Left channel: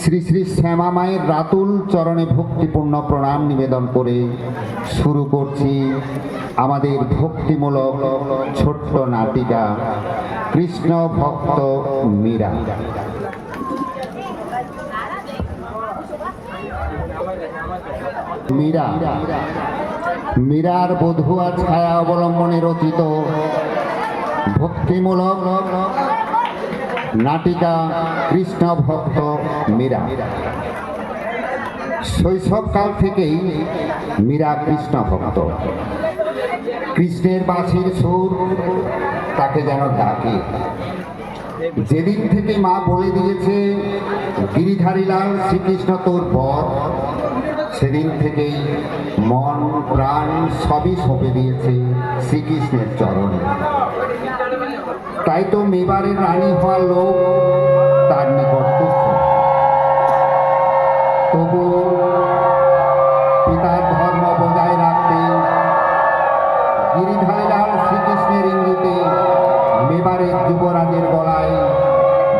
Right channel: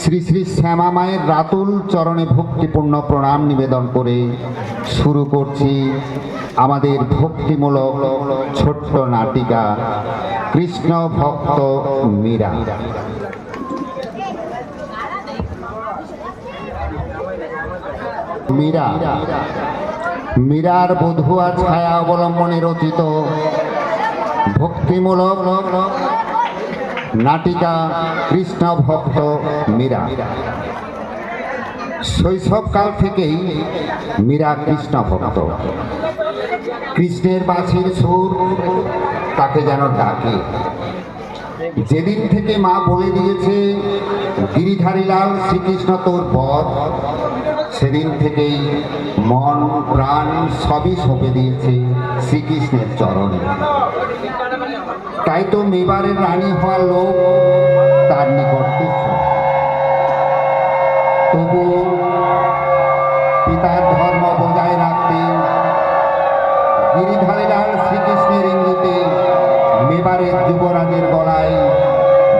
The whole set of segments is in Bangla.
শ্রী শ্রী শ্যামা মায়ের রাতুল চরণে ভক্তিপূর্ণ প্রণাম নিবেদন করে শুরু করছি আমাদের ভক্তিমূলক ছোট্ট নাটিকা কৃষ্ণ ভক্ত মীরা। মীরা মীরার বধূয়া ছায়া অবলম্বনে রচিত ভক্তিমূলক নাটিকা কৃষ্ণ ভক্ত মীরা। শৈশবকাল থেকেই মীরা কৃষ্ণ ভক্ত। কৃষ্ণের বাঁশির সুর তাকে যেন ডাকে। যেদিন থেকে মা বলে দিয়েছে গিরিধারী লাল শ্রীকৃষ্ণ তোর বর, সেদিন থেকেই মন প্রাণ সবই সঁপে দিয়েছে শ্রীকৃষ্ণের চরণে। তাই তো মেবারের রানী হওয়ার লোক তার নিকট তুচ্ছ। তবু পিতার ধর্ম বজায় রাখতে গিরিধারী লাল শ্রীকৃষ্ণের ইঙ্গিতে মেবারের যুবরাজের গলায়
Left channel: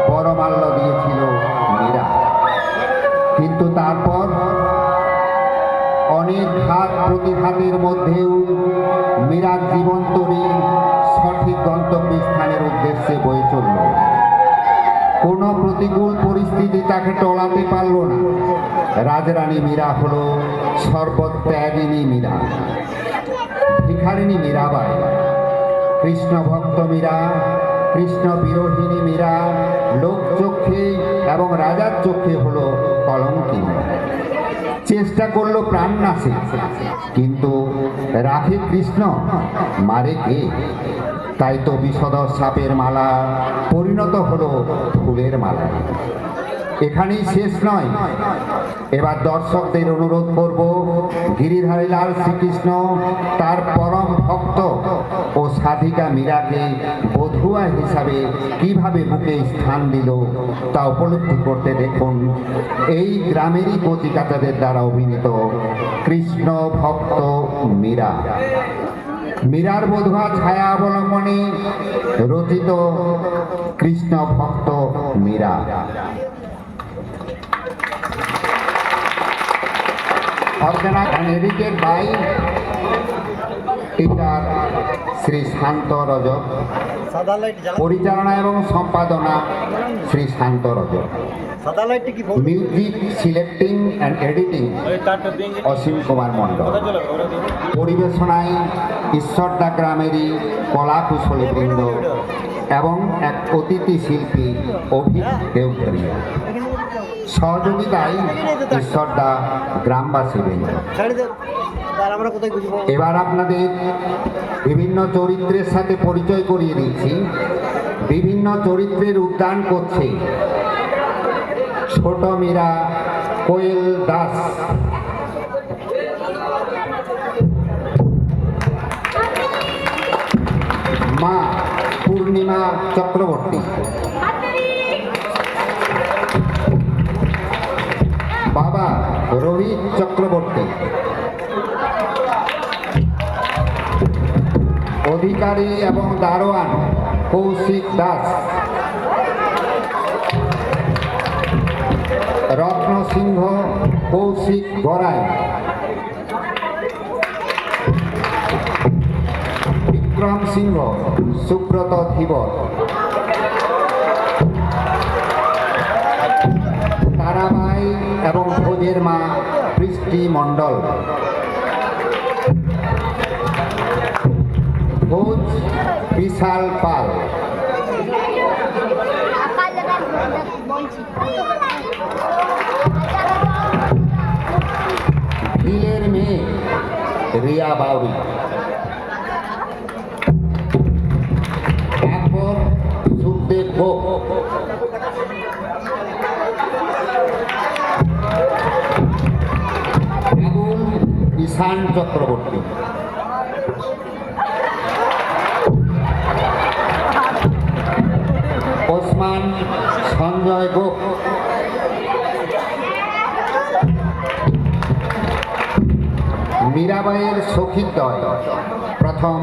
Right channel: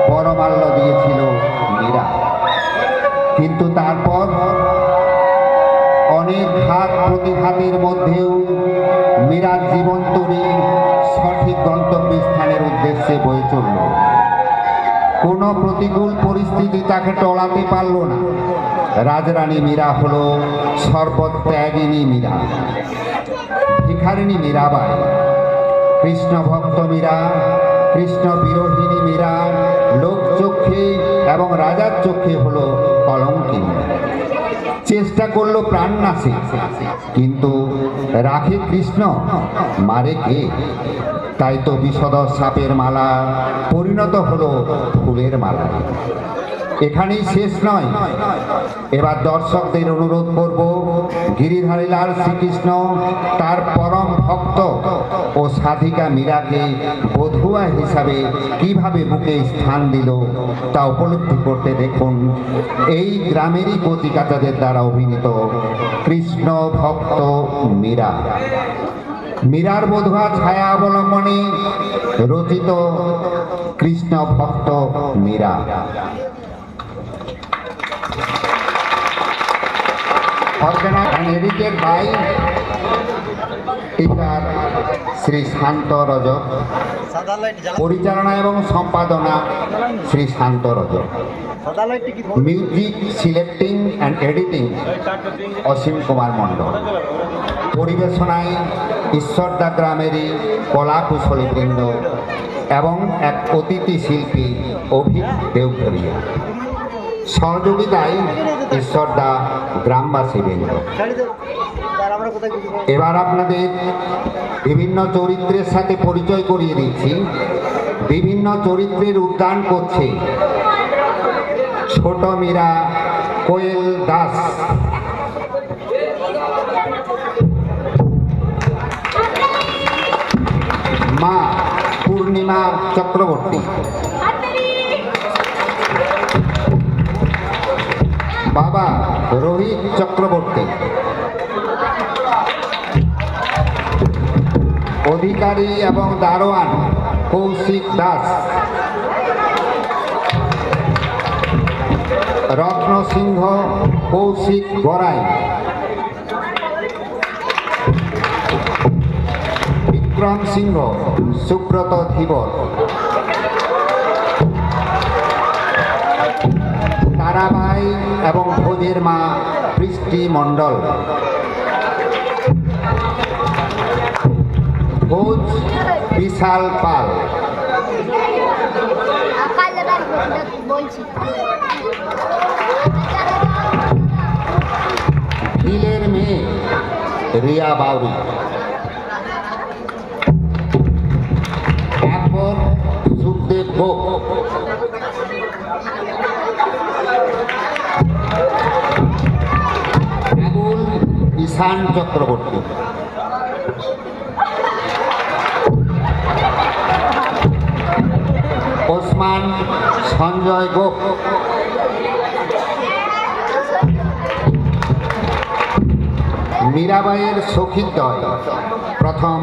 বরমাল্য দিয়েছিল মীরা। কিন্তু তারপর অনেক ঘাত প্রতিঘাতের মধ্যেও মীরার জীবন তরী সঠিক গন্তব্যস্থানের উদ্দেশ্যে বয়ে চলল। কোনো প্রতিকূল পরিস্থিতি তাকে টলাতে পারল না। রাজরানী মীরা হল সর্বত্যাগিনী মীরা, ভিখারিণী মীরাবাই, কৃষ্ণ ভক্ত মীরা, কৃষ্ণ বিরোহিণী মীরা, লোকচক্ষে এবং রাজার চক্ষে হল কলঙ্কিনী। চেষ্টা করলো প্রাণ নাশে, কিন্তু রাখে কৃষ্ণ, মারে কে? তাই তো বিষধ সাপের মালা পরিণত হলো ফুলের মালা। এখানেই শেষ নয়। এবার দর্শকদের অনুরোধ করব, গিরিধারী লাল শ্রীকৃষ্ণ তার পরম ভক্ত ও সাধিকা মীরাকে বধূয়া হিসাবে কিভাবে বুকে স্থান দিল তা উপলব্ধি করতে দেখুন এই গ্রামেরই কচিকাচাদের দ্বারা অভিনীত কৃষ্ণ ভক্ত মীরা। মীরার বধূয়া ছায়া অবলম্বনে রচিত কৃষ্ণ ভক্ত মীরা। এদিকে ভাই টিচার শ্রী শান্ত রজক, পরিচালনা এবং সম্পাদনা Shri Shanta Rajak, music selecting and editing Asim Kumar Mondal, পরিবেশনায় ঈশ্বরদা গ্রামেরই কলা কুশলী বৃন্দ এবং এক অতিথি শিল্পী অভিক দেওঘরিয়া, সহযোগিতায় ঈশ্বরদা গ্রামবাসী বৃন্দ। এবার আপনাদের বিভিন্ন চরিত্রের সাথে পরিচয় করিয়ে দিচ্ছি। বিভিন্ন চরিত্রের উদ্যান করছে ছোট মীরা কোয়েল দাস, মা পূর্ণিমা চক্রবর্তী, বাবা রোহিত চক্রবর্তী, অধিকারী এবং দারোয়ান কৌশিক দাস, রত্ন সিংহ কৌশিক গড়াই, বিক্রম সিংহ সুব্রত ধীবর, তারাবাই এবং ভোজের মা বৃষ্টি মণ্ডল, ভোজ বিশাল পাল, ভিলের মেয়ে রিয়া বাউরি, আকবর সুখদেব গোপ, আবুল ঈশান চক্রবর্তী, ওসমান সঞ্জয় গোপ, মীরাবাইয়ের সখীদ্বয় প্রথম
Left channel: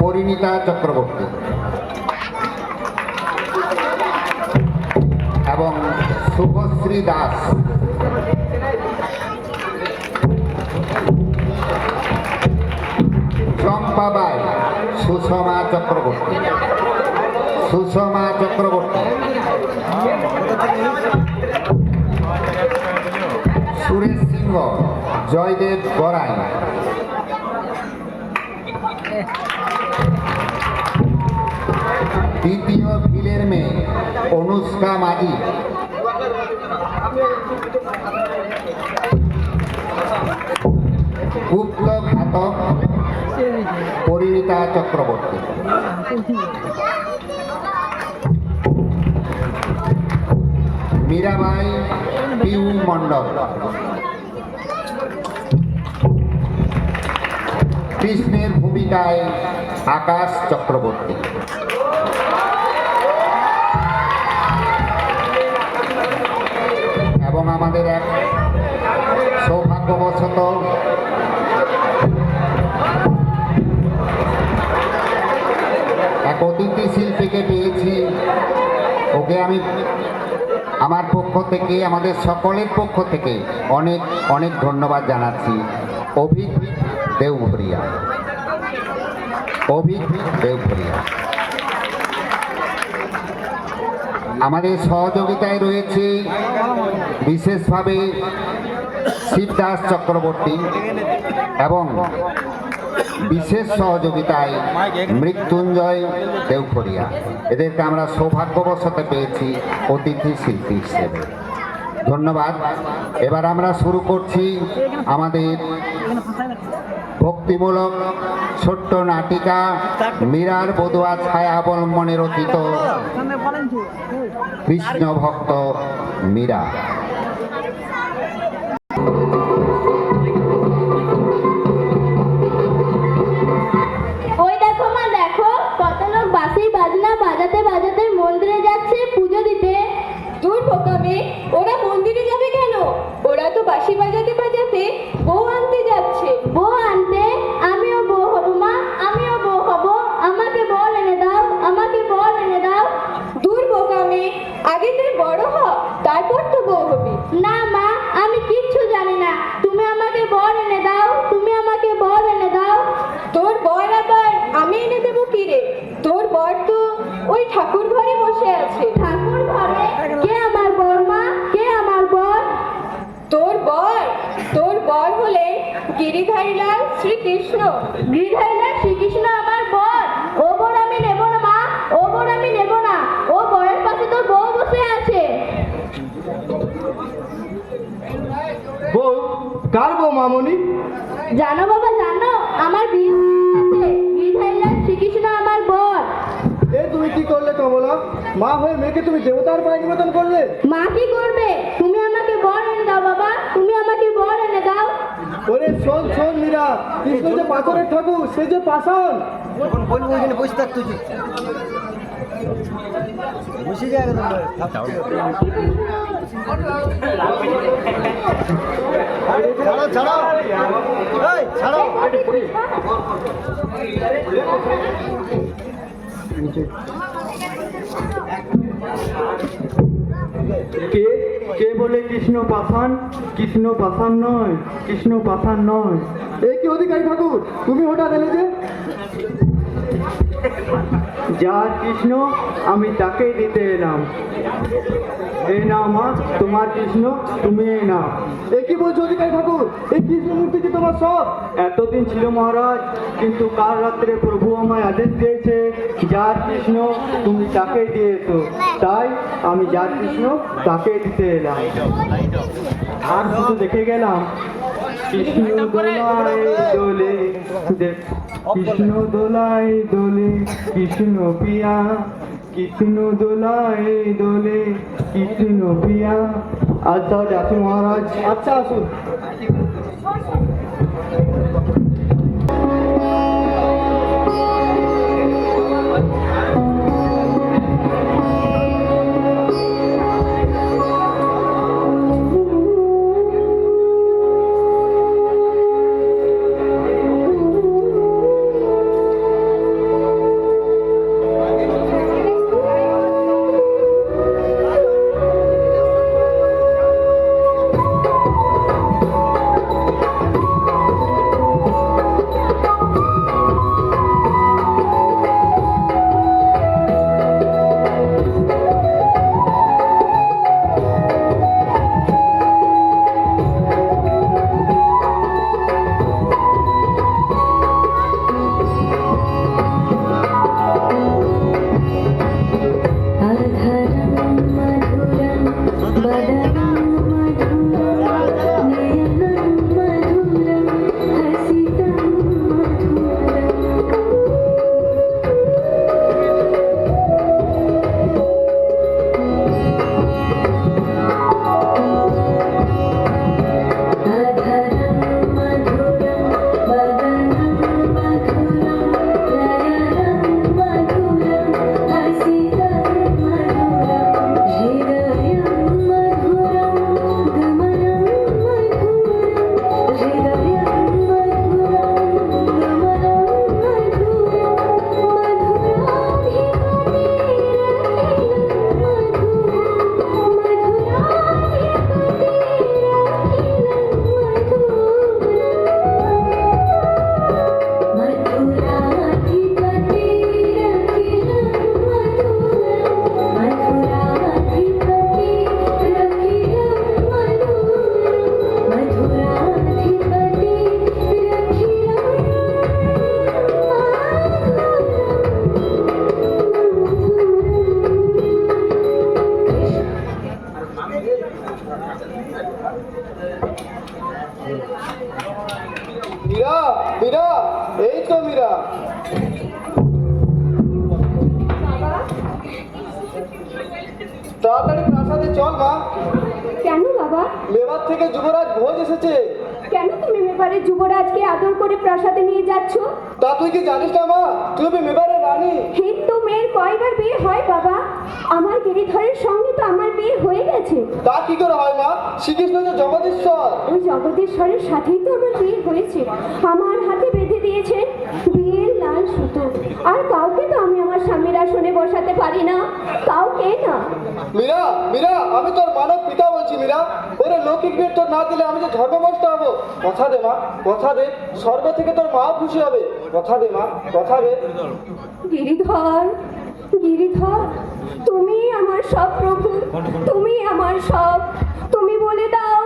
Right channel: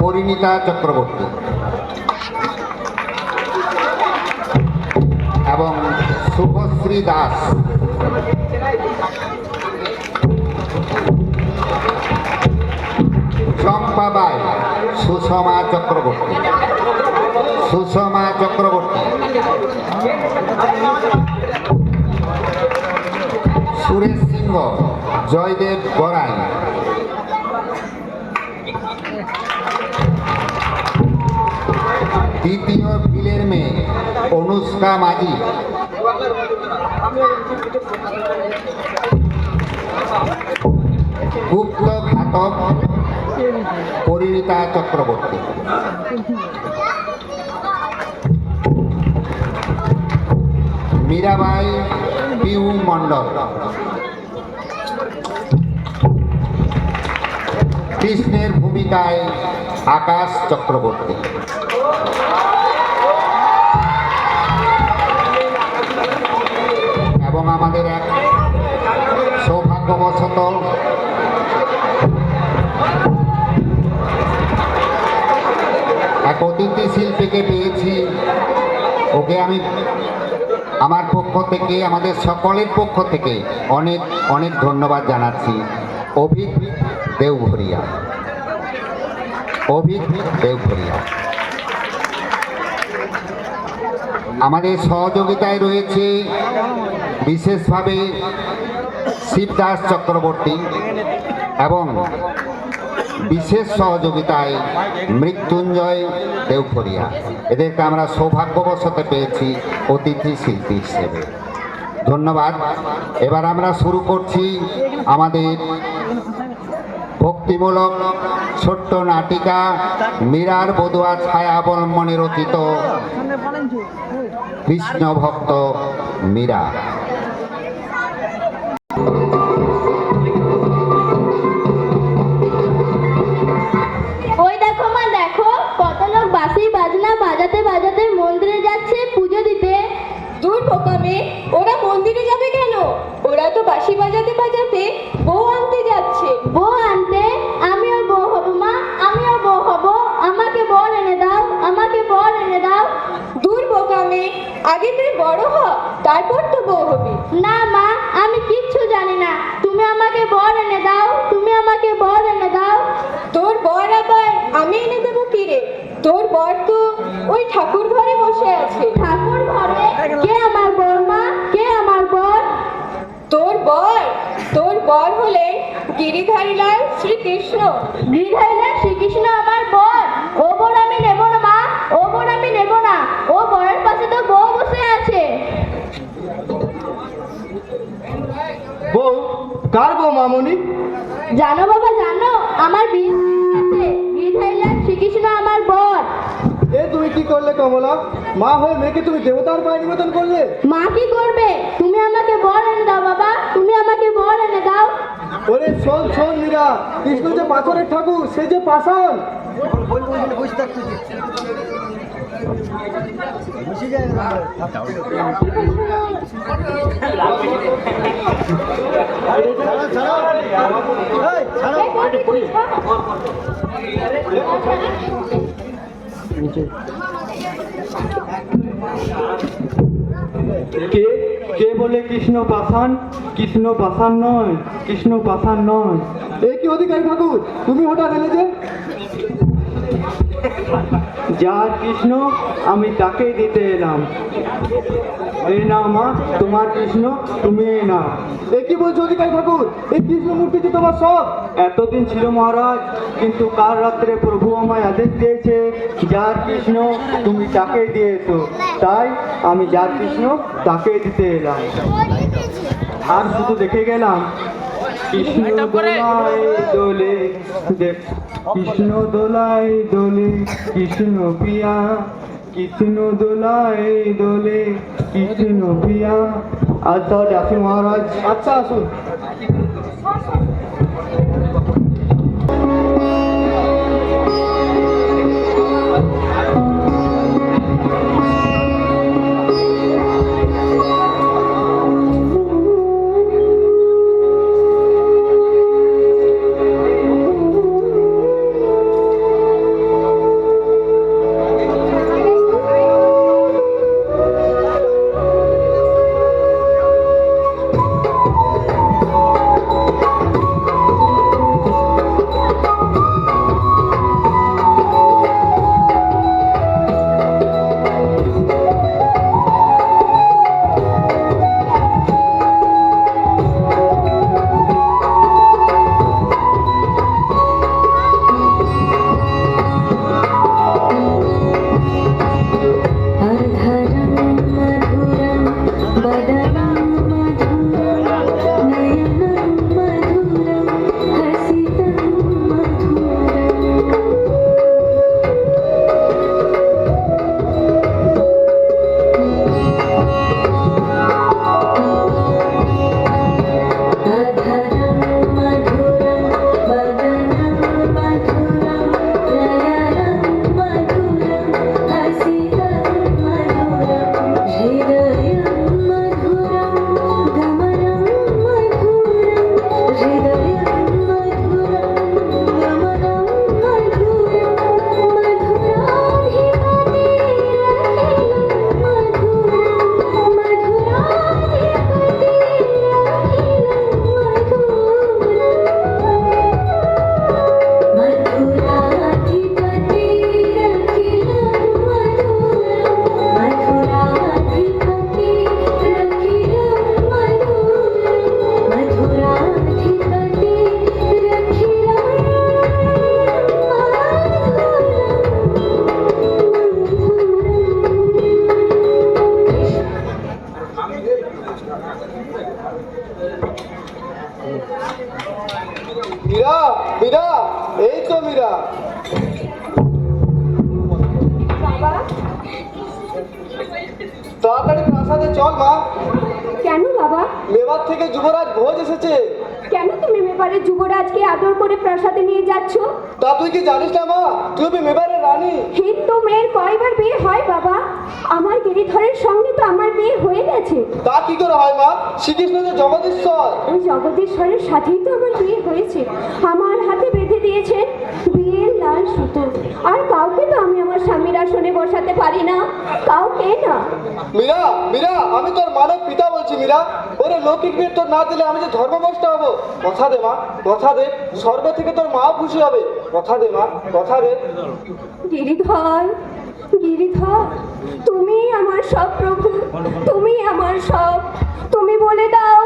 পরিণীতা চক্রবর্তী এবং শুভশ্রী দাস, চম্পা বাই, সুষমা চক্রবর্তী, সুষমা চক্রবর্তী, সুরেশ সিংহ, জয়দেব গড়াই, দ্বিতীয় ভিলের মেয়ে অনুষ্কা মাঝি, গুপ্ত ঘাতক পরিণীতা চক্রবর্তী, মীরাবাই পিউ মণ্ডল, কৃষ্ণের ভূমিকায় আকাশ চক্রবর্তী। এবং আমাদের এক সৌভাগ্যবশত এক অতিথি শিল্পীকে পেয়েছি। ওকে আমি আমার পক্ষ থেকে, আমাদের সকলের পক্ষ থেকে অনেক অনেক ধন্যবাদ জানাচ্ছি। অভিক দেওঘরিয়া, অভিক দেওঘরিয়া। আমাদের সহযোগিতায় রয়েছে বিশেষভাবে শিবদাস চক্রবর্তী এবং বিশেষ সহযোগিতায় মৃত্যুঞ্জয় দেওঘরিয়া। এদেরকে আমরা সৌভাগ্যবশত পেয়েছি অতিথি শিল্পী হিসেবে। ধন্যবাদ। এবার আমরা শুরু করছি আমাদের ভক্তিমূলক ছোট্ট নাটিকা মীরার বধূয়া ছায়া অবলম্বনে রচিত কৃষ্ণ ভক্ত মীরা। ওই দেখো মা, দেখো কত লোক বাঁশি বাজনা বাজাতে বাজাতে মন্দিরে যাচ্ছে পুজো দিতে। দূর বোকামে, ওরা মন্দিরে যাবে কেন? ওরা তো বাঁশি বাজাতে বাজাতে বউ আনতে যাচ্ছে। বউ আনতে? আমিও বউ হব মা, আমিও বউ হব। আমাকে বর এনে দাও, আমাকে বর এনে দাও। দূর বোকামে, আগে তুই বড় হ, তারপর তো বউ হবি। না মা, আমি কিচ্ছু জানি না। তুমি আমাকে বর এনে দাও, তুমি আমাকে বর এনে দাও। তোর বর আবার আমি এনে দেবো কি রে? তোর বর তো ওই ঠাকুর ঘরে বসে আছে। ঠাকুর ঘরে? কে আমার বর মা, কে আমার বর? তোর বর হলেন গিরিধারীলাল শ্রীকৃষ্ণ। গিরিধারীলাল শ্রীকৃষ্ণ আমার বর? ও বর আমি নেব না মা, ও বর আমি নেব না। ও বরের পাশে তো বউ বসে আছে। বউ? কার বউ মামনি? জানো বাবা, জানো আমার বিয়ে আছে। গিরিধারীলাল শ্রীকৃষ্ণ আমার বর। এ তুমি কি করলে কমলা? মা হয়ে মেয়েকে তুমি দেবতার পায়ে নিবেদন করলে? মা কি করবে? তুমি আমাকে বর এনে দাও বাবা, তুমি আমাকে বর এনে দাও। ওরে শোন শোন মীরা, কৃষ্ণ যে পাথরের ঠাকুর, সে যে পাষাণ। কে কে বলে কৃষ্ণ পাষাণ? কৃষ্ণ পাষাণ নয়, কৃষ্ণ পাষাণ নয়। এ কি অধিকারী ঠাকুর, তুমি হঠাৎ এলে যে? যার কৃষ্ণ আমি তাকেই দিতে এলাম। এই নাও মা, তোমার কৃষ্ণ, তুমি এই নাও। এ কি বলছো অধিকারী ঠাকুর? এই কৃষ্ণ মূর্তি যে তোমার সব? এতদিন ছিল মহারাজ, কিন্তু কাল রাত্রে প্রভু আমায় আদেশ দিয়েছে যার কৃষ্ণ তুমি তাকেই দিয়েছো, তাই আমি যার কৃষ্ণ তাকেই দিতে এলাম। আর শুধু দেখে গেলাম কৃষ্ণ দোলায় দোলে, কৃষ্ণ দোলায় দোলে কৃষ্ণ প্রিয়া, কৃষ্ণ দোলায় দোলে কৃষ্ণ প্রিয়া। আজ তাহলে আসি মহারাজ। আচ্ছা আসুন। মীরা, মীরা, এই তো মীরা। বাবা, তাড়াতাড়ি প্রাসাদে চল মা, কেন বাবা? মেবার থেকে যুবরাজ ভোজ এসেছে। কেন তুমি মেবারে যুবরাজকে আদর করে প্রাসাদে নিয়ে যাচ্ছ? তা তুই কি জানিস না মা, তুই হবে মেবারের রানী। হিন্দু মেয়ের কয়বার বিয়ে হয় বাবা? আমার গিরিধরের সঙ্গে তো আমার বিয়ে হয়ে গেছে। তা কি করে হয় মা? শ্রীকৃষ্ণ যে জগদীশ্বর। ওই জগদীশ্বরের সাথেই তো আমার বিয়ে হয়েছে। আমার হাতে বেঁধে দিয়েছে বিয়ের লাল সুতো। আর কাউকে তো আমি আমার স্বামীর আসনে বসাতে পারি না, কাউকে না। মীরা, মীরা, আমি তোর মানব পিতা বলছি মীরা। ওরে লৌকিক বিয়ে তোর না দিলে আমি যে ধর্মভ্রষ্ট হবো। কথা দে মা, কথা দে, স্বর্গ থেকে তোর মা খুশি হবে। কথা দে মা, কথা দে। গিরিধর, গিরিধর, তুমি আমার সব প্রভু, তুমি আমার সব। তুমি বলে দাও,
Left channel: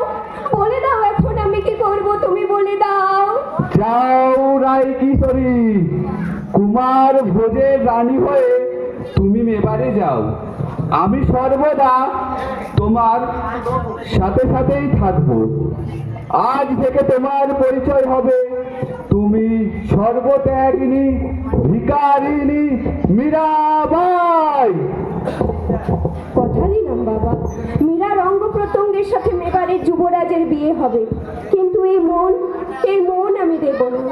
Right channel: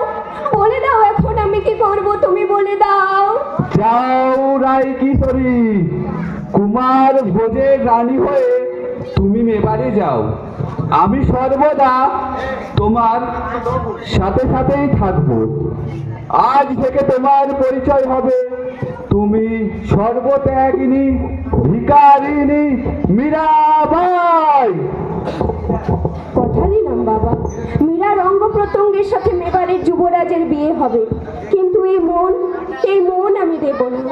বলে দাও এখন আমি কি করব, তুমি বলে দাও। যাও রাই কিশোরী, কুমার ভোজের রানী হয়ে তুমি মেবারে যাও। আমি সর্বদা তোমার সাথে সাথেই থাকবো। আজ থেকে তোমার পরিচয় হবে তুমি সর্বত্যাগিনী ভিকারিণী মীরাবাই। কথা দিলাম বাবা, মীরার অঙ্গ প্রত্যঙ্গের সাথে মেবারের যুবরাজের বিয়ে হবে, কিন্তু এই মন আমি দেব না।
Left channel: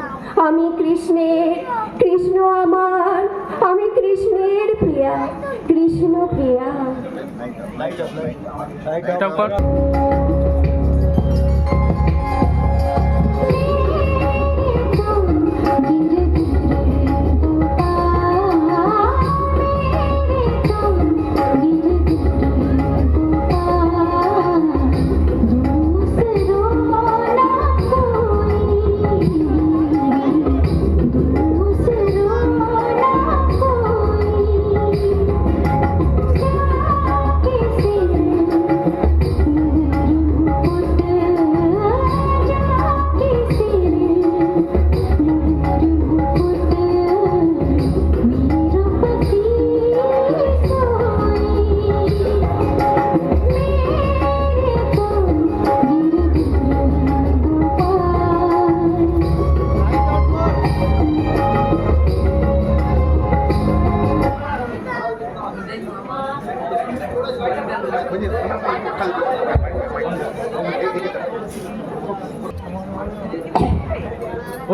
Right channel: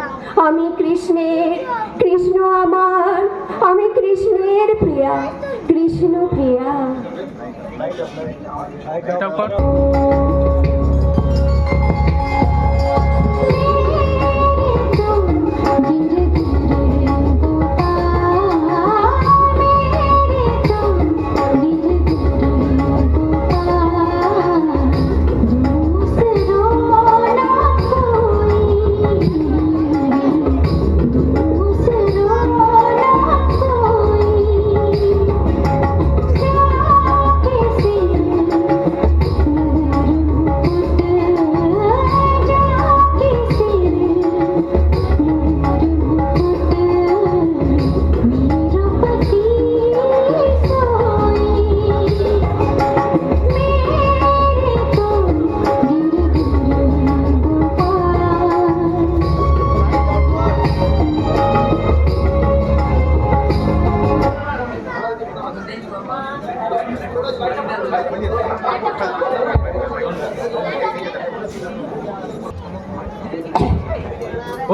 আমি কৃষ্ণের, কৃষ্ণ আমার, আমি কৃষ্ণের প্রিয়া, কৃষ্ণ প্রিয়া।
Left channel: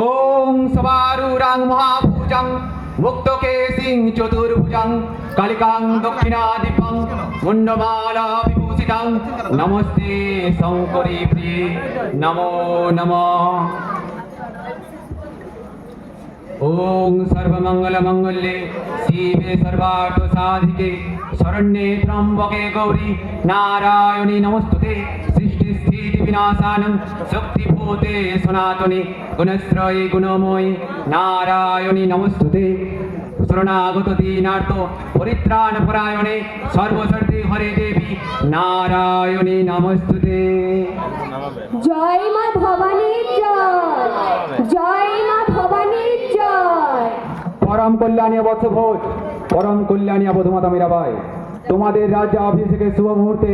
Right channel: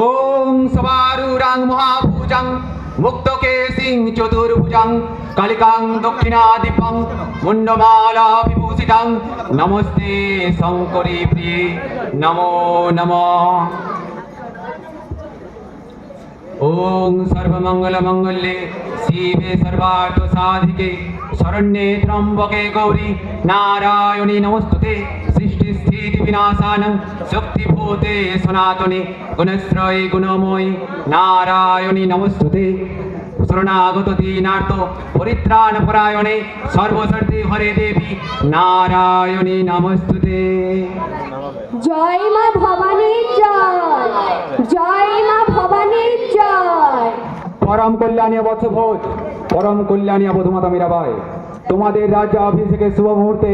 ওম সবারুরাং মহাভুজাং মুক্তকেশিং চতুর্ভুজাং কালিকাং দক্ষিণাদিপাং মুন্ডমালা বিভূষিতাং নমস্তে শঙ্করী প্রিয়ে নমো নমঃ। ওম সর্বমঙ্গলমঙ্গলে শিবে সর্বার্থসাধিকে শরণ্যে ত্র্যম্বকে গৌরী নারায়ণী নমস্তুতে। সৃষ্টি স্থিতি বিনাশানং শক্তিভূতে সনাতনে গুণশ্রয়ে গুণময়ী নারায়ণী নমস্তুতে। শরণাগত দীনার্থ পরিত্রাণ পরায়ণে সর্বশর্তে হরে দেবী নারায়ণী নমস্তুতে। জয় মা ভবানীর জয়, জয় মা ভবানীর জয়। পরম কল্যাণী বৎসভোজ, পরম কল্যাণী বধূমাতা মীরাবাই, তোমাদের রাজ্যাভিষেকের শুভ মুহূর্তে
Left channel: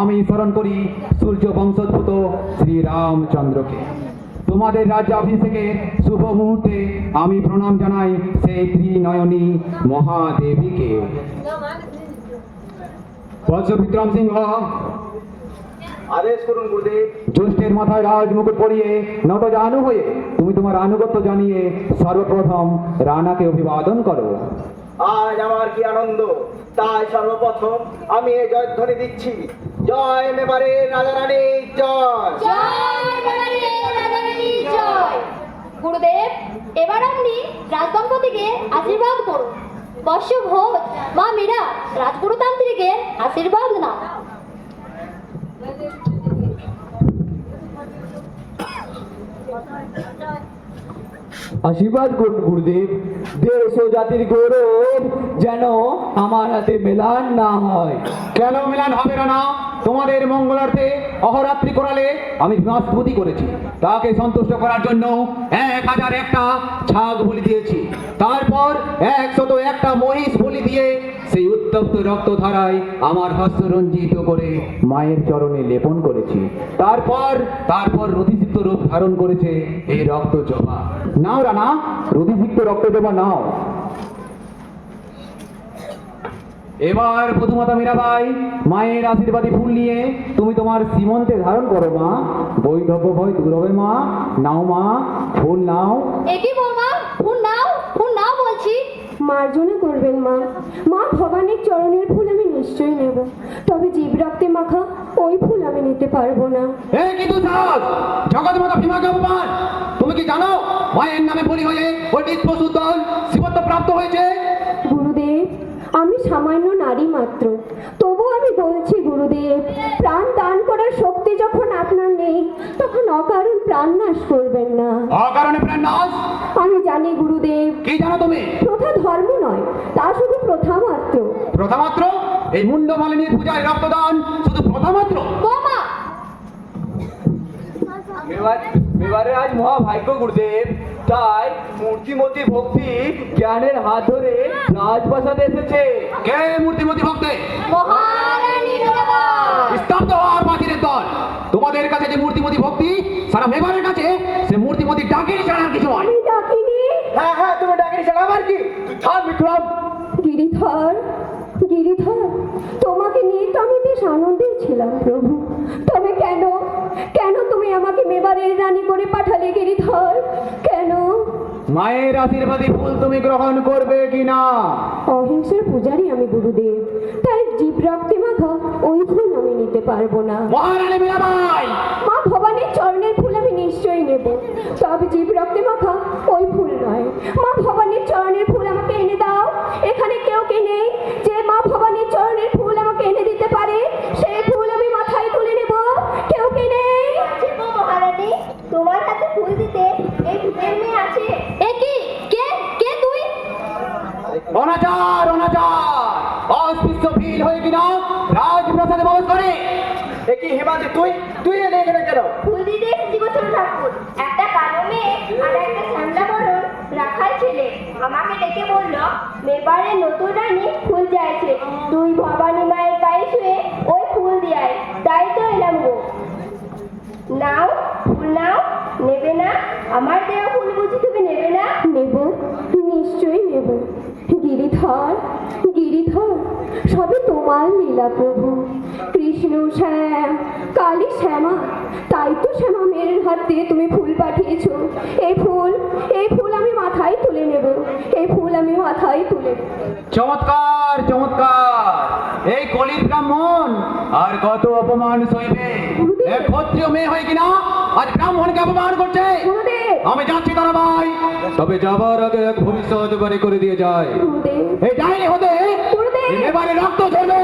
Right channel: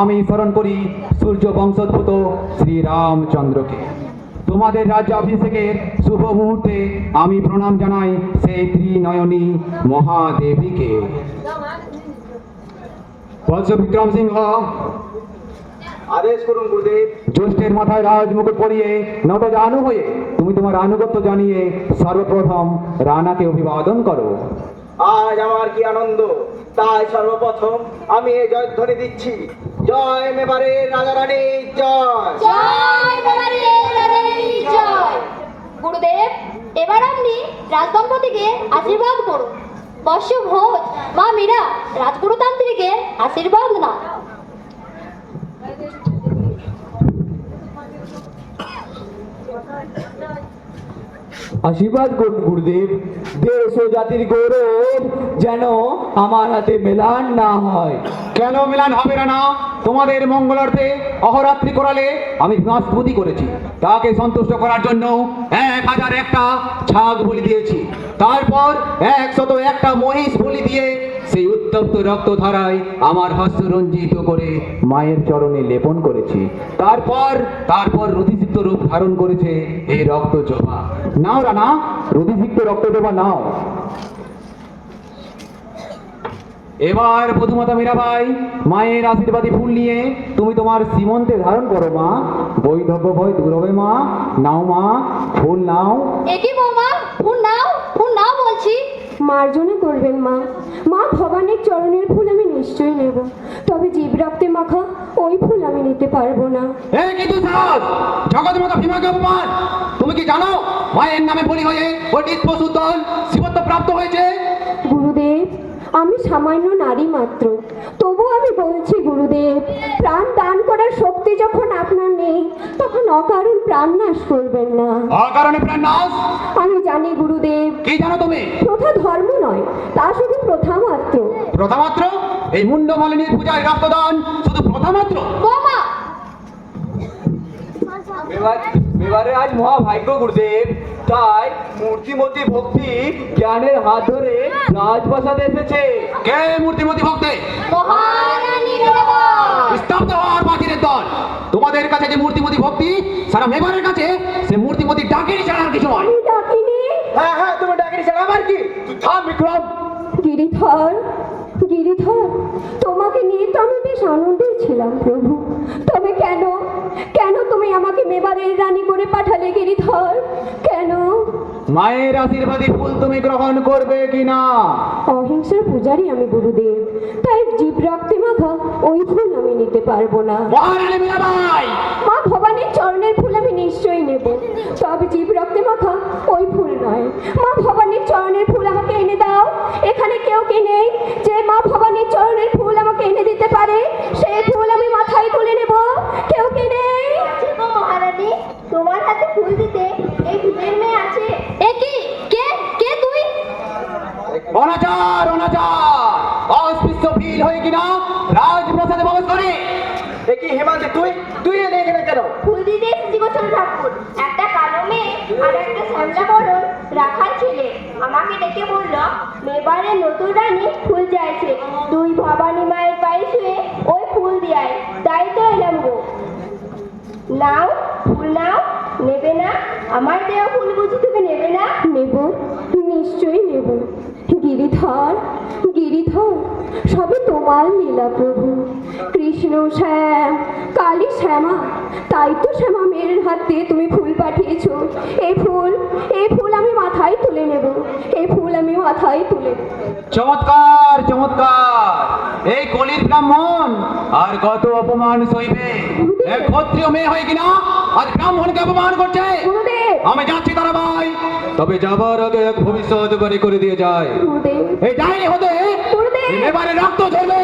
আমি স্মরণ করি সূর্য বংশোদ্ভূত শ্রীরামচন্দ্রকে। তোমাদের রাজ্যাভিষেকের শুভ মুহূর্তে আমি প্রণাম জানাই সেই ত্রিনয়নী মহাদেবীকে। বৎস বিক্রম সিংহ, আদেশ করুন গুরুদেব। জ্যেষ্ঠের মাথায় রাজ মুকুট পরিয়ে নবজানু হয়ে তুমি তোমার আনুগত্য জানিয়ে সর্বপ্রথম রানাকে অভিবাদন করো। আজ আমার কি আনন্দ, তাই সর্বপ্রথম আমি এই জয়ধ্বনি দিচ্ছি। জয় মেবারের রাজা রানী জয়। জয় মেবারের রাজা রানীর জয়। গুরুদেব, এবার আপনি রাজদম্পতিকে আশীর্বাদ করুন। বর্ষ ভোজ, মা মীরা রাজগুরুতান্ত্রিকের আশীর্বাদ নাও। আশীর্বাদ করুন গুরুদেব। দেশ ও জাতির গৌরব যেন আমার হাতে মেলান না হয়। কেন মেলান হবে না? তোমাদের মঙ্গলার্থে অহরাত্রি করালে আমি স্তুতি করেছি। তাকে সন্তুষ্ট করার জন্য 1001টা ছাগ বলি দিয়েছি। তারপর 101টা মহিষ বলি দিয়ে সেই উত্তম উত্তপ্ত রক্তধারায় আমার হস্ত রঞ্জিত করে মায়ের চরণে লেপন করেছি। তারপর রুধিসিক্ত রূপ ধারণ করেছে এই রক্ত জবা। নাও রানা, রুধিসিক্ত রক্ত জবা নাও। এবার প্রথমত মীরাবাই, মায়ের আশীর্বাদী ফুল নিয়ে তুমি তোমার সীমন্তে ধারণ করো মা। বৈধব্য ভয় দূর হবে মা। নাও মা, ফুল নাও। একি বৌমা, ফুল নাও বলছি। মার্জনা করবেন মা। মা ভবানীর চরণের ফুল আমি নিশ্চয়ই নেব, তবে জীব রক্তে মাখা ওই ফুল আমি নিতে পারবো না। কিন্তু জগৎ মাতা ভীমাকে অপমান! তুমি কি জানো মায়ের নামে বলি হয়ে ওই পশুর দল শিবত্ব প্রাপ্ত হয়েছে? গুরুদেব, আমি সামান্য নারী মাত্র, তবু আমি বলছি গুরুদেব, প্রাণ দান করার শক্তি যখন আপনার নেই, তখন অকারণ প্রাণ নাশ করবেন না। অকারণে প্রাণ নাশ? আমি জানি গুরুদেব, কি জানো তুমি? প্রথা ধর্ম নয়, তা শুধু প্রথা মাত্র। প্রথা মাত্র? এই মুন্ড মালিনীর পূজায় রক্তদান শুধু প্রথা মাত্র? বৌমা, এবারে আজ মহাভাগ্য গুরুদেব, তাই মূর্তিমতি ভক্তি জ্ঞানের হাত ধরে রাজপ্রাসাদে এসেছে। কে মূর্তিমতি ভক্তি? মহারানী মেবা। স্তব্ধ হওয়ার বাকিরের দল! তোমাদের কাছে যে মূর্তিমতি ভক্তি, সারা মেবারের কাছে সে মূর্তিমতি ডাকিনি ছাড়া আর কিছু নয়। আমি ডাকিনি। হ্যাঁ, তুমি ডাকিনি ছাড়া আমার কি? তুই থাম বিক্রম। গিরিধর, গিরিধর, তোমাকে নিয়ে তো আমি বেশ আনন্দেই ছিলাম প্রভু, তবে কেন তুমি আমাকে মেবারের রানী করে পাঠালে গিরিধর? কেন? মায়ের আশীর্বাদী ফুল তুমি গ্রহণ করবে কিনা? অহিংসার পূজারি আমি গুরুদেব, তাই জীব রক্তে মাখা ওই ফুল আমি নিতে পারবো না। মহারানী মীরাবাই! মা ভবানীর চরণের ফুল আমি নিশ্চয়ই নেব, তবে জীব রক্তে মাখা ওই ফুল নয়। মা ভবানীর চরণের ফুল আমাকে এনে দাও। এখানে কেউ কি নেই যে মা ভবানীর চরণের ফুল আমাকে এনে দিতে পারে? সেই ফুল আমি মাথায় তুলে নেব। কেউ কি নেই? মহারানী, তোমার হাতে ফুল দিতে এই ভিলের মেয়ে আছে। একি কে তুই? অনাচার, অস্পৃশ্য ভিল হয়ে কিনা রাজপ্রাসাদে প্রবেশ করে। কি হেমাদি, তুই এখানে কেন? ফুল দিতে এসেছি গো ছোট ঠাকুর। একটা কালো মেয়ে আর একটা শ্যামলা বরণ রাখাল ছেলে আমাকে ডেকে বলল মেবারে নতুন রানী ফুল চাইছে, তুই ভবানী মায়ের পায়ে শুয়ে ওই ফুল দিয়ায়। তাই তো এলাম গো। নাও ফুল নাও। নেবে না? আমার দেওয়া ফুল বুঝি তুমি নেবে না? নেব, নিশ্চয়ই নেব। গিরিধর, গিরিধর, সবই তোমার লীলা প্রভু। কৃষ্ণ শ্যাম, কালী শ্যামা, তাই তো শ্যামা মেয়ের হাত দিয়ে তুমি ফুল পাঠিয়েছো। এই ফুল আমি মাথায় তুলে নেব। এই ফুল আমি মাথায় তুলে নেব। চমৎকার, এই কলির ব্রাহ্মণ আর কত অপমান সইবে? এক ক্ষত্রিয় মেয়ে হয়ে কিনা আজ ব্রাহ্মণকে অপমান করছে। গুরুদেব, আমি যাচ্ছি তারা ভাই, তবে যাবার আগে এক ভবিষ্যৎ বাড়ি করে দিয়ে যায়। গুরুদেব, এই ডাইনি হতে গুরুদেব। এবারে রক্ত ঝরবে।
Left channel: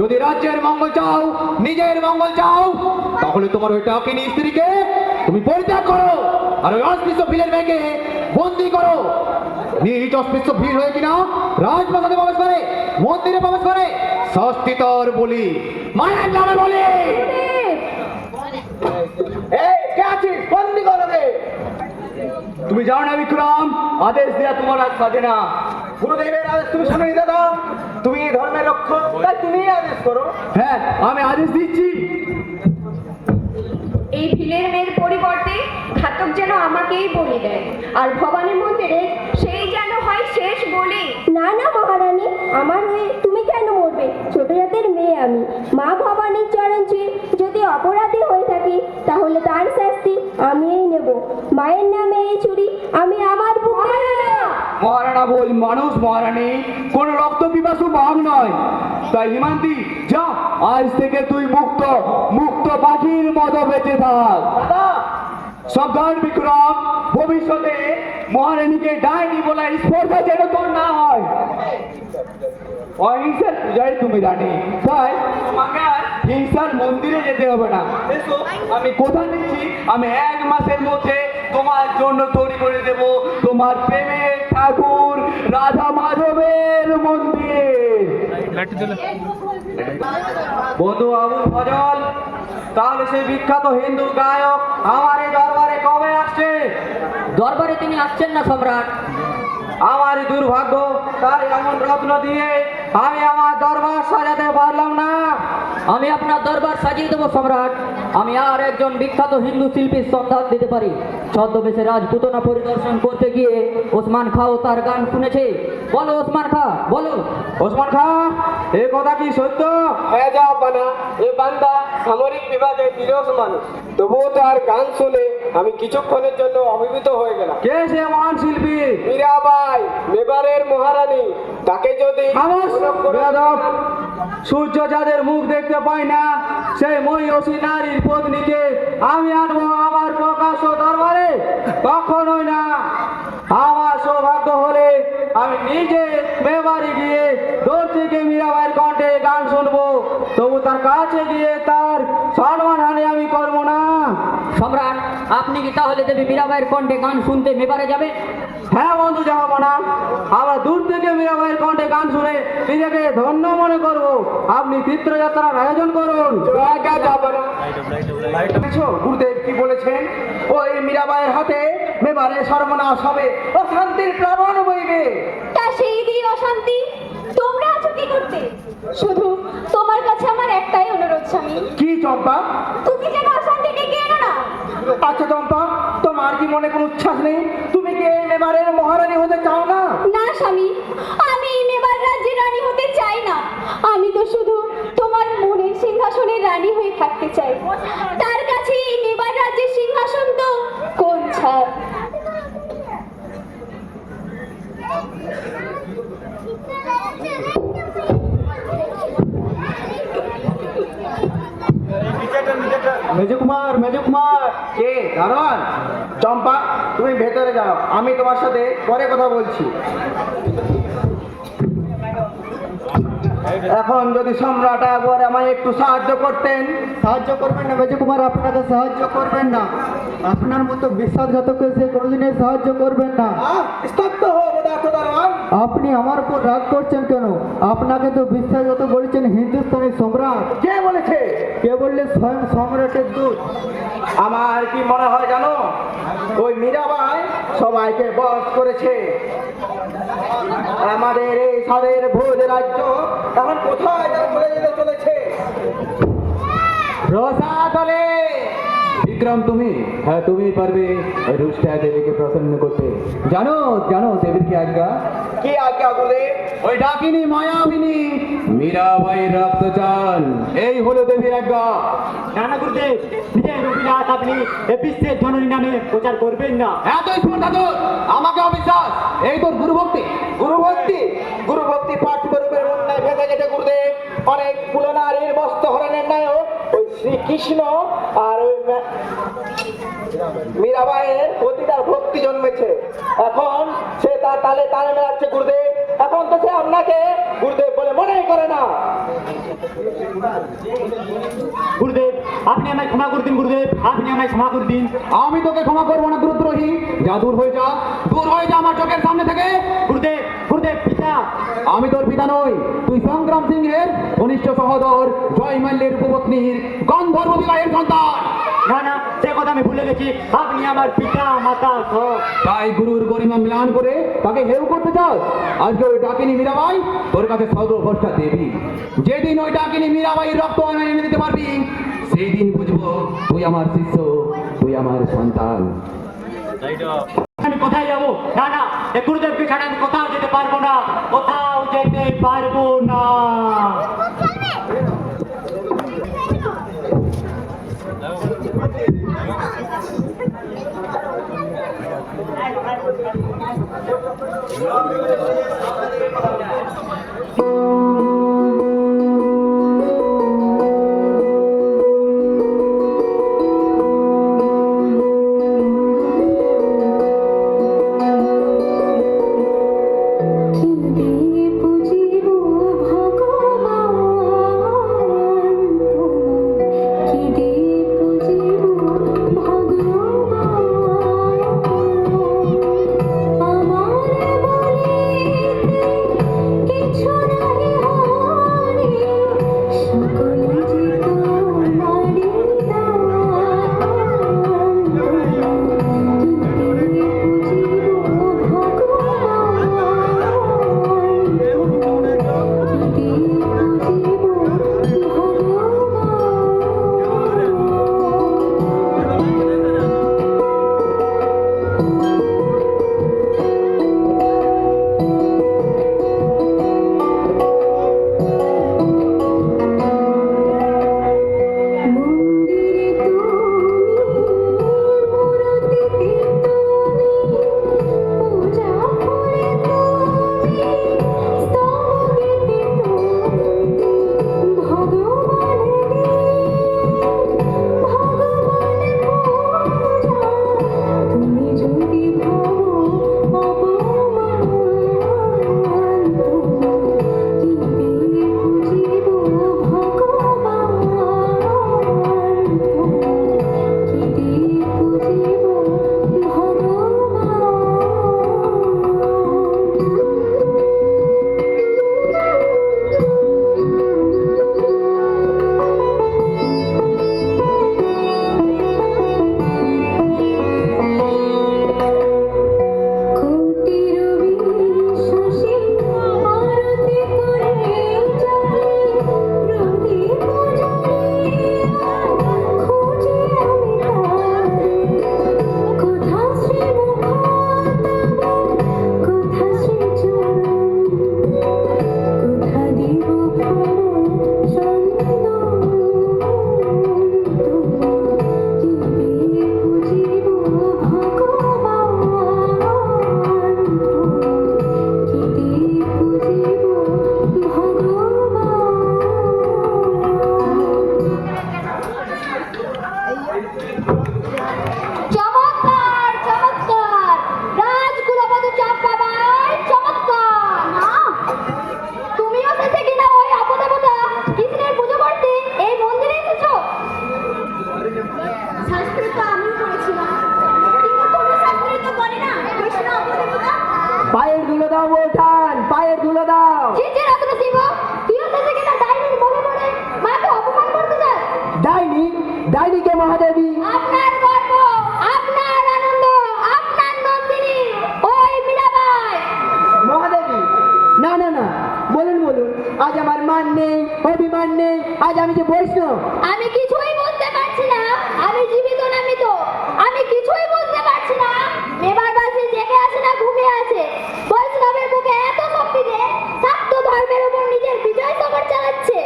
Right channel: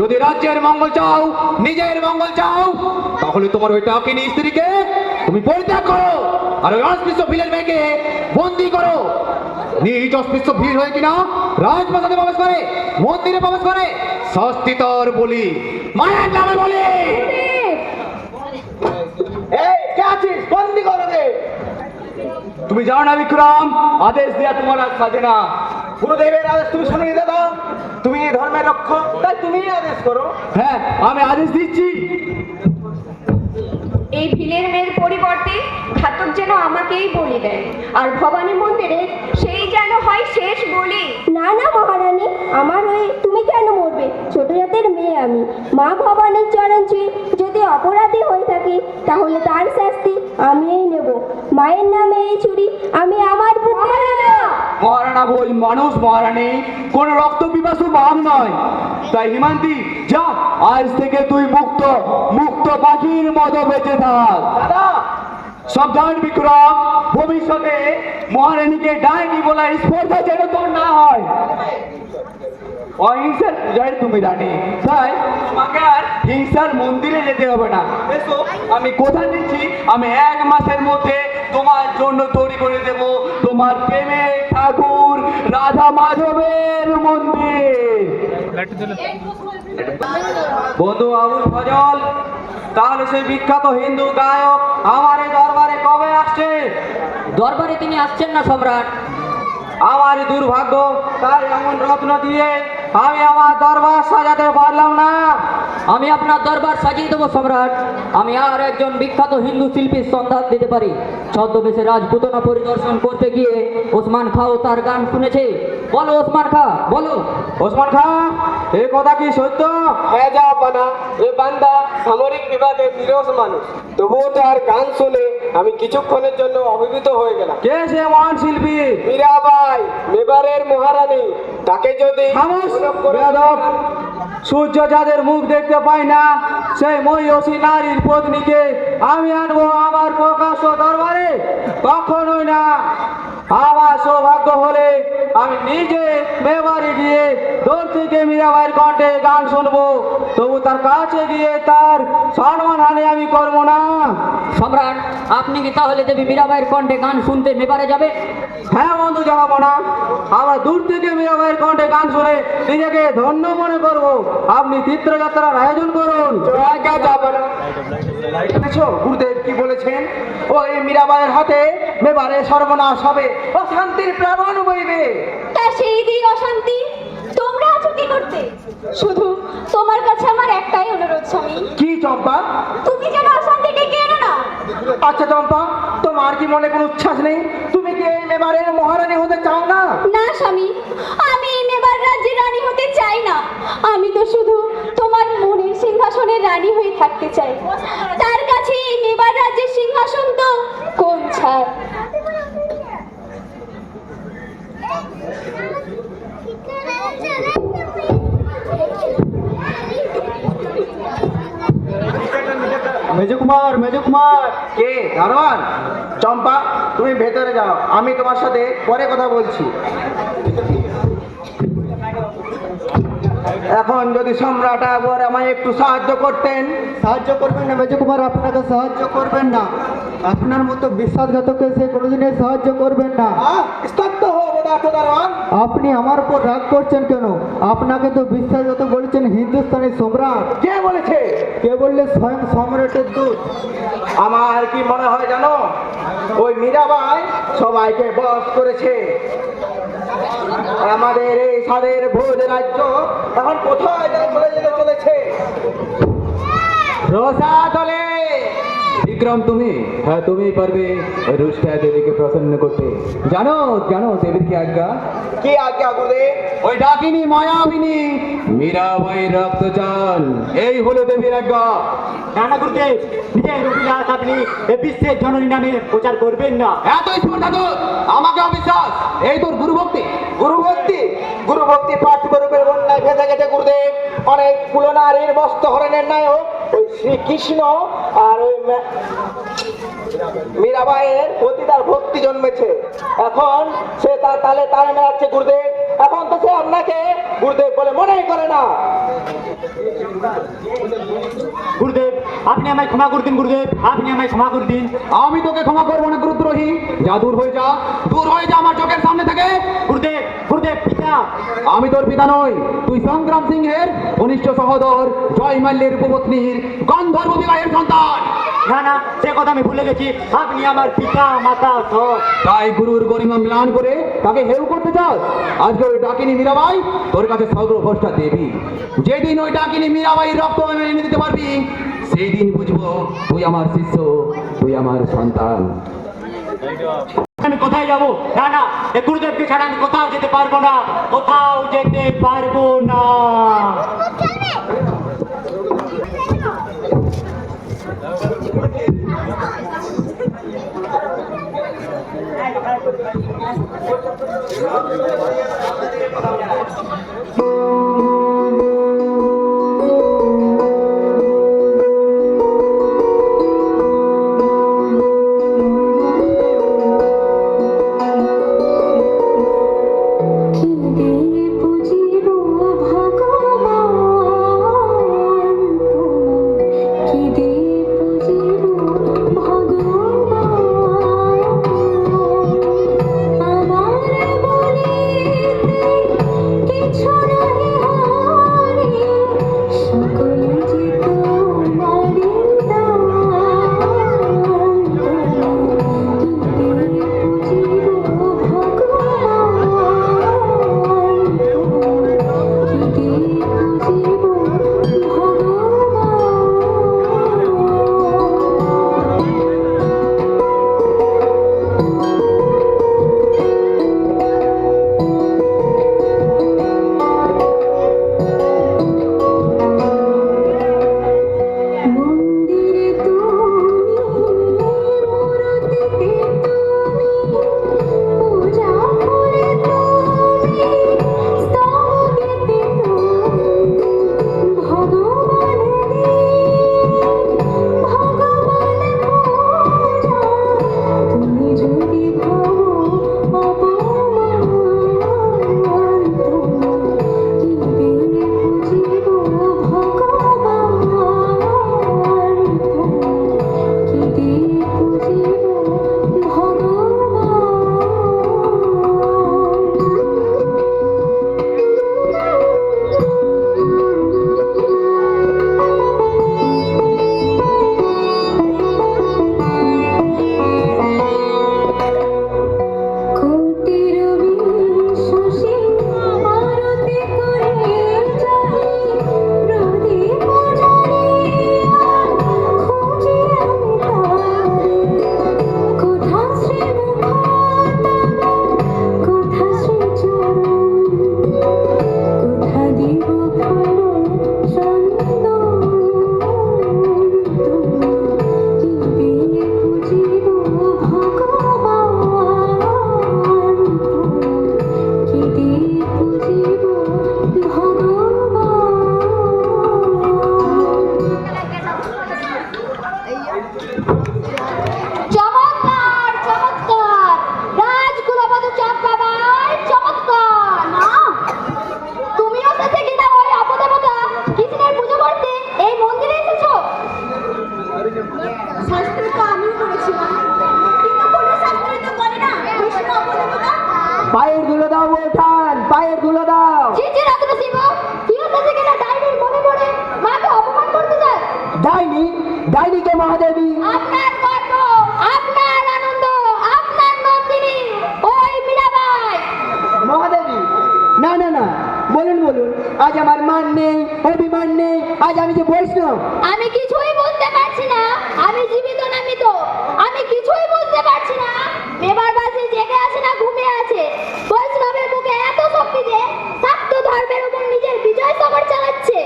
যদি রাজ্যের মঙ্গল চাও, নিজের মঙ্গল চাও, তাহলে তোমার ওই টাকিনী স্ত্রীকে তুমি পরিত্যাগ করো আর ওই অস্পৃশ্য ভিলের মেয়েকে বন্দি করো। নিজ অস্পৃশ্য ভিড় হয়ে কিনা রাজপ্রাসাদে প্রবেশ করে, মন্দিরে প্রবেশ করে, শাস্তি তোর বলি, মায়ের নামে বলি। এই কে আছিস? বন্দি করো রে। তুমি জানো না বিক্রম, আদেশ দেওয়া তোমার আর কাজে না। গুরুদেবের আদেশ তুমি শুনে নিতে দাও। তুমি এই ধর্মের রক্ষক, তাই তুমিই আদেশ করো। হ্যাঁ, আমি আদেশ দিচ্ছি। এই ভিলের মেয়ের পরিবর্তে ঘাতক যেন আমাকেই বলি দেয়, আর ভবানী মন্দিরে সেই যেন হয় শেষ বলি। না না মহারানী, আমার হয়ে তুমি কেন মরবে? ছোট জাতের মেয়ে আমি। মা ভবানীর চরণ ছুঁয়ে যদি অপরাধী হয়ে থাকি, তাহলে তার শাস্তি আমিই নেব। মায়ের নামে এই ছুরি আমি আমার বুকে না। মহারানা বই মানুষ মহারানী, কোন রক্ত পিপাসু বাঘ নয়। তাই হিমান্তি, যা, আজ থেকে তুই মুক্ত পাখির মতো বেঁচে থাক। দাদা, সাবধান বিক্রম, ভবিষ্যতে মহারানীকে ডাইনি বলা স্পর্ধা যেন তোর না হয়। অহিংসার পূজায় তুমি রানী, তাই তোমাকে আর হিংসার মন্দিরে যেতে হবে না। এসো, আমি কথা দিচ্ছি, আমি 1 মাসের মধ্যে তোমার জন্য তৈরি করে দেব তোমার প্রেমের ঠাকুর রাধা মাধবের মন্দির। বন্ধু আবুল ফজল, তাহলে সেই বিখ্যাত হিন্দু গায়ক আমার এই দরবারে কবে আসছে? দরবারে তিনি আসছেন না সম্রাট। আমার দুর্ভাগ্য, তাই এমন রত্ন দিয়ে আমি আমার দরবার সাজাতে পারলাম না। আমি আপনার দরবার সাজিয়ে দেবো সম্রাট। আমি আর একজন বিখ্যাত হিন্দু শিল্পীর সন্ধান দিতে পারি। ছদ্মবেশে রাজপুতনা পরিদর্শন করতে গিয়ে ওসমান খাও তার গান শুনেছে। বলো ওসমান খা, বলো। ওসমান খাঁ, এই কথা কি সত্য? হ্যাঁ যা বানা, এ বান্দা সামরিক বিভাগে নিরস মানুষ, তবুও তার গান শুনে আমি কিছুক্ষণের জন্য অভিভূত হয়ে গেলাম। কে সে মহান শিল্পী? মীরাবাই, মেবারের মহারানী, তাকে যদি খামোশ, সুলভ করে- বেয়াদব। সূর্য যাদের মুখ দেখতে পায় না, সেই মহিষী নারীর পত্নীকে আমি আনবো আমার প্রকাশ্য দরবারে? কখনোই না। আমার সৌভাগ্য হলে আমি নিজে মেবারে গিয়ে দূর থেকে মীরাবাইয়ের কণ্ঠে গান শুনবো, তবু তার কাছে গিয়ে তার সম্মানহানি আমি করবো না। সম্রাট, আপনি কি তাহলে দেবী মীরাবাইয়ের কণ্ঠে গান শুনতে মেবারে যাবে? হ্যাঁ বন্ধু জাহাপনা, আমরা দূর থেকে মীরাবাইয়ের কণ্ঠে গান শুনে নিজেকে ধন্য মনে করব। আপনি তীর্থযাত্রার আয়োজন করুন। আজ্ঞা যাবো না। দেখেছো গুরুদেব কি বলেছেন? ওই মীরাবাইয়ের হাতে মেবারে সর্বনাশ হবে, অশান্তির প্লাবন বইবে। তা সেই দিয়ে অশান্তি তোমরা আছো কি করতে? শুধু তোমার কাছে আমার একটাই অনুরোধ স্বামী, কি চম্পা? তুমি যেন অশান্তি ডেকে এনো না। আচ্ছা চম্পা, তোমার কি মনে কোনো উচ্ছ্বাস নেই? তুমি কি এই মেবারের মহারানী হতে চাও না? না স্বামী, আমি এই মেবার রাজ্যের রানী হতে চাই না। আমি তো শুধু তোমার মনের সিংহাসনের রানী হয়ে থাকতে চাই। তার কাছে এই মেবার রাজ্যের সিংহাসন তো কোন ছাড়। মেজকুমার, মেজকুমার। কে? দারোয়ান? চম্পা, তুমি ভেতরে যাও, আমি তোমার সাথে পরে কথা বলছি। এখন যদি সম্রাট আকবর আমায় একটু সাহায্য করতেন। সাহায্য করবেন না মেজকুমার, আপনাকে সাহায্য করবেন না। আপনার মতো বিশ্বাসঘাতককে সে কোনোদিনই সাহায্য করবেন না। স্তব্ধ হো পদার্থ দারোয়ান। আপনি আমার উপর রাগ করছেন কেন? আপনাকে তো বিশ্বাসঘাতক বলেছেন হিন্দুস্তানি সম্রাট। কে বলেছে? কে বললে? স্বয়ং সম্রাটের দূত। আমার কি মনে হয় জানো, ওই মীরাবাই সবাইকে বশ করেছে। আমাদের এই সাদের ভোজ রাজ্য এখন কোথায় যেন চলে যেতে চলেছে। রসাতলে বিক্রম, তুমি? হ্যাঁ, তুমি পারবে ওই রুষ্টা দেবীকে প্রসন্ন করতে। জানো জানো দেবীর কি আজ্ঞা? কি আজ্ঞা গুরুদেব? ওই ডাকিনী মায়াবিনী মীরাবাইয়ের রক্ত চান, এই হলো দেবীর আজ্ঞা। নানা গুরুদেব, নিজের অভিলাষ আপনি এ বিশ্বের জননী নামে প্রচার করবেন না। এতই স্পর্ধা তোর, আমাকে অবিশ্বাস, এই তোর গুরুভক্তি। গুরুভক্তি, গুরুভক্তি পাঠ্যরূপের বন্যায় ভেসে গেছে গুরুদেব। অনেক কুলনারীর বস্ত্র হরণের নায়ক ওই শ্রীকৃষ্ণ আর ওই মীরাবাইয়ের প্রতি তার ভক্তি জন্মেছে। এখন সে তার তালে তালে মেলাচ্ছে গুরুদেব। এখন তো সে আপনাকে গুরুদেব বলে মনেই করে না। গুরুদেব, আপনি আমায় ক্ষমা করে দিন। গুরুদেব, আপনি আমায় ক্ষমা করে দিন। আমি তোকে ক্ষমা করবো না গুরুদ্রোহী। যা, দূর হয়ে যা, দূর হয়ে যা আমার চোখের সামনে থেকে। গুরুদেব, গুরুদেব পিতা। আমি তোর পিতা নই, তুই সংগ্রাম সিংহের কনিষ্ঠ সহোদর জয় মাল্যের উপপত্নীর গন্ধর্ব বিবাহের সন্তান। না না, সে কথা আমি ভুলে গেছি। আপনি আমার পিতা মাতা সব। তাই গুরুর গরিমা মিলান করে তাকে হেউ করতে চাস? আজকে ওই ডাকিনী মীরাবাই তোর কাছে সর্বভ্রষ্টা দেবী। যেদিন ওই ডাকিনী মীরাবাইয়ের রক্ত এনে দিতে পারবি, সেই দিন বুঝবো তুই আমার শিষ্য, তুই আমার সন্তান। আমি কোথায় যাবো? না না, এ গুরুদেবকে ছাড়া আমি কোথাও যেতে পারবো না, কোথাও যেতে পারবো না। আমার বলে চমৎকার চমৎকার রাজকুলবধূ চম্পাবাই চমৎকার না তুমিও শেষে কিনা ওই অপদেবতা কৃষ্ণের পুজো করতে এই মন্দিরে এসেছো শাস্ত্র তো আমিও করেছিলাম, কিন্তু কোনো শাস্ত্রে তো বলে না কৃষ্ণ অপদেবতা। পায়ের ধুলো দাও ওঠান, পায়ের ধুলো দাও। জি জি রক্ত শিব তুইও শেষে কিনা ডাইনির মনে পড়ে মাকে অপমান করতে চাস ডাইনি, ডাইনিকে মহাদেবী। আপনার গর্ব আপনার আনন্দ আপনার নন্দিনী ওই মীরাবাই মহাদেবী, না না না, বলুন বলুন, আজ আমার মান নেই, অভিমান নেই, আজ আমি যে বৈষ্ণব। আমি কিছুই বুঝতে পারছি না আমি জীবিত না মৃত আমি কিছুই বুঝতে পারছি না মেবারবাসী জেগে আছে না ঘুমিয়ে আছে বৈষ্ণবের মুখে এত শক্তি যে শাক্ত ধর্মের উপর নিজের বিজয় সমর চালাচ্ছে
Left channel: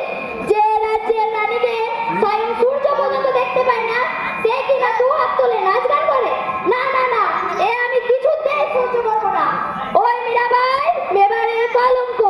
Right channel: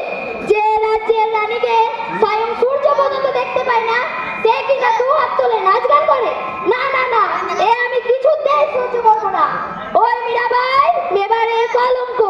যে রাজ্যের রানীকে স্বয়ং সূর্য পর্যন্ত দেখতে পায় না সে কিনা দু হাত তুলে নাচ গান করে না না না এ আমি কিছুতেই সহ্য করবো না ওই মীরাবাই মেবারের কলঙ্ক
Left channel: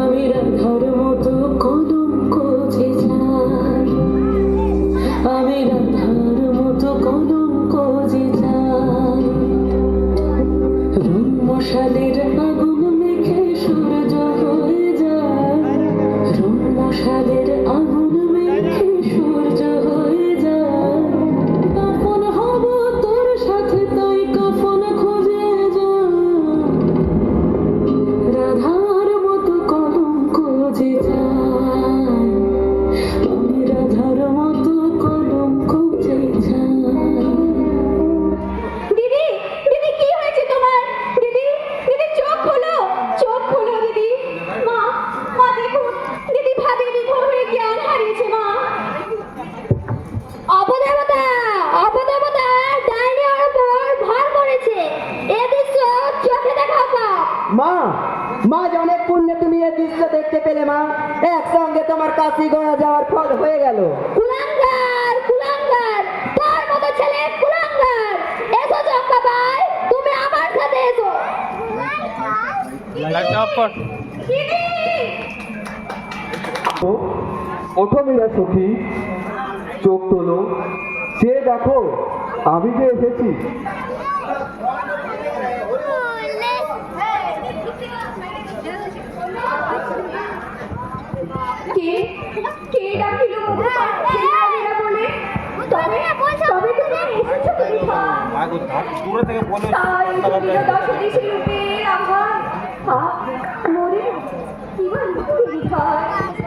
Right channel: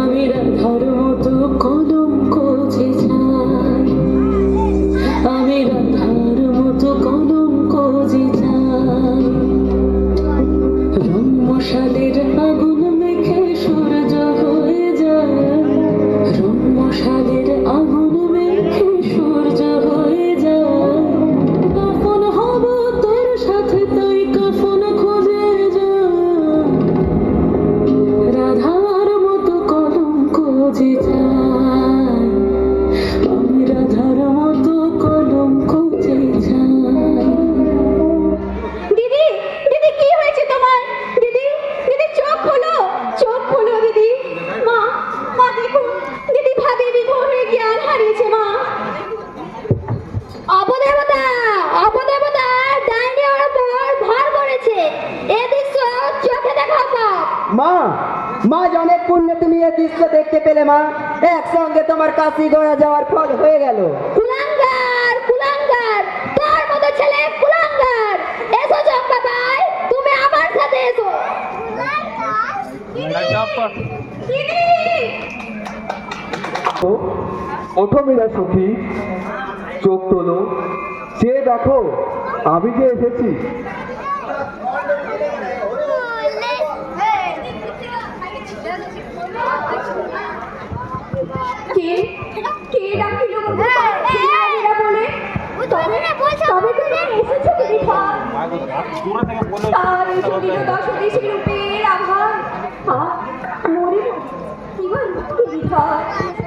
আমি রাধার মতো কলঙ্ক যে চাই, আমি রাধার মতো কলঙ্ক যে চাই, রং মশালের আগুন মেখে সূর্য হয়ে যায়, রং মশালের আগুন মেখে সূর্য হয়ে যায়, কখন হব তোর সাথে তাই কখন খুঁজে যায়, রাধার মতো কলঙ্ক যে চাই, আমি রাধার মতো কলঙ্ক যে চাই। দিদি দিদি কি হয়েছে তোমার? দিদি দিদি চোখ খোলো দিদি। মা মা দেখো দিদি ভাবে বিভোর হয়ে জ্ঞান হারিয়েছে মা। অপদেবতা অপদেবতা ডাইনি ওর উপর ভর করেছে এ দৃশ্য চোখে দেখা পাপ মা, মা যে অনেক পুণ্যে তুমি এই দৃশ্য দেখতে পেলে মা, একসঙ্গে তোমার কাশি গয়া যাওয়ার ফল হয়ে গেল। কুলাঙ্গার কুলাঙ্গার তোর মতো ছেলে কুলাঙ্গার এসো চম্পাবাই তুমি আমার সাথে এসো ওঠো মীরা সখী, চোখ তোলো, সে দেখো আমি যে এসেছি। কে কে ডাকিল মধু ছেলেরা বলে? তবে তবে তুমি এসেছো তুমি তাই যদি দশ দেশের রূপের আহার মরে কি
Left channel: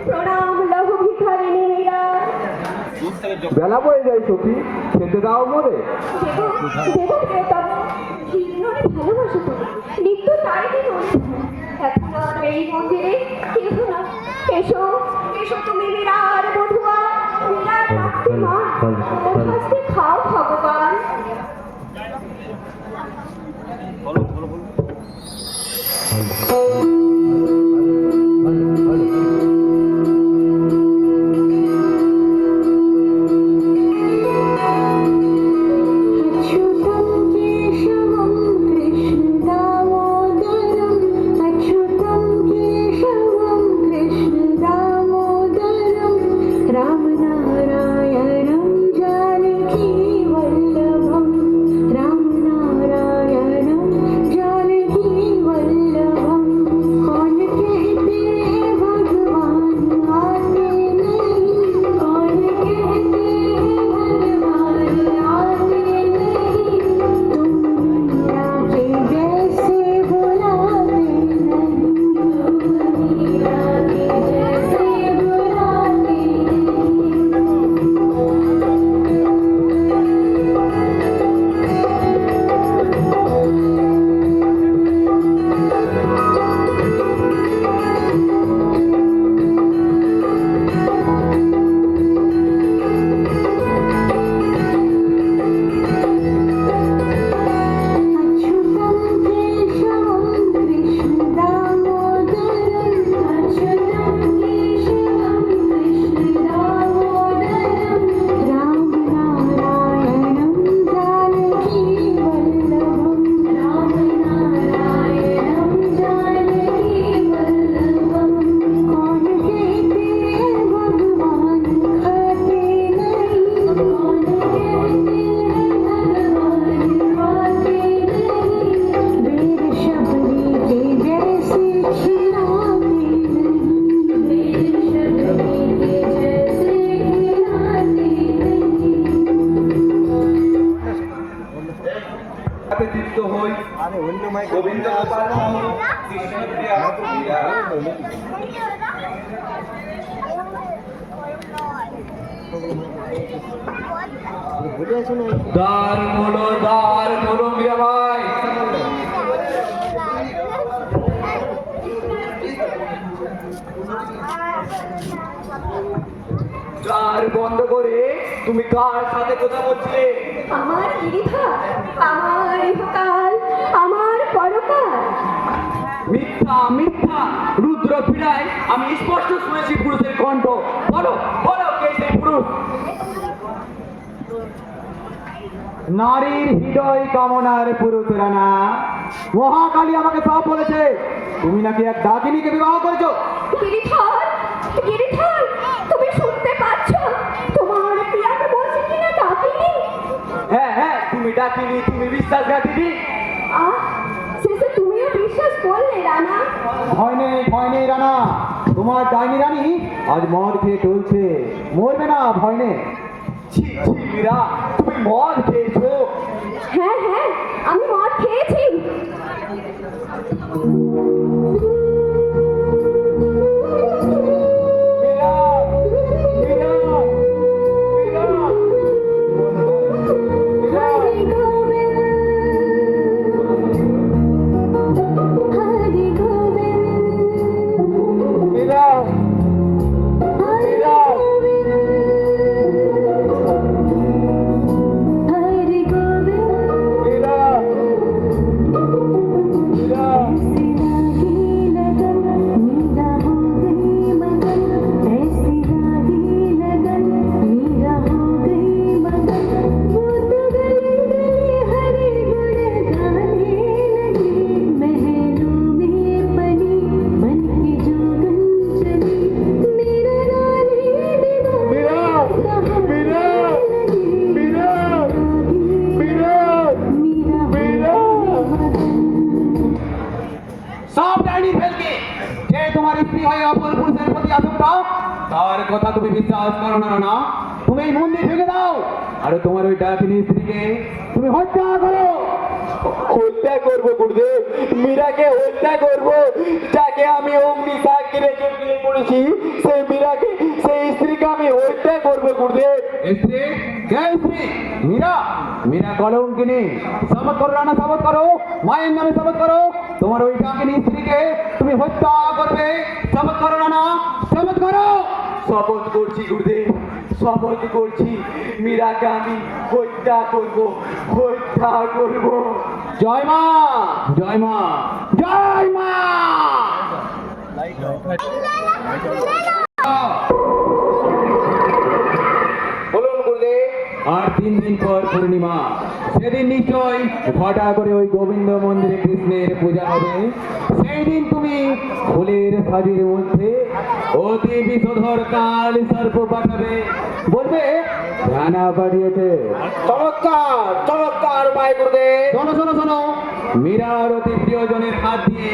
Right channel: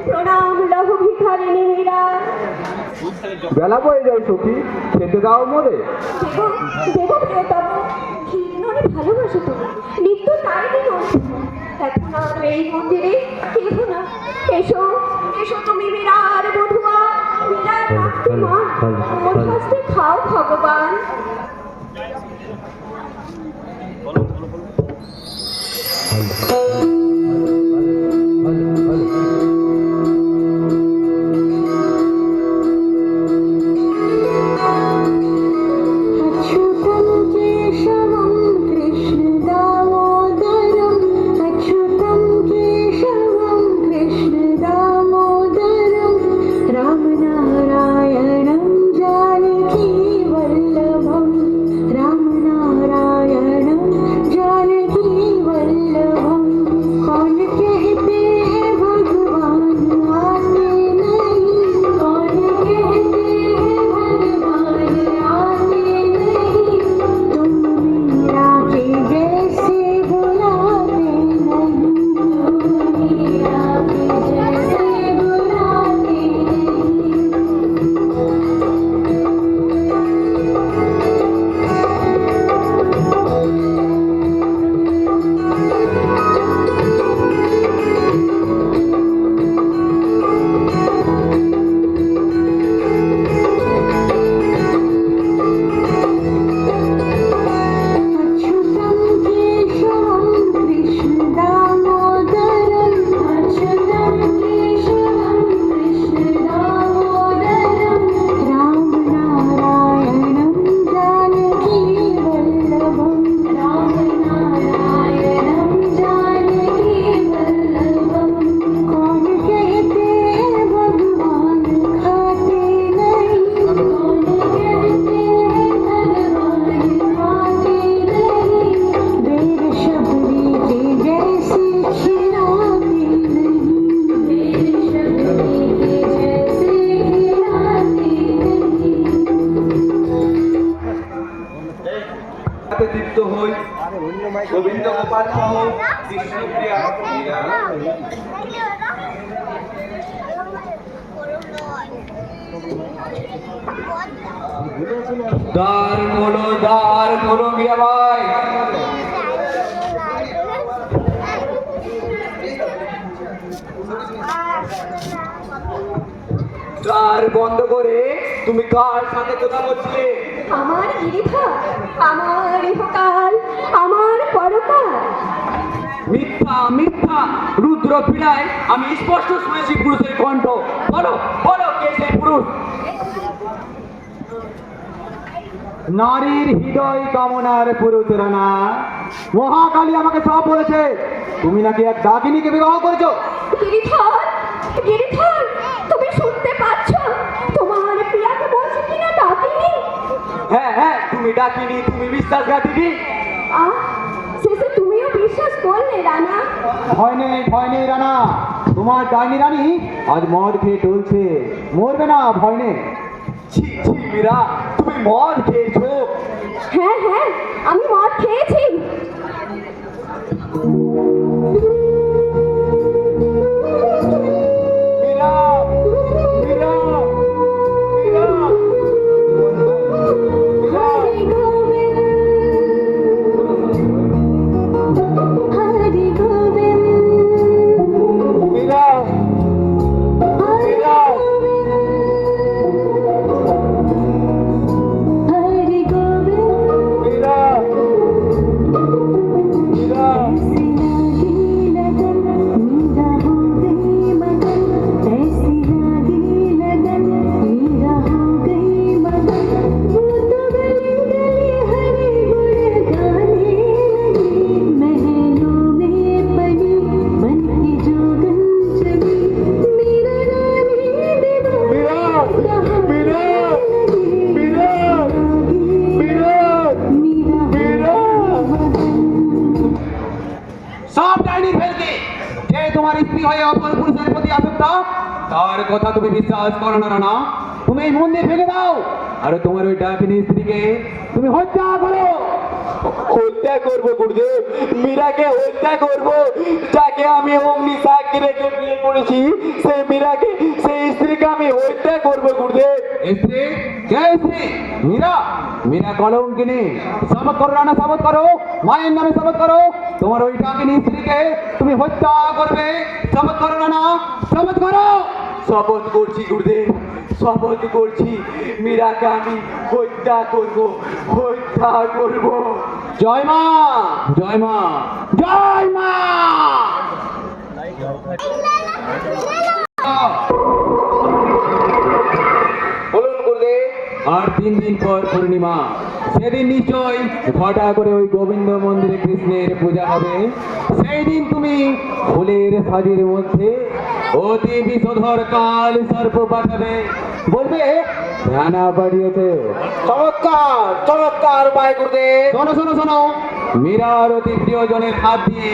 প্রণাম লঘু ভিখারিণী মীরা। বেলা বয়ে যায় সখী, খেতে দাও মোরে। দেবো দেবো প্রিয়তম কীর্ণনে ভালোবাসো তো নিত্য তাই দিন এখন আর এই মন্দিরে কেহ না এসো এসো তুমি মীরার বধুয়া মীরার রাত্রি মা মোর হস্তে খাও ভগবান। अच्युतं केशवं कृष्णदामोदरम् अच्युतं केशवं कृष्णदामोदरं रामनारायणं जानकी দ্বার খোলো মীরাবাই। দ্বার বন্ধ করে তুমি কার সাথে কথা বলছিলে? আমার গিরিধর, আমার ইহকাল, আমার পরকাল। মিথ্যা মিথ্যা, রুদ্র পীড়ায় আমি স্পষ্ট শুনেছি পুরুষের কণ্ঠ। বলো বলো কে সেই পুরুষ? নারীর হৃদয় কামনার পুরুষেরা না, মহাকালী আমাকে সব বলেছে তুমি নাকি এক ডাকিনীকে বিবাহ করেছো। গিরিধর, গিরিধর, তুমি শুনতে পাচ্ছ? তোমার প্রিয়াকে বলছে কিনা ডাকিনি। হ্যাঁ হ্যাঁ, তুমি ডাকিনি, তুমি বিশ্বাসঘাতিনী। আহ, শেষে তুমিও বিশ্বাস করলে রানা? ভয় নেই রানা, তোমার ডাইনি রানী আজ মদ খেয়ে চলছে, মরবে না, ভয় নেই। ছি ছি মীরা, তুমি মদ খেয়েছো? হ্যাঁ হ্যাঁ, আমি মদ খেয়েছি। মীরা, মীরা, মীরা, হরে গোবিন্দ, হরে গোবিন্দ, মীরা, হরে গোবিন্দ, হরে গোবিন্দ। মীরা, মীরা। ऐसी लागी लगन मेरा हो गई मगन, वो तो गली गली हरी गुड़ गाने लगी, महलों में बनी बन के जोगन चली, मेरा रानी दीवाना মীরা, মীরা, মীরা, मेरा সব ডাইনি ফেলকে যে তোমার স্ত্রী হয়ে অপর পুরুষের প্রতি আসক্ত, তার কথা তুমি বিশ্বাস করো না রানা। তুমি এই মন্দির ভেঙে দাও আর তোমার ওই ডাকিনী স্ত্রীকে তুমি হত্যা করো। হত্যা করবো গুরুদেব, মীরাকে হত্যা করবো, যাকে আমি অগ্নি সাক্ষী রেখে বিয়ে করেছি, সেই মীরাকে, সেই স্ত্রীকে আমি হত্যা করবো গুরুদেব। স্ত্রী কে স্ত্রী? মীরা, মীরা কলঙ্কিনী। শপথ করো রানা, শপথ করো, মায়ের নামে শপথ করো, তোমার ওই ডাকিনী স্ত্রীকে তুমি হত্যা করবে। শপথ করো রানা, শপথ করো। শপথ করছি গুরুদেব, শপথ করছি, মীরাকে আমি হত্যা করবো, হত্যা করবো। জয় মা, জয় মা, জয় মা। বলুন গুরুদেব। আর 3 দিন পর পূর্ণিমা, সেদিন নিশ্চয় ঘটা করে ওই গোবিন্দ মন্দিরে কৃষ্ণের পূজা হবে। সেই দিন তুমি ফুলের সাজের মধ্যে অতি বিষধর কাল সর্প পাঠাবে, বলবে রানা পাঠিয়েছে। চমৎকার, চমৎকার মায় গুরুদেব। শোনো শোনো শোনো, মীরার অতি প্রিয়জনের হাত দিয়ে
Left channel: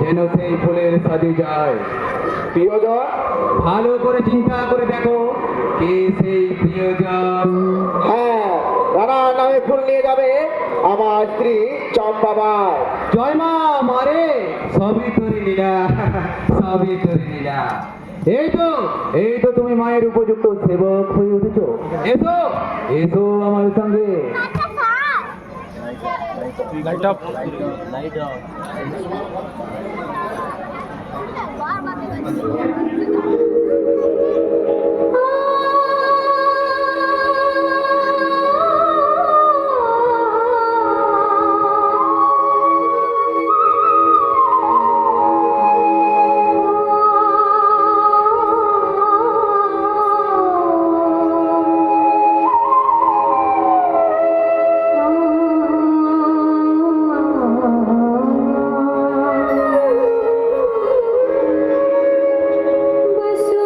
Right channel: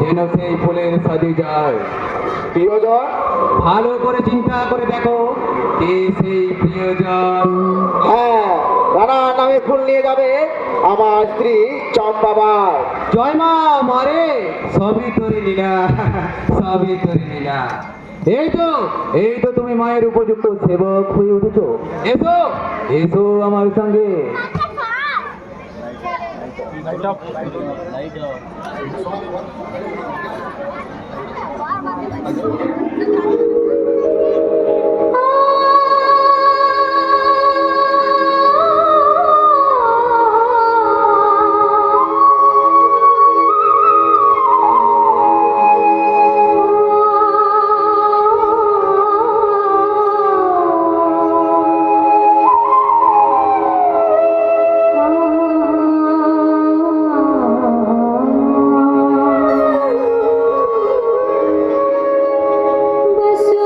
যেন সেই ফুলের সাজে যায়। প্রিয়জন? ভালো করে চিন্তা করে দেখো কে সেই প্রিয়জন। হ্যাঁ, রানা নামে ফুল নিয়ে যাবে আমার স্ত্রী চম্পাবা। জয় মা, মারে সবই তোর লীলা, সবই তোর লীলা। এই তো তুমি মায়ের উপযুক্ত সেবক হয়ে উঠেছো। এসো এসো আমার সঙ্গে। बस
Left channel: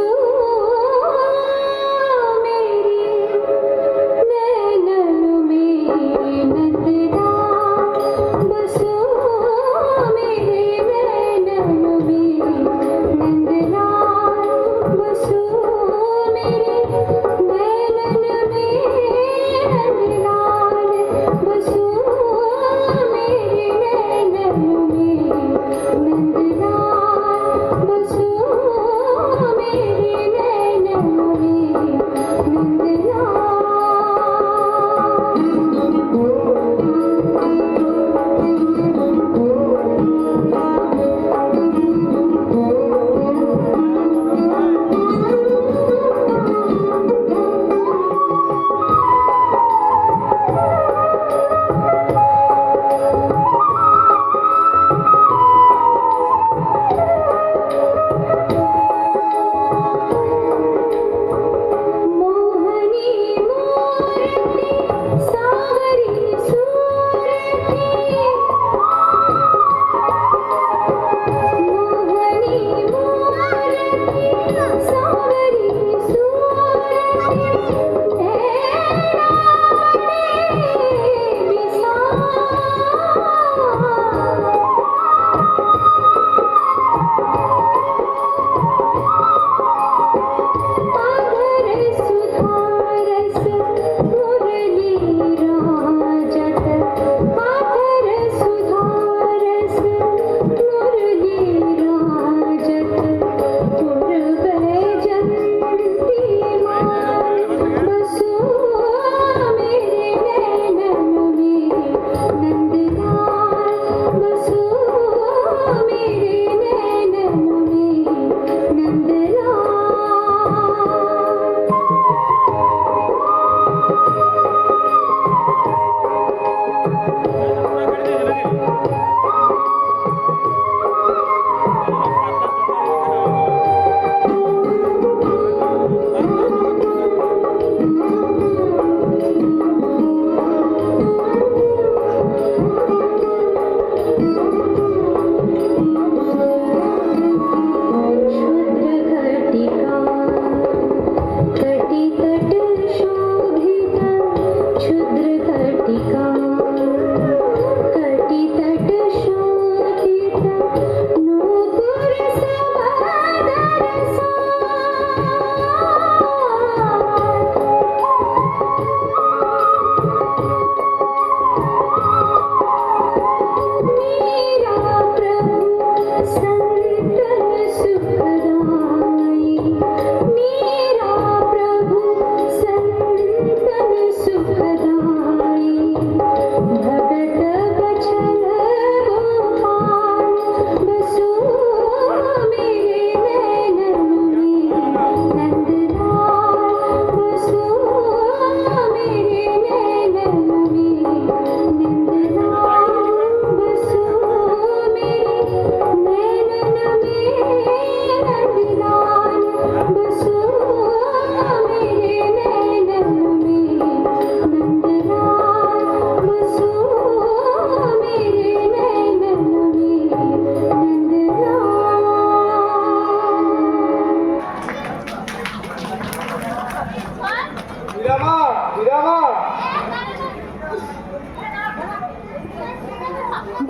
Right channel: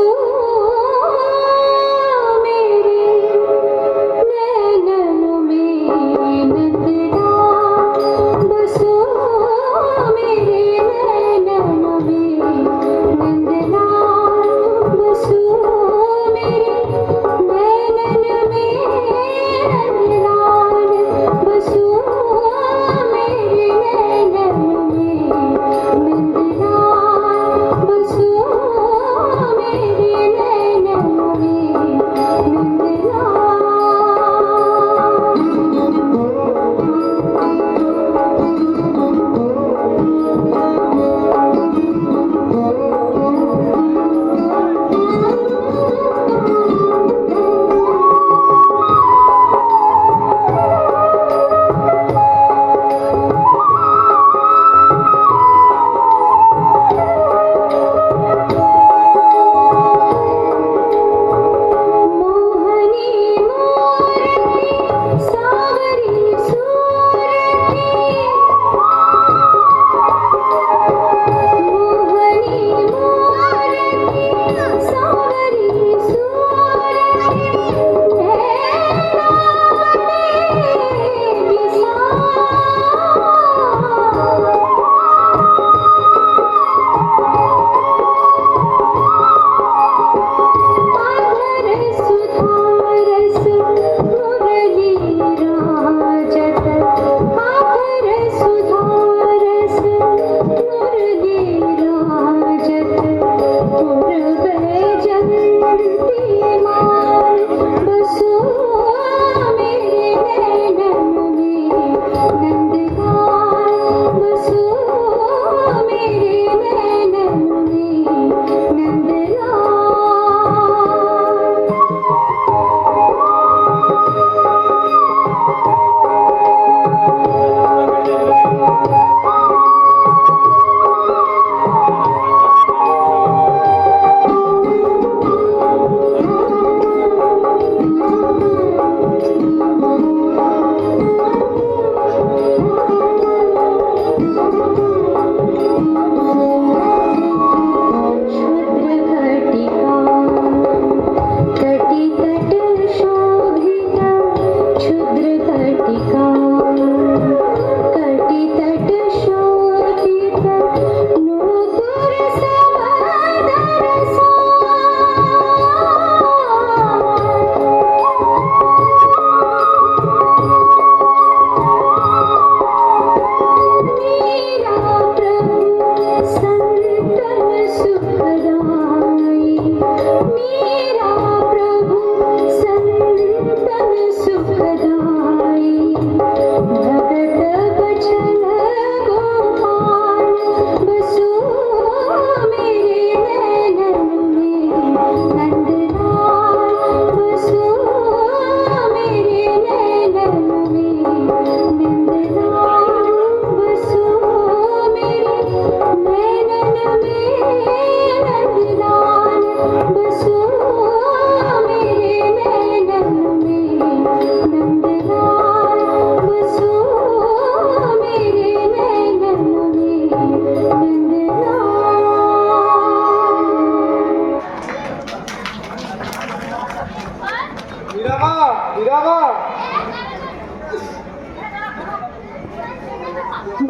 মীরামা, মীরামা।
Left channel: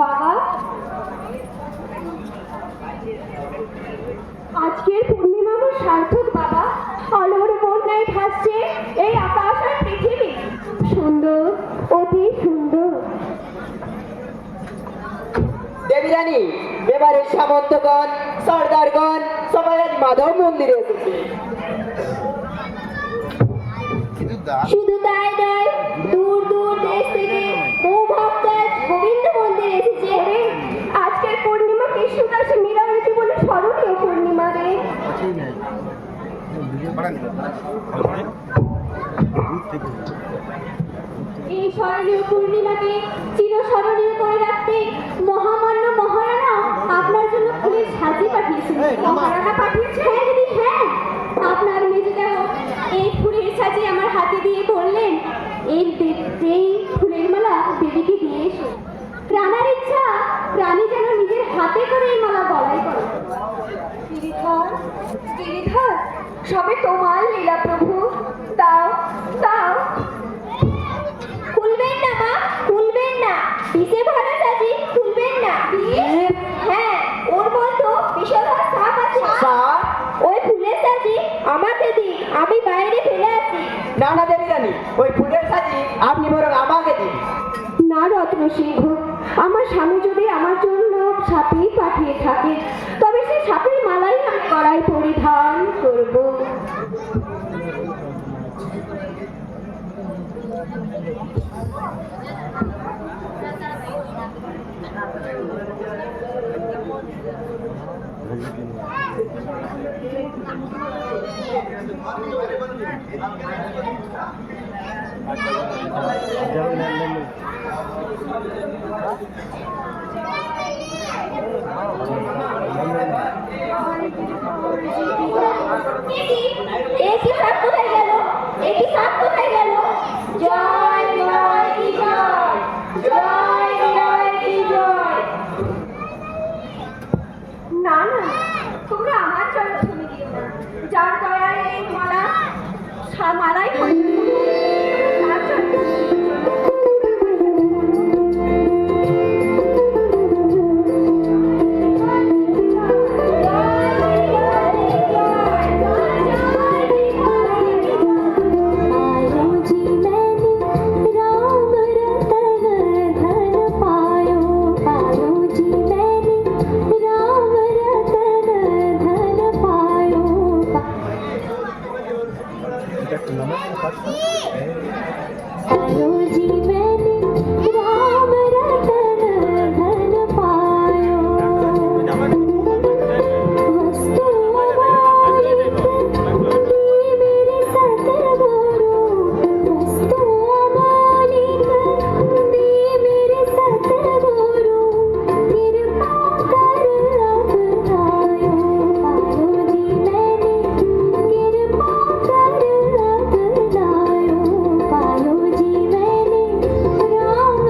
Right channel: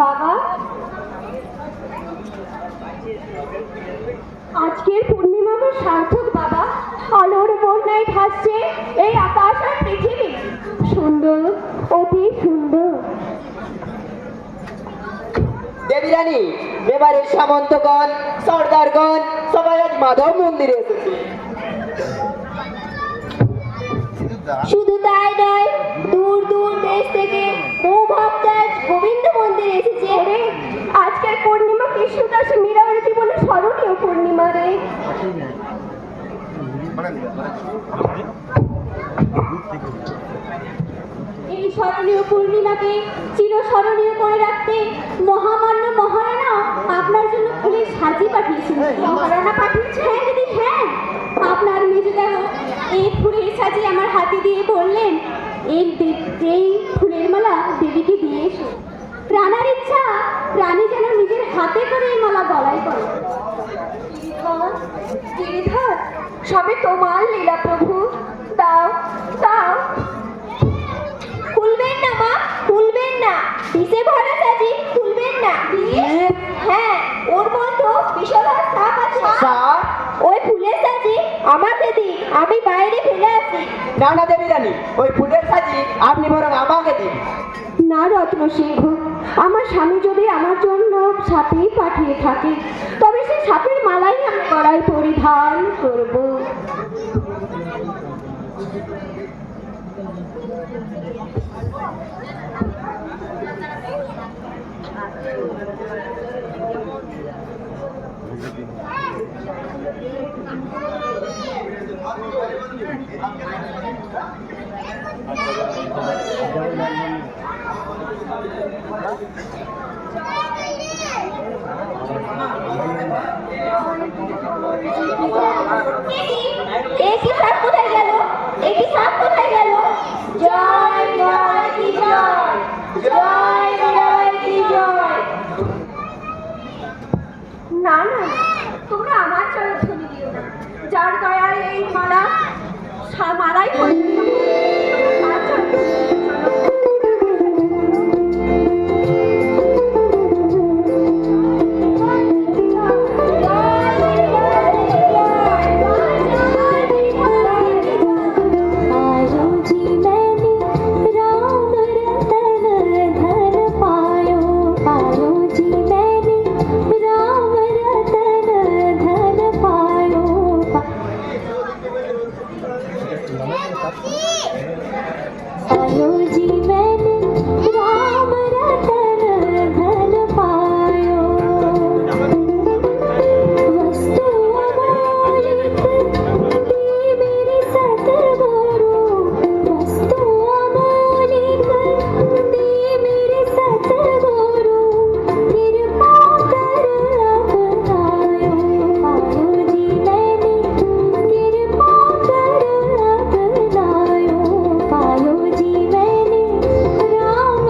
বাবা, আজকের পূর্ণিমা তো সার্থক বাবা। আলোর বন্যায় ভাসছে এই আকাশ আর পৃথিবী। সুন্দর, অতি সুন্দর। দেবী রানী, এবারের সামন্তগণ, সর্দারগণ সবাই আজ মাধব মন্দিরে এসেছে। শুধু তাই নয়, দূর দূর দেশ থেকে বহু ভক্ত আজ গোবিন্দ মন্দিরে এসেছে। আজকের পূর্ণিমা কৃষ্ণদাস মীরার জীবনে স্মরণীয় পূর্ণিমা রে। এই স্মরণীয় পূর্ণিমাকে চিরস্মরণীয় করে রাখতে মহামান্য মহারানা আপনার জন্য ফুলের সাজি পাঠিয়েছেন। মহারানা পাঠিয়েছে? হ্যাঁ দিদি, হ্যাঁ। আপনার মেজদাহ এই ফুলের সাজি আমার হাতে দিয়ে বললেন এই ফুলের মালা দেবীকে দিয়ে এসো। রানার ইচ্ছা রানী যেন নিজের হাতে করে এই মালা গলায় করে। গিরিধর, সবে তোমার লীলা প্রভু। দাও, দাও। খুলবেন না মা, খুলবেন না। বিষে ভরা সাজি খুলবেন না। হ্যাঁ, ওর মধ্যে বিষধর সাপ আছে। সাপ? ওই ফুলের সাজি আমাকে দিন, আমি বাইরে ফেলে আসি। না না দেবী রানী, ওই ফুলের সাজি আপনি বরং আমাকে দিন। না রত্ন সিংহ, আমার স্বামী যদি আমার জন্য সাপই পাঠিয়ে থাকে তবে সেই সাপের মালাই আমি গলায় পরিধান করব। একই সাপ কোথায় গেল? একই সাপ কোথায় গেল? জয় জয় কি জয়, জয় জয় কি জয়। না না, তোমরা আমার জয়ধ্বনি দিও না। যার দয়ায় এই মালা মালাই पायो जी मैंने राम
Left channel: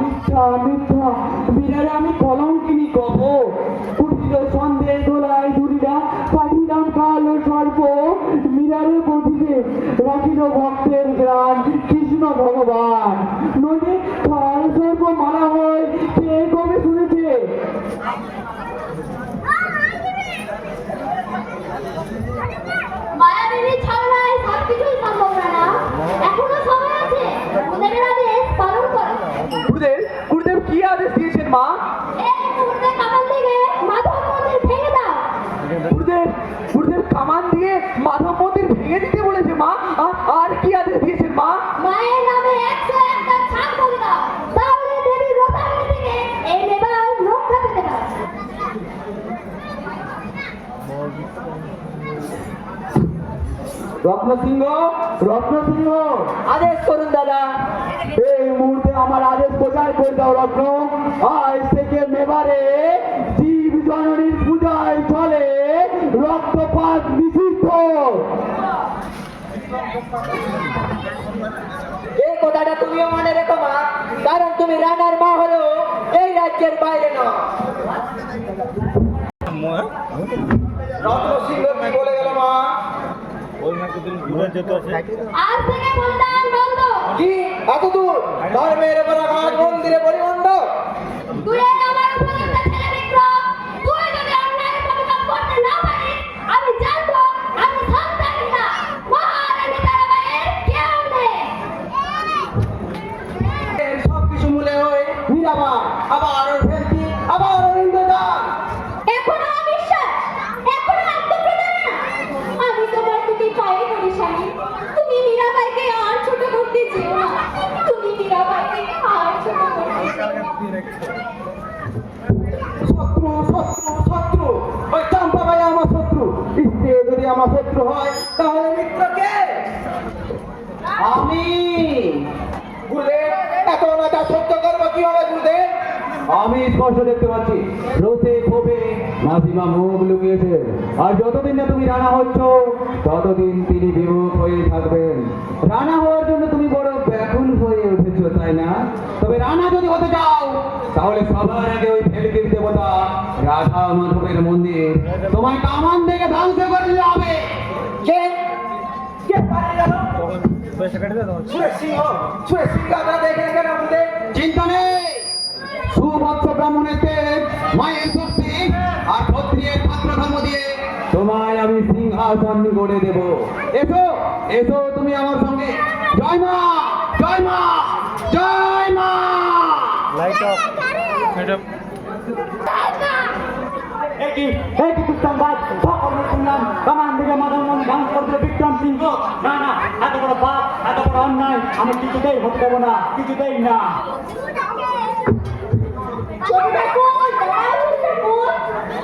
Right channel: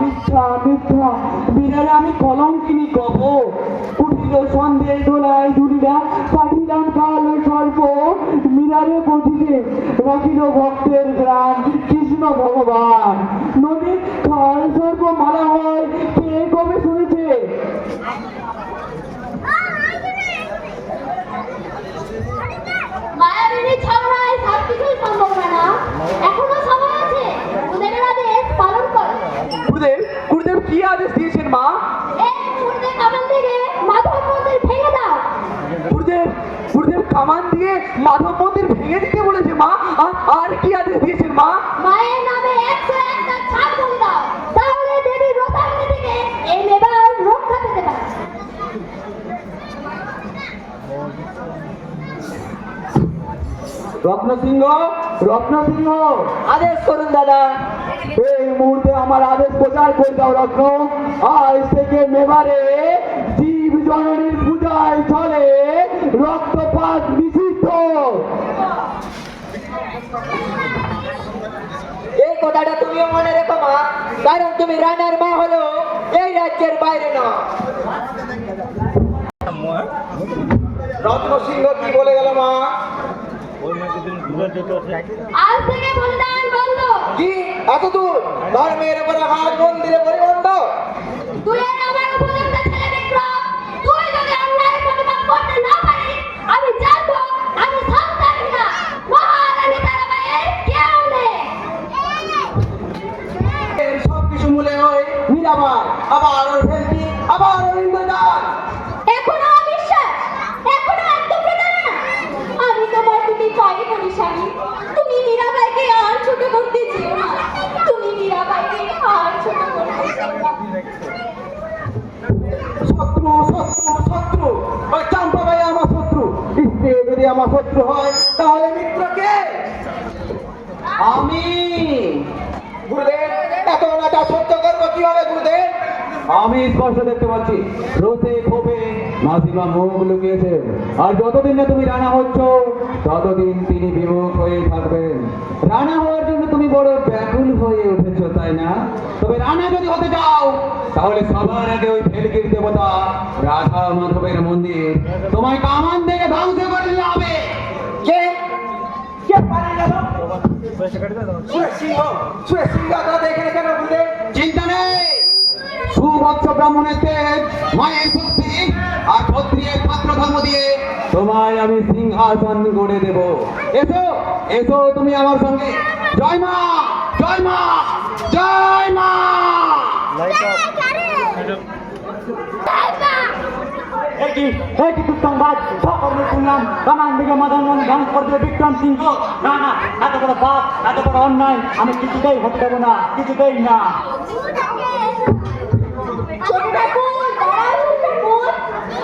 মিথ্যা মিথ্যা বিড়ালে আমি কলঙ্কিনী কব কুটিল সন্দেহ দোলায় দুলিরা পাঠিলাম কালো সর্প মিরারে বধিরে রাখিল ভক্তের গ্রাম কৃষ্ণ ভগবান নদী কাল সর্প মালা হয় কে কবে শুনেছে? মায়াবিনী ছলনায় সবকিছুই সম্ভব না। এখনো সময় আছে, গুরুদেবের আদেশ পালন করো। গুরুদেব কি আদেশ দিয়েছেন মা? এই মুহূর্তে কামান থেকে মাধব মন্দির ভেঙে দাও। গুরুদেব কামান দিয়ে মাধব মন্দির ভেঙে দিতে বলেছে মা। আর কি আদেশ দিয়েছেন মা? মায়ের নামে 101টা ছাপ করে দাও, তাহলে দেবী রোতাগ্নি থেকে এই মেবার রক্ষা পেতে পারে। রত্নসিংহ রত্নসিংহ আদেশ করুন দাদা। এই মুহূর্তে আমার আদেশ প্রচার করে দাও রত্ন। আজ থেকে মেবারে জীব জননীর পূজায় চলে রক্তপাত নিষিদ্ধ। এই কথাটা তুমিও মনে রেখো মা, কারণ তুমি রানার মা হলেও এই রাজ্যের বাইরে না। রত্ন সিংহ কি বলে গেল মা? আজ থেকে বলিদান বন্ধ। কি এত দূর ধর্মের পরাঘাত মন্দিরে পরিবন্ধ? তুই এই আমার উপযুক্ত ছেলে বিক্রম, তুই যদি অন্যায়ের প্রতিবাদ করতে না পারিস, আমি জানবো আমি সন্তান না, মহারানী তারাবাইয়ের কেউ নেই। সব কিছু মূলে হয় মীরাবা, আবার ওর ফেলতি, আবার ওর ইন্দ্রজাল। এখনো অবিশ্বাস, এখনো আত্মপ্রদান না। আমি তোমার দুটি পায়ে পড়ি স্বামী, তুমি মীরাবাইকে আর ছোট করতে চেও না, তুমি মীরাবাইকে আর ছোট করতে চেও না। শত্রু শত্রু শত্রু, ওই চম্পাবাই আমার শত্রু। স্ত্রী যদি আমার শত্রু হয় তাহলে মিত্রকে আমি। গুরুদেব এত রাজা সহ্য করবো কিভাবে গুরুদেব? আমি স্পষ্ট দেখতে পাচ্ছি রোদে ক্ষোভে মাসিমা মুখ লুকিয়েছে। আর যতদিন না তুমি রানা হচ্ছ ততদিন তিনি বিমুখ হয়ে থাকবেন। রানা হওয়ার জন্য তুমি বড় ব্যাকুল হয়ে উঠেছো তাই না? তবে রানা যদি হতে চাও তাহলে সবার আগে ওই ভেলকির দেবতা রাধা মাধবের মন্দির তোমায় কামান থেকে ধ্বংস করে দিতে হবে। কে কে পারে গেল? সুরেশ সিংহ দাদা এখানে কেন গুরুদেব? চিন্তা নেই, সুবৎস ব্রাহ্মণের তেজ মায়ের শক্তি আর ক্ষত্রিয়ের পাত্র ধর্ম দিয়ে তোমায় আমি সিংহাসন গড়ে দেব। এসো এসো তুমি আমার সঙ্গে। জয় মা জয় মা জয় মা। একই কুসংবাদ সকলের শুনলাম কামান দিকে মাধব মন্দির ধ্বংস করতে বিক্রম সিংহ। না না, এত বড় পাপ, এত বড় অন্যায় আমি কিছুতেই হতে দেবো না, কিছুতেই না। ছোট ঠাকুর, দাঁড়াও ঠাকুর।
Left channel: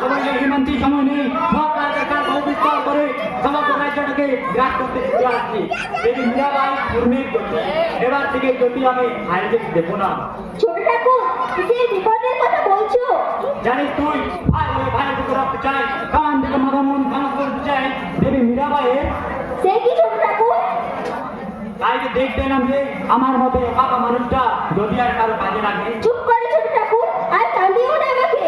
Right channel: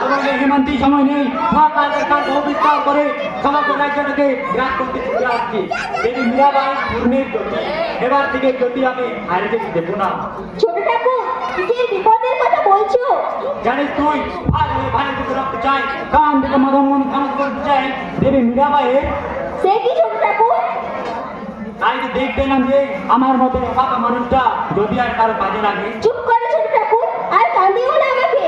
আমার এই হিমান্তি সময় নেই, মহাকালের কাজ অবিষ্কার করে সমগ্র রাজ্যটাকে গ্রাস করতে চলে আসছি। দেবী মীরাবাই পূর্ণের জ্যোতি, এবার থেকে জ্যোতি আমি হারিয়ে দেবো না। ছোট ঠাকুর, তুমি এই বিপদের কথা বলছো? জানিস তুই ভালো দিকে রাখতে চাই, কান থেকে মাধব মন্দির ধ্বংস করতে চাই দেবী মীরাবাইয়ের। সে কি ছোট ঠাকুর? কালকে দেখতে নাম যে আমার মতো বাবা মানুষটা যদি আর কারো কাজে লাগে। চুপ করে ছোট ঠাকুর, আর কাঁদিও না আমাকে।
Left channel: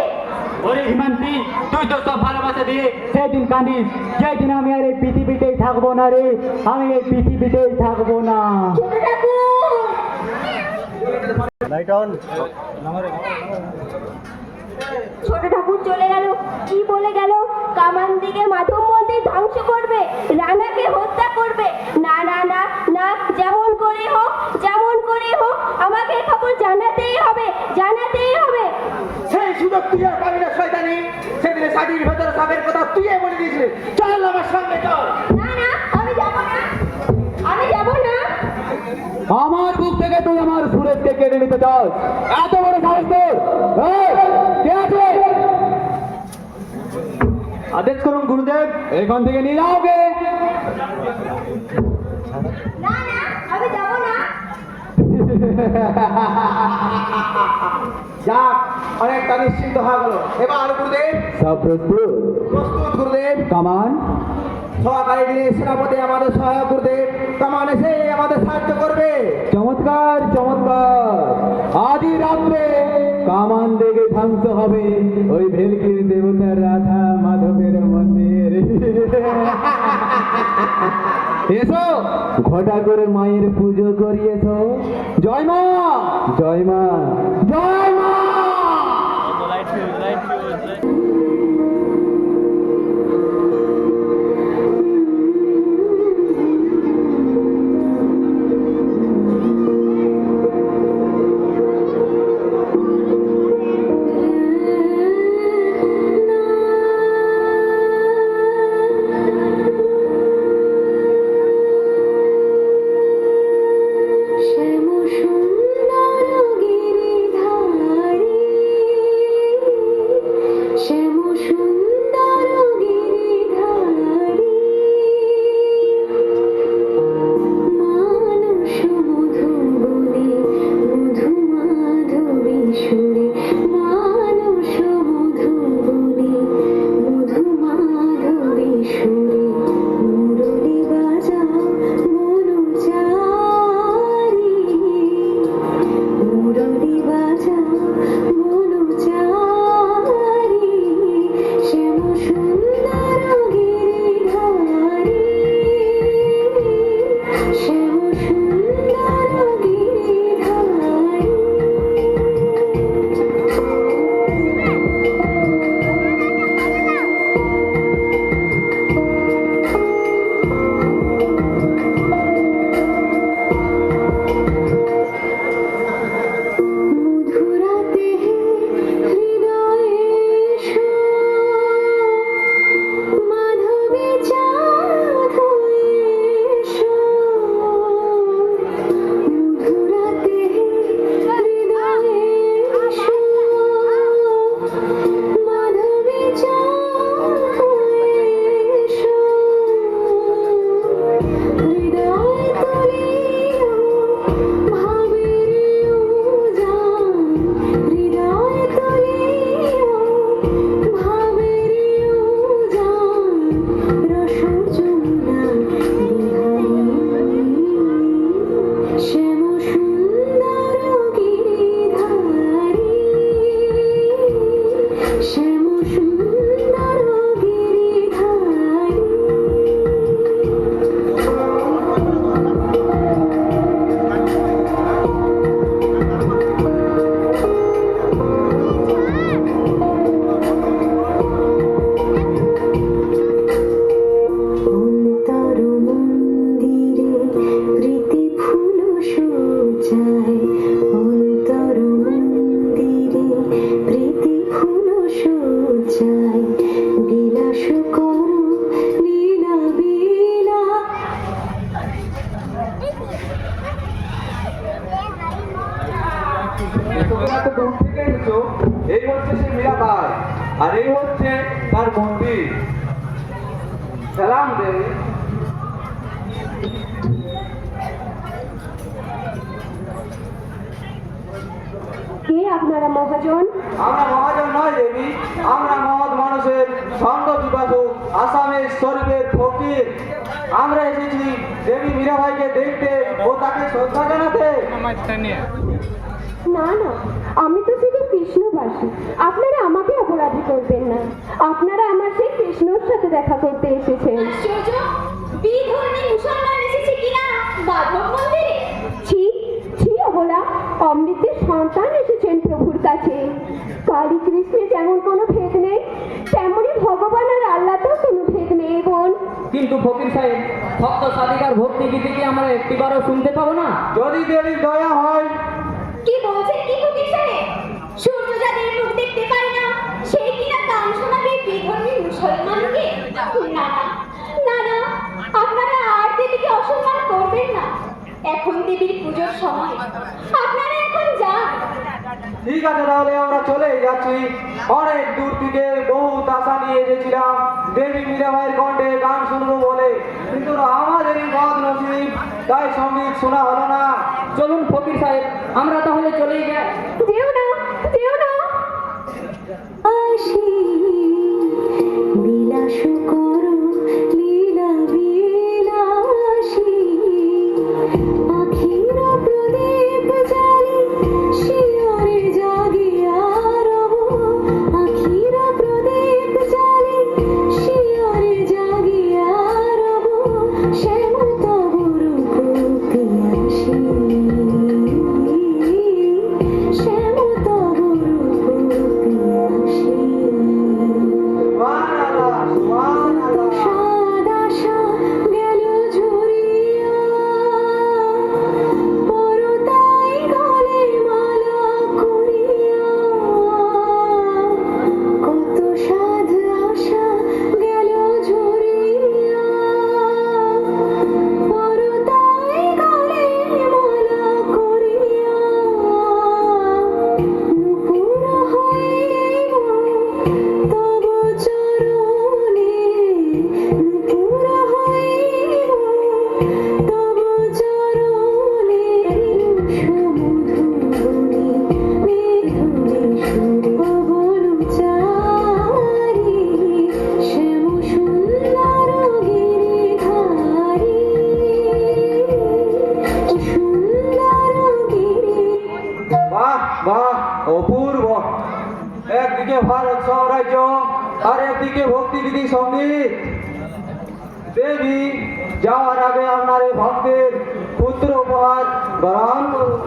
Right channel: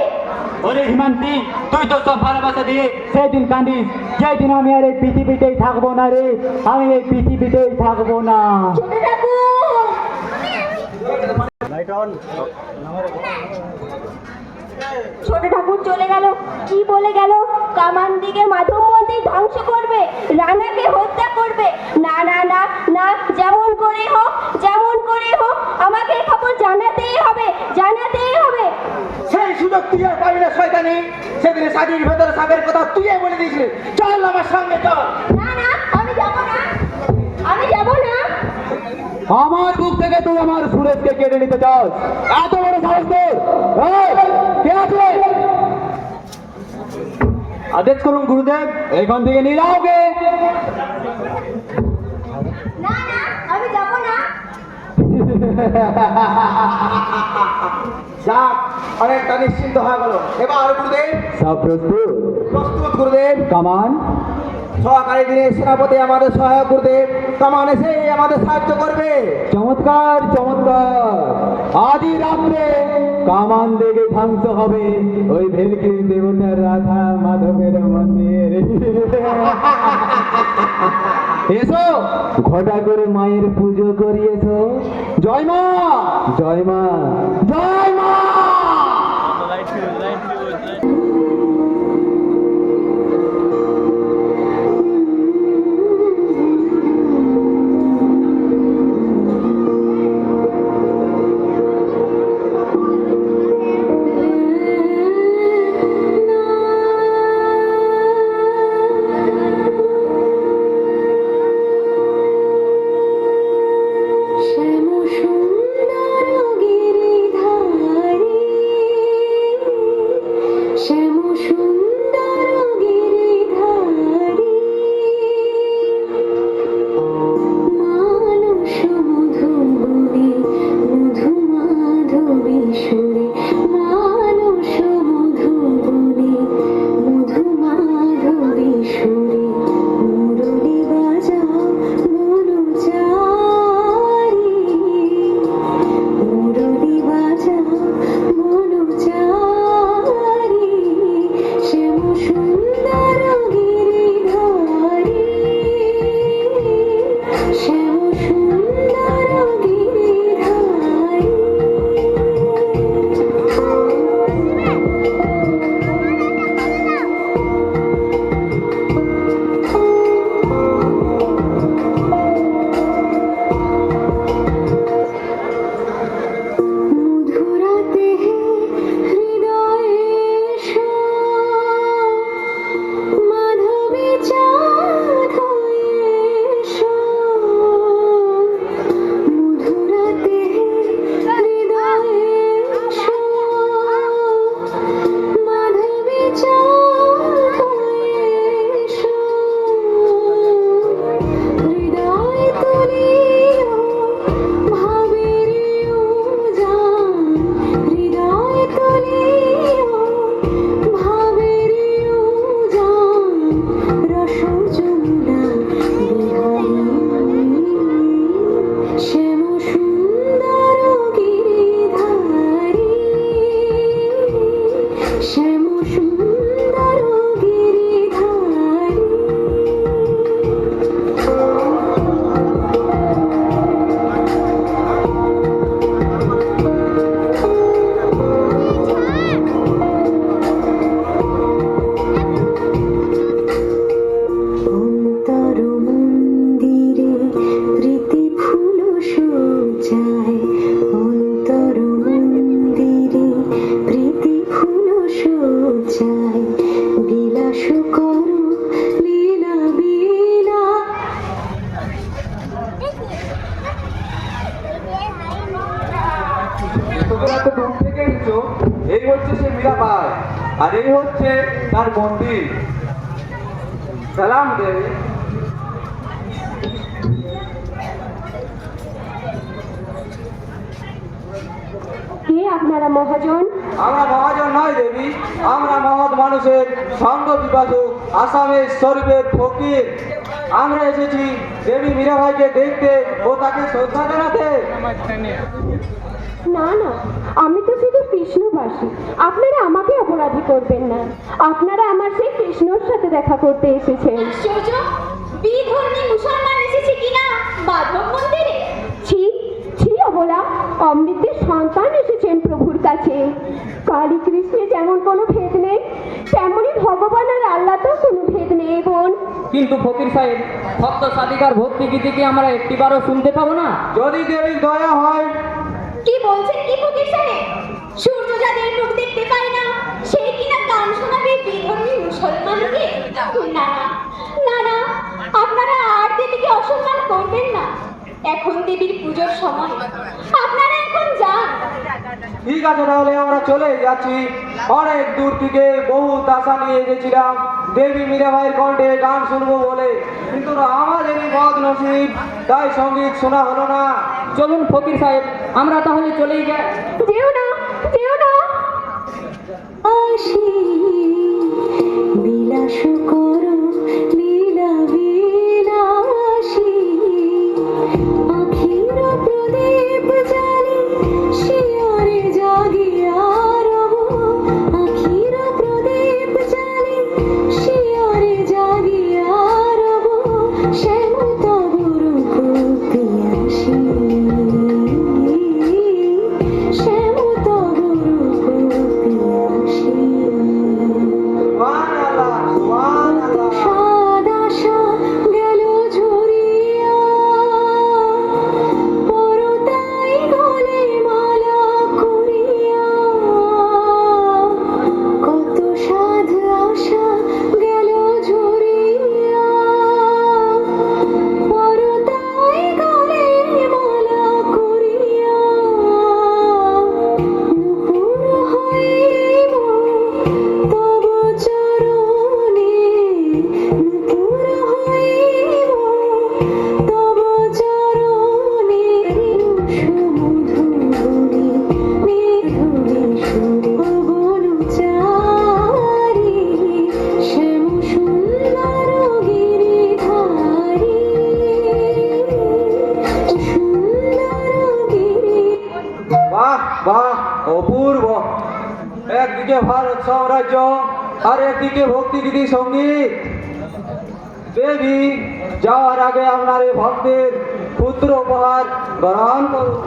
ওরে হিমান্তি, তুই তো সব ভালোবাসা দিয়ে সেদিন কান্দিস, যেদিন আমি আর এই পৃথিবীতেই থাকবো না রে, আমি এই পৃথিবীতেই থাকবো না। ছোট ঠাকুর, ছোট ঠাকুর চলে গেল। কি বলে গেল? কামান দিকে মাধব মন্দির ধ্বংস করবে, রানাকে হত্যা করবে। না না না না, যেমন করে হোক আমাকে খবর জানাতেই হবে, জানাতেই হবে। সেই সুযোগ তুই আর পাবি না শয়তানি। সেদিন শাড়ির ভেতরে সাপের কথা তুই বলে দিয়েছিলি। চল আমার সঙ্গে চল। না না, আমি যাব না, আমি যাব না। আমার বুক থেকে তুই আমার সুরেশকে কেড়ে নিতে চাও? এত বড় সাহস তোর? এই, কে আছে? আদেশ করুন গুরুদেব, এখান থেকে নিয়ে যাও ওকে। না না, আমি যাব না। যাক, অনেকটা নিশ্চিন্ত হয়ে গেল। এবার গুরুদেব সব প্রস্তুত? প্রস্তুত গুরুদেব। কামান সহকারী দিনের সেনাপতি আমাদের সহায়ক গুরুদেব। কামান এসে আমাদের সাহায্য করবে। চমৎকার চমৎকার। আদি রাত্রে কামান দেখে ধ্বংস হবে ওই ভেলকির দেবতার রাধা মাধবের মন্দির। এসো ঘটা করে মায়ের পুজো করিয়েছো। জয় মা, জয় মা, জয় মা। শ্যাম সুন্দর গিরিধারী, শ্যাম সুন্দর গিরিধারী, মানস মধুবনে মধু মাধবী সুরে, মানস মধুবনে মধু মাধবী সুরে, মুরলী বাজাও মনুচারী, মুরলী বাজাও মনুচারী, শ্যাম সুন্দর গিরিধারী, শ্যাম সুন্দর গিরিধারী। মধুরাতে হৃদয়ে এসো, মাধবী চাঁদ হয়ে এসো, মধুরাতে হৃদয়ে এসো, মাধবী চাঁদ হয়ে এসো, হৃদয় তুলিও ভাবের উজান, হৃদয় তুলিও ভাবের উজান, রসচূড়া বিহারী, শ্যাম সুন্দর গিরিধারী, শ্যাম সুন্দর গিরিধারী। অন্তর মন্দিরে প্রীতি ফুল সজ্জায়, অন্তর মন্দিরে প্রীতি ফুল সজ্জায়, বিলাস করো লীলা লীলা। তোমরা তো দূর থেকে এসেছো। এই হচ্ছে সে মীরাবাই, আর এই হচ্ছে তার মন্দির। সালাম দেবে। কে আপনারা মহাজন? আমরা মহাজন নয় দেবী, আমরা মহৎ মানুষের সঙ্গ বিভাজক, আসামের শরীফের ফকির। আমরা এসেছি দেবী মীরাবাইকে দেখতে ও তাকে শ্রদ্ধা জানাতে। না না, আমি তো শুধু কৃষ্ণবাসী। আপনারা আমাকে অপরাধী করবেন না। আপনারা আমার সেই কৃষ্ণর সাথে দেখা করতে এসেছেন। আশ্চর্য, বিধর্মী মুসলমান এসেছে কিনা মাধব মন্দিরে? ছি ছি অবলা, অমৃতের সন্তান এসেছেন প্রভুর কাছে। কালী কৃষ্ণে যেমন কোনো ভেদ নেই, তেমনি ভগবান আর আল্লাহতেও কোনো ভেদ নেই বোন। কিন্তু ফকির সাহেব, ভক্ত সাধিকার ভক্তি গীতি কি আমরা একটিবারও শুনতে পাবো না? যদি দেবীর দয়া হয়। কি বলছেন কি ফকির সাহেব? সূর্য যাদের মুখ দেখতে পায় না, সে কিনা গান শোনাবে বিধর্মী মুসলমানকে? না না না, আপনারা আর দেবীকে অসম্মান করবেন না। এখন দেবীর পুজোর সময়, আপনারা এখন যান। ঠিক আছে, তাহলে আমরা চলে যাচ্ছি। অনেক দূর থেকে বহু আশা নিয়ে এসেছিলাম দেবী মীরাবাইয়ের কণ্ঠে গান শুনবো বলে, কিন্তু আমাদেরই বদনসিব, তাই সঙ্গীত শোনা হলো না। চলুন ফকির সাহেব, আমরা তাহলে চলেই যাই। যেও না, যেও না। আসি বিলাস করো লীলা বিলাসী, আখির প্রদীপ জ্বালি বাহ, অপূর্ব। একদিকে ভারত সাম্রাজ্য আর একদিকে ভক্তিগীতি সঙ্গীত। দেবী, যাওয়ার আগে আপনার এই ভক্তের পুত্র উপহার গ্রহণ করুন।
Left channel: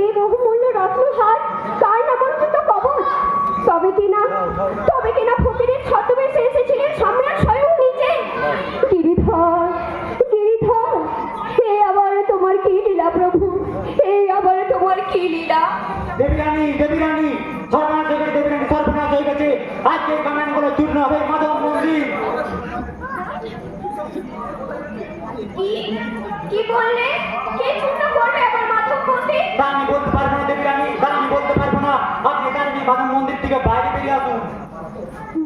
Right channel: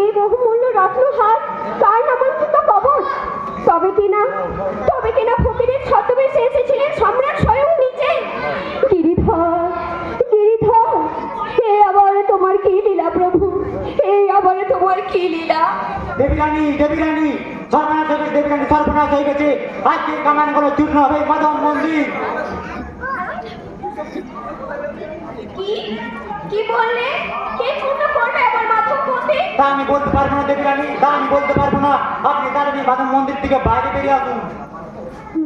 এই বহুমূল্য রত্নহার তার নামাঙ্কিত কবচ। তবে কিনা ফকিরের ছদ্মবেশে এসেছিলেন সম্রাট স্বয়ং নিজে। গিরিধর, গিরিধর, এ আবার তোমার কি লীলা প্রভু, এই আবার তোমার কি লীলা? দেবীরানী, দেবীরানী, সর্বনাশ হয়ে গেছে, দেবীরানী সর্বনাশ হয়ে গেছে। আজকে কামান করে চূর্ণ হবে মাধব মন্দির। কি কি বললে? কে চূর্ণ করবে আবার মাধব মন্দির? তা আমি বলতে পারবো না দেবীরানী, তা আমি বলতে পারবো না। আপনি তাড়াতাড়ি মাধব মন্দির থেকে বাইরে বেরিয়ে আসুন।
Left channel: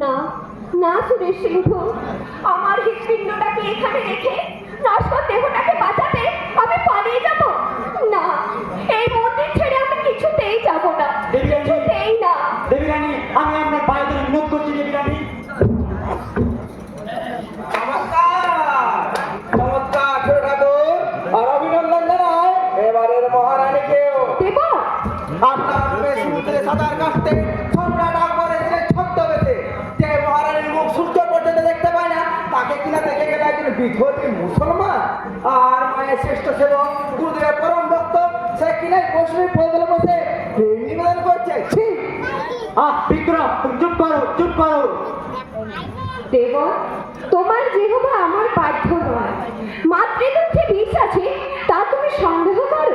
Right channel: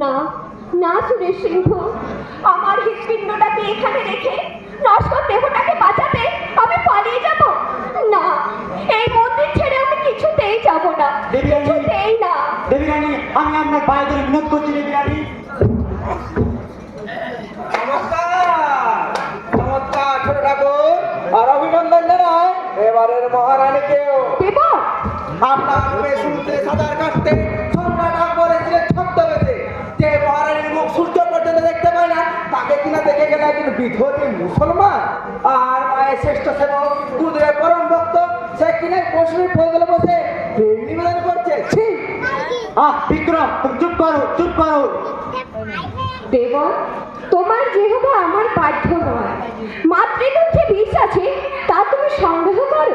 না না সুরেশ সিংহ, আমার হৃৎপিণ্ডটাকে এখানে রেখে নশ্বর দেহটাকে বাঁচাতে আমি পালিয়ে যাব না। এই মন্দির ছেড়ে আমি কিছুতেই যাব না, দেবীরানী, কিছুতেই না। দেবীরানী, আমি আপনার পায়ে ধরে বিনোদ করছি দেবীরানী। চমৎকার ছোট ঠাকুর, আর অভিনন্দন জানাই এবারের মহারানীকেও। দেব, আপনার রূপে সমুদ্রে সাঁতার কাটতে সম্রাট আকবর এসেছিলেন ছদ্মবেশে। যে মহারানীর মুখ সূর্য পর্যন্ত দেখতে পায় না, তাকে কিনা দেখে গেলে একজন বিধর্মী মুসলমান। আর মায়ের শ্রেষ্ঠ সেবক গুরুদেবের পরম ভক্ত, সে কিনা কৌশলী ফলগুলো বসে প্রেম নিবেদন করছে। ছি! বিক্রম, তুমি চুপ করো, চুপ করো। দেব, তোমার যেহেবা আমার বাধ্য নয়, মাতৃদুগ্ধে বিষ আছে তা তুমি সন্দেহ করো?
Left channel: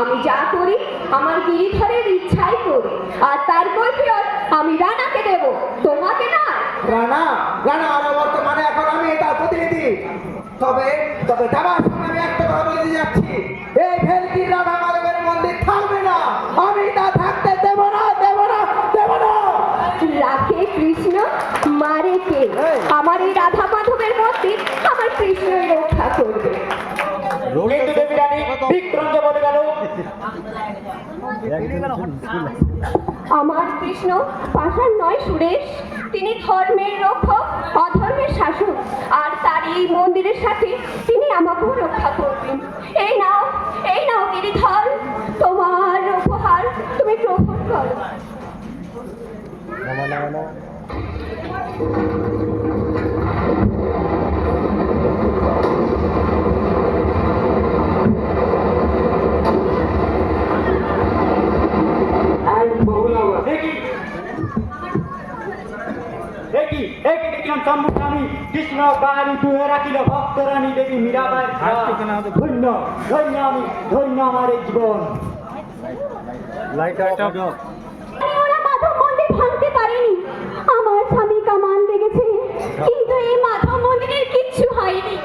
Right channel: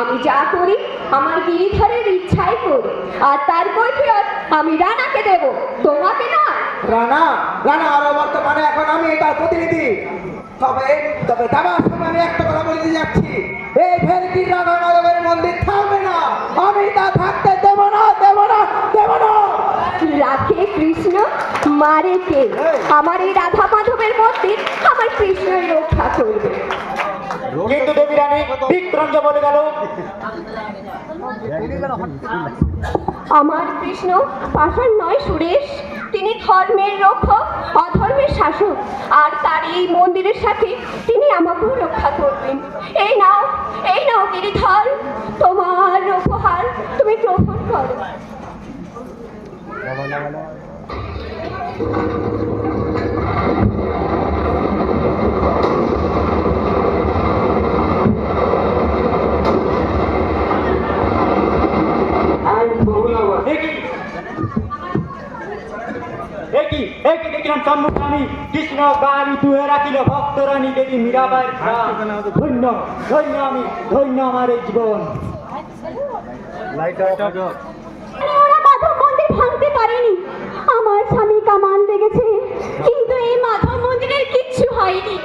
আমি যা করি আমার গিরিধরের ইচ্ছাই করি, আর তার কৈফিয়ত আমি রানাকে দেব, তোমাকে না। রানা, রানা আরো বর্তমানে এখন আমি এটার প্রতিনিধি। তবে তবে যাবার সময় আমি একটা কথা বলে দিয়ে যাচ্ছি, এই ভেলকির রাধা মাধবের মন্দির থাকবে না। আমি তা থাকতে দেব না, দেব না, দেব না। রাখে কৃষ্ণ, মারে কে? আমার এই রাধা মাধবের মন্দির আমার কৃষ্ণই রক্ষা করবে। কিন্তু দেবীরানী, বিক্রমকে বলে গেল। আমার কৃষ্ণ পাষাণ নয় সুরেশ, তিনি ধর্মের রক্ষক, অধর্মের শাসক, আর তার এই মন্দিরের সাথে তিনি আমাকেও রক্ষা করবেন। এই নাও গিরিধর, তোমার উপহার, তুমি গ্রহণ করো। দেখলাম সম্মুখরানী কৃষ্ণ বাণী দুহে রাখিল ভক্তরানী দেবী মীরাবাই। ধন্য ধন্য আমি, ধন্য আমার এই জীবন। ওরা মাধব মন্দির ভাঙতে পারেনি। আমার স্বামী কামান লেগেছে, কিন্তু এই মাধব মন্দিরের কিচ্ছু হয়নি।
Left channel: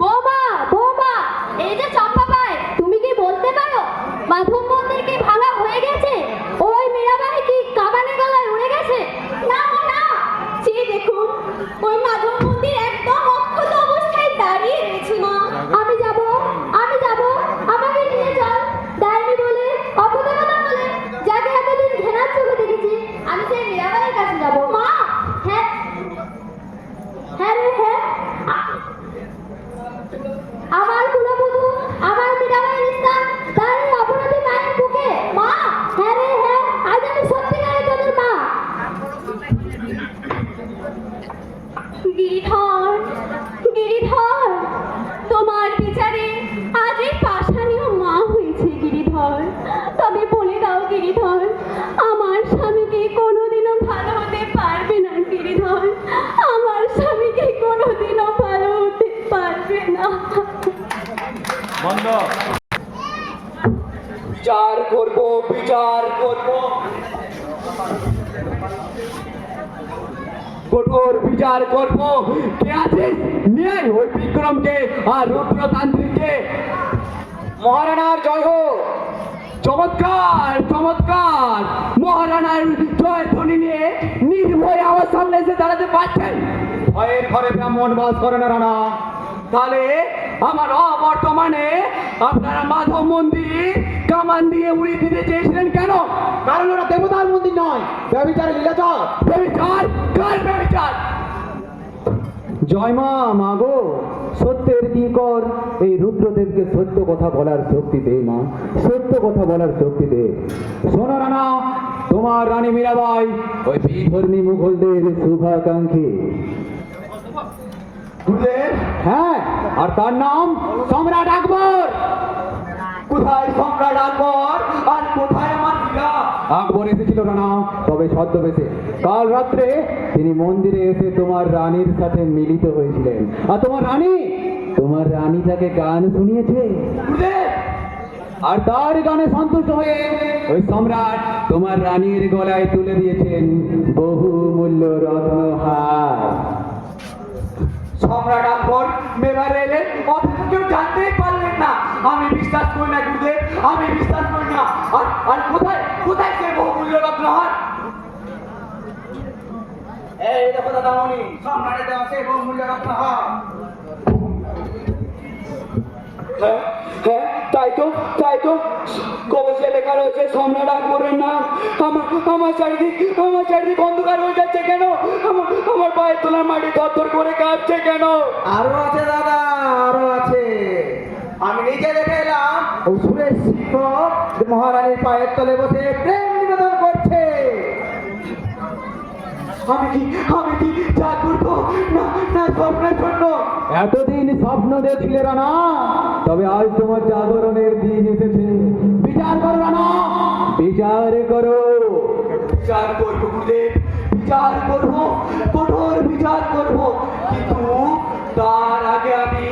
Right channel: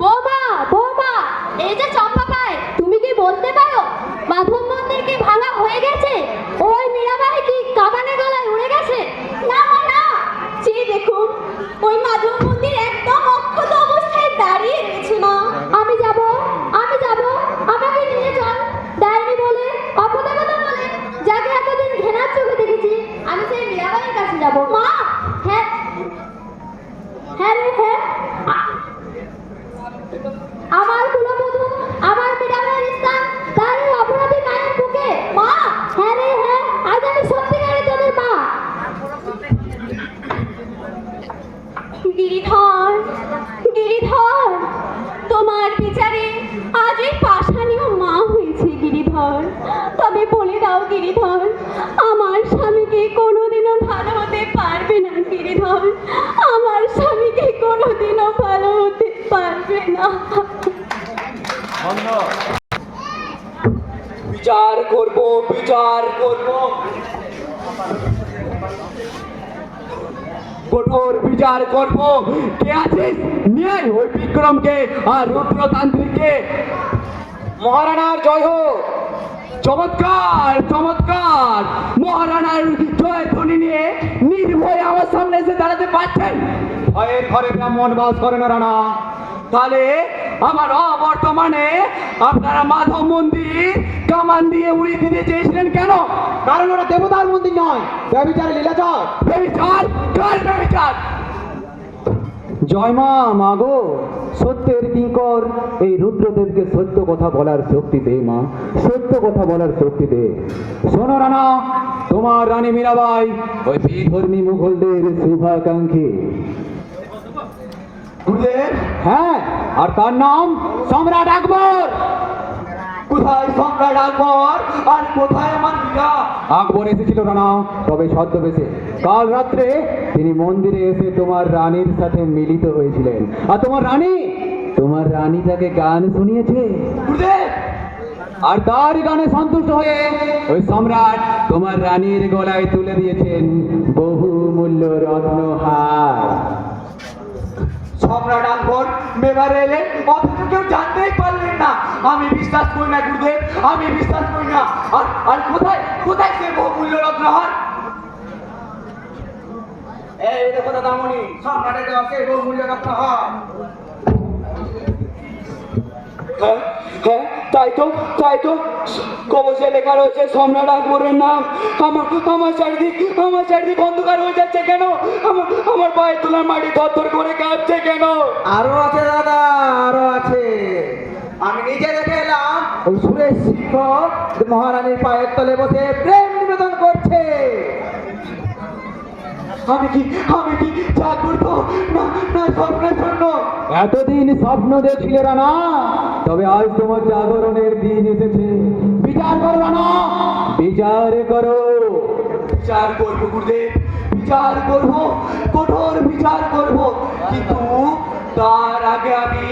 বৌমা, বৌমা, এই যে চম্পা পায়, তুমি কি বলতে পারো মাধব মন্দির কি ভাঙা হয়ে গেছে? ওই মীরাবাই কি কামানে গলায় উড়ে গেছে? না না, যে দেখুন ওই মাধব মন্দির একদম অক্ষত অবস্থায় দাঁড়িয়ে রয়েছে। মা, আমি যাব, আমাকে নিয়ে চল। ডাইনি বলে, অপদেবতা বলে, যাকে এতদিন ঘেরার চোখে দেখেছি, আমি সেই মীরাবাইয়ের কাছে যাব। মা, হ্যাঁ হ্যাঁ রে হ্যাঁ, আমার কুলবধূ, আমার মীরাবাইয়ের স্থান তার এই অপরাধী মায়ের বুকে। মা, হ্যাঁ রে হ্যাঁ, আজ আমি সত্যিকারে তোদের মা। গিরিধর, গিরিধর, তোমার বিচারে আজ এই পাষাণীয় মা হয়েছে গিরিধর। তবে বলে দাও গিরিধর, আমার স্বামীকে কোনোদিনও ভালো হতে পারবে না গিরিধর, আমার স্বামীকে কোনোদিনও ভালো হতে পারবে না। বিচার করব, বিচার করব, কঠোর বিচার করব। কে আছে নিয়ে ওই বিক্রমকে আর রুদ্রতান্ত্রিককে। মহারানার জয় হোক। চমৎকার চমৎকার, মহারানার জয় ধ্বনি নিয়ে নির্ভয়ে আমার সামনে এসে দাঁড়াতে পারছেন। ভয়ের ঘরে ব্রাহ্মণ বাস করে না রানা। তাহলে আমার অবর্তমানে আপনারা মাধব মন্দির কামান উড়িয়ে দিতে চেয়েছিলেন কেন? কারণ ওরা দেবতার মন্দির নয়, ব্যভিচার লীলাচর। ব্যভিচার? কার ব্যভিচার? জয় মা, মাগো, সত্যের কিঙ্কর এই রুদ্রদেবকে সত্য কথা বলার শক্তি দে মা, সত্য কথা বলার শক্তি দে। শোনো রানা, তোমার রানী মীরাবাই ওই বিধর্মী মুঘলদের শুভাকাঙ্ক্ষী। গুরুদেব, হ্যাঁ, আর তার নাম সম্রাট আকবর। কোথায় সম্রাট আকবর আর কোথায় আমার মীরা? আকবর এসেছিল রানা, তবে ছদ্মবেশে। কাল রাত্রে তিনি মন্দিরে এসে তোমার রানীর সাথে মিলিত হয়েছিলেন। আর তোমার রানী তাকে গান শুনিয়েছে। গুরুদেব, আর তার গানে সন্তুষ্ট হয়ে ওই সম্রাট তোমার রানীর গলায় তুলে দিয়েছেন বহু মূল্য রত্নহার। সম্রাট আকবর মেবারে এলেন, অথচ কেউ জানতেই পারলেন না। আমি বিশ্বাস করি না গুরুদেব, আমি বিশ্বাস করি না। আর কোথায় কোথায় সে বহুমূল্য রত্নহার? এই দেখো দাদামণি, সম্রাটের দেওয়া সেই বহুমূল্য রত্নহার। হ্যাঁ হ্যাঁ, তাই তো কবচে লেখা রয়েছে সম্রাট আকবরের নাম। আমার চারিদিক অন্ধকার হয়ে যাচ্ছে কেন? আমার পায়ের তোলার মাটি থরথর করে কাঁপছে কেন? আরো আছে দাদা, আরো আছে। আমি নিজে দেখে এলাম, ওই সুরেশ সিংহ মহারানীর পায়ের তলে বসে প্রেম নিবেদন করছে। আমি কি জাগ্রত না স্বপ্নের জন্য? এতদিন স্বপ্ন দেখছিলে রানা, তবে আজ তোমার জাগরণের দিন এসেছে। বিচার করো রানা, বিচার করো। বিচার করবো গুরুদেব, বিচার করবো, কঠোর বিচার করবো। কিন্তু তার আগে আমি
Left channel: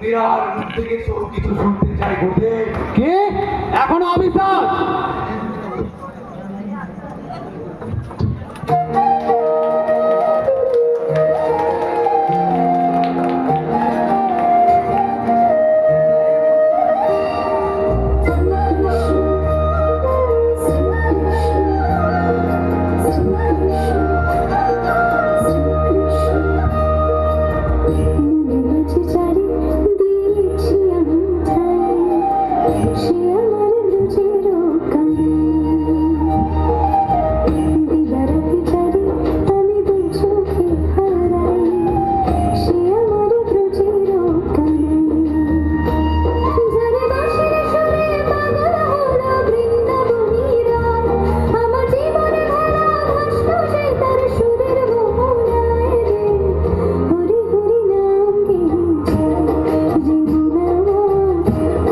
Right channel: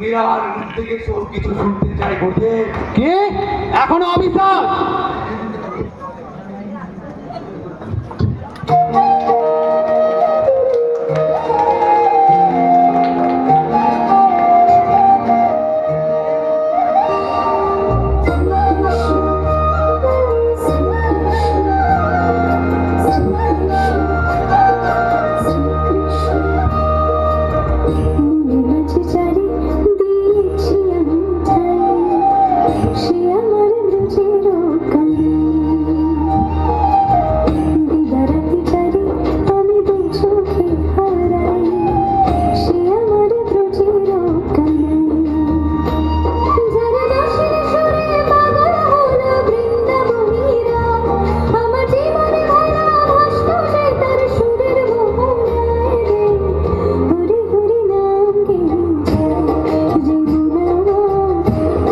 মীরার মুখ থেকে সব কিছু শুনতে চাই গুরুদেব। কি এখনো অবিশ্বাস? মনে মাঝে চারি দিয়েছি আমি ঠাই, সে আমার ব্রজের কানে। দিবারাতি চারি আমি দুই চোখে হারাই, সে আমার ব্রজের কানে। যারে বাঁশির সুরে পাগল হলো বৃন্দাবনীরা, আমার জীবনে ভরা ভাসলো যে তার সুরের মোহনায় রে। হরি হরি নাম গেয়ে যায় যমুনা,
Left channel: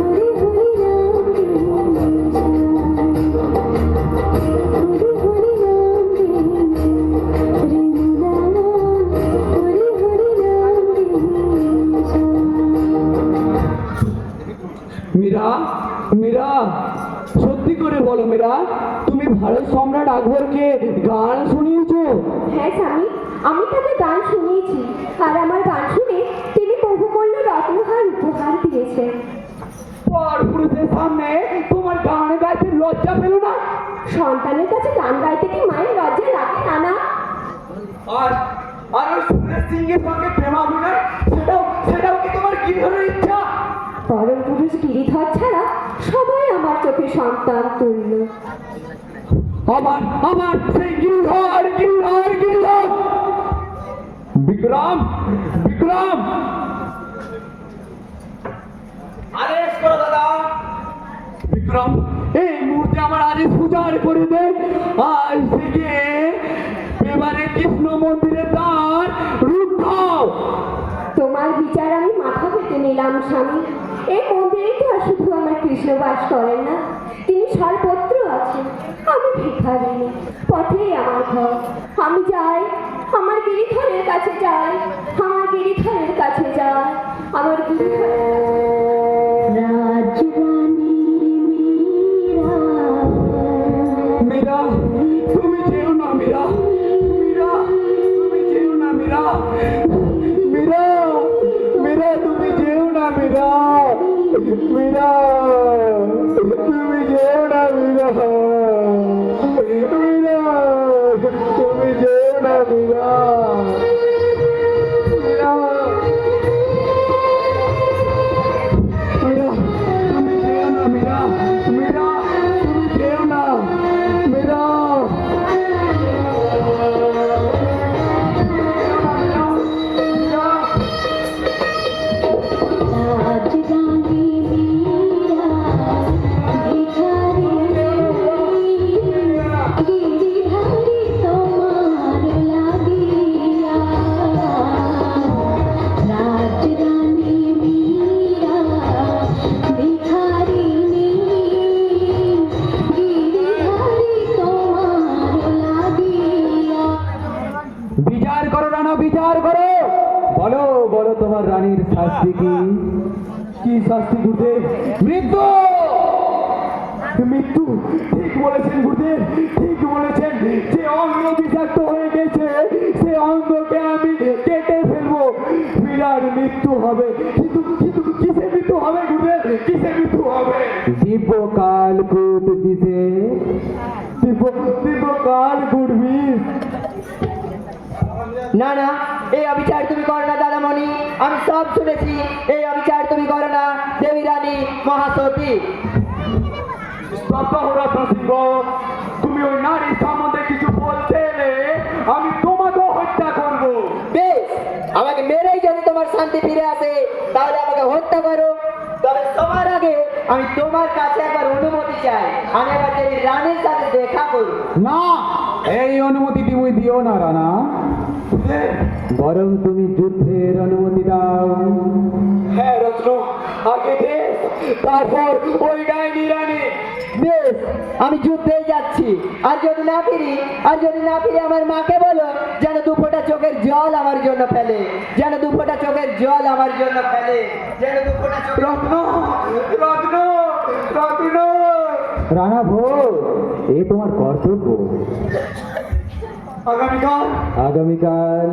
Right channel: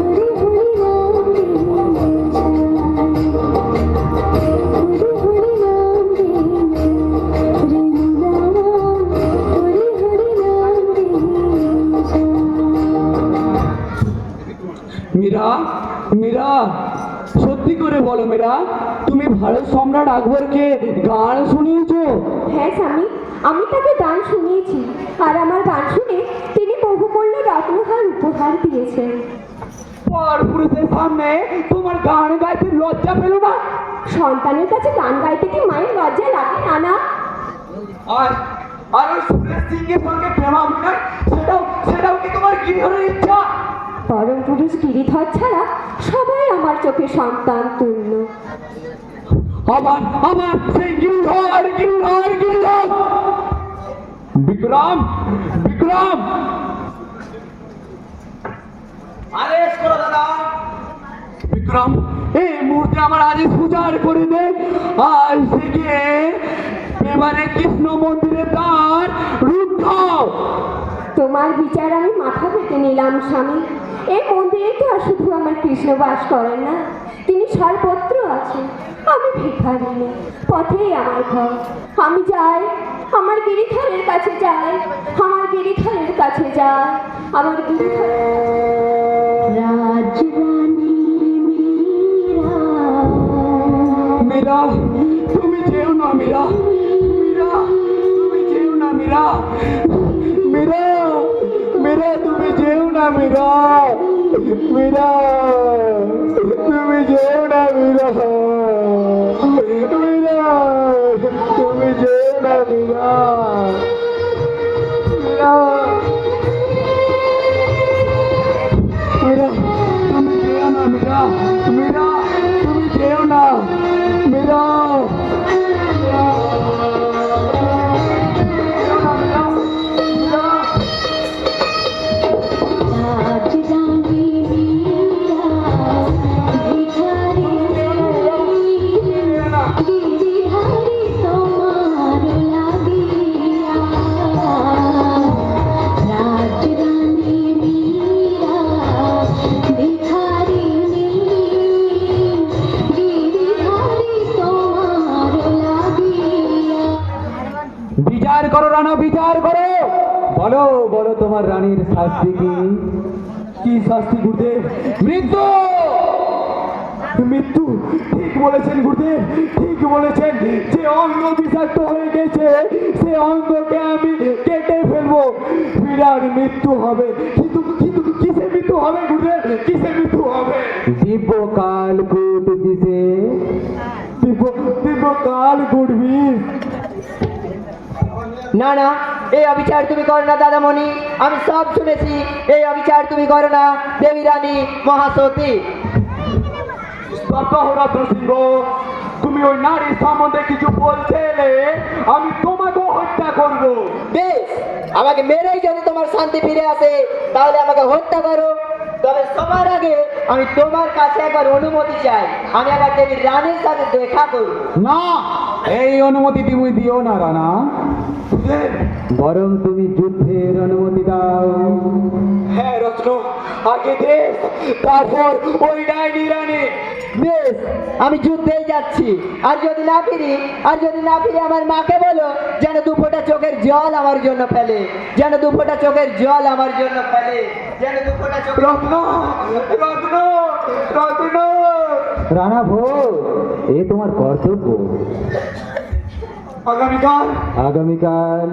হরি হরি নাম গেয়ে যায়, হরি হরি নাম গেয়ে যমুনা, হরি হরি নাম গেয়ে যায়। মীরা, সত্যি করে বলো মীরা, তুমি ভারত সম্রাট আকবরকে গান শুনিয়েছো? হ্যাঁ স্বামী, আমি তাকে গান শুনিয়েছি, আর আমার গান শুনে তিনি বহুমূল্য রত্নহার উপহার দিয়েছেন। পরপুরুষের সামনে তোমার গান গাইতে লজ্জা পেল না? সন্তানের কাছে গান গাইতে কি মায়ের লজ্জা লাগে না? আর ওই সুরেশ সিংহের সঙ্গে প্রেমাভিনয়, সেটাও কি তোমার গিরধরের ইচ্ছা? পরম পুরুষ গিরিধর ছাড়া সবাই আমার চোখে সন্তান তুল্য। আমার সেই গিরিধর। বিক্রম, আরে শোনো দাদা, বিক্রম, এই মুহূর্তে আমার আদেশ পূজার করে দে। আজ থেকে এবারে কৃষ্ণ মন্দিরে তার রুদ্ধ। তোমার বিচার আমি মাথা পেতে নিলাম স্বামী। এই মন্দিরে তো আর শুধু আমার কৃষ্ণ বাস করেন না, তিনি সর্বত্র আছেন। আমি ভিখারিণী, পথেই আমার ঘর। আমি যাই, আমার গিরিধরের কাছে যাই, আমার গিরিধরের কাছে যাই, আমার গিরিধরের মীরা, তুমি যেও না মীরা, তুমি যেও না মীরা, তুমি যেও না মীরা, তুমি যেও না মীরা, তুমি যেও না মীরা। তুমি যেও না মীরা, তুমি রানা বিচার করো, বলো বলো তোমার রানীর শাস্তি কি? কি শাস্তি গুরুদেব? মৃত্যু। মৃত্যু? ঠিক বলেছেন গুরুদেব, ঠিক বলেছেন। যে অঙ্গ বিষাক্ত হয়ে গেছে সে অঙ্গকে আমি কেটে ফেলবো, বিরাট মৃত্যু হবে। কিন্তু কিন্তু কিসে মৃত্যু হবে গুরুদেব, কিসে মৃত্যু হবে? দিব্য কাল কূট দিছে। দিব্য কাল গুরবি। না না, এই অবিচার তুমি করো না দাদামণি, আমি সব শুনেছি। এই অবিচার তুমি করো না দেবী রানী মহাসতী। তুমি ওই নারীর সম্বন্ধে কিছু বলতে এলে আমি তোমাকেও হত্যা করবো। বেশ, আমাকে মেরেই যদি তোমার শান্তি ফিরে আসে তাহলে আমাকে হত্যা করো। তবে সবার আগে আমি তোমার কাছে একবার অনুমতি চাই, আমি একবার দেবী রানীর সাথে দেখা করি। না, এই অনুমতি তুমি দিও না রানা, বরং তুমি যুদ্ধের অনুমতি দাও। হ্যাঁ রত্ন, আগে দে, তারপর ওই ডাইনি রানী। বেশ, আমি যুদ্ধে যাচ্ছি। আর যদি না ফিরি আমার মাকে বলো যেন দু ফোঁটা চোখের জল আমার জন্য ফেলে, যেন দু ফোঁটা চোখের জল আমার জন্য ফেলে, যেন দু ফোঁটা চোখের রত্ন, রত্ন, রত্ন। রানা ভোর, এ তোমার কর্তব্য। আগামীকাল আগামীকাল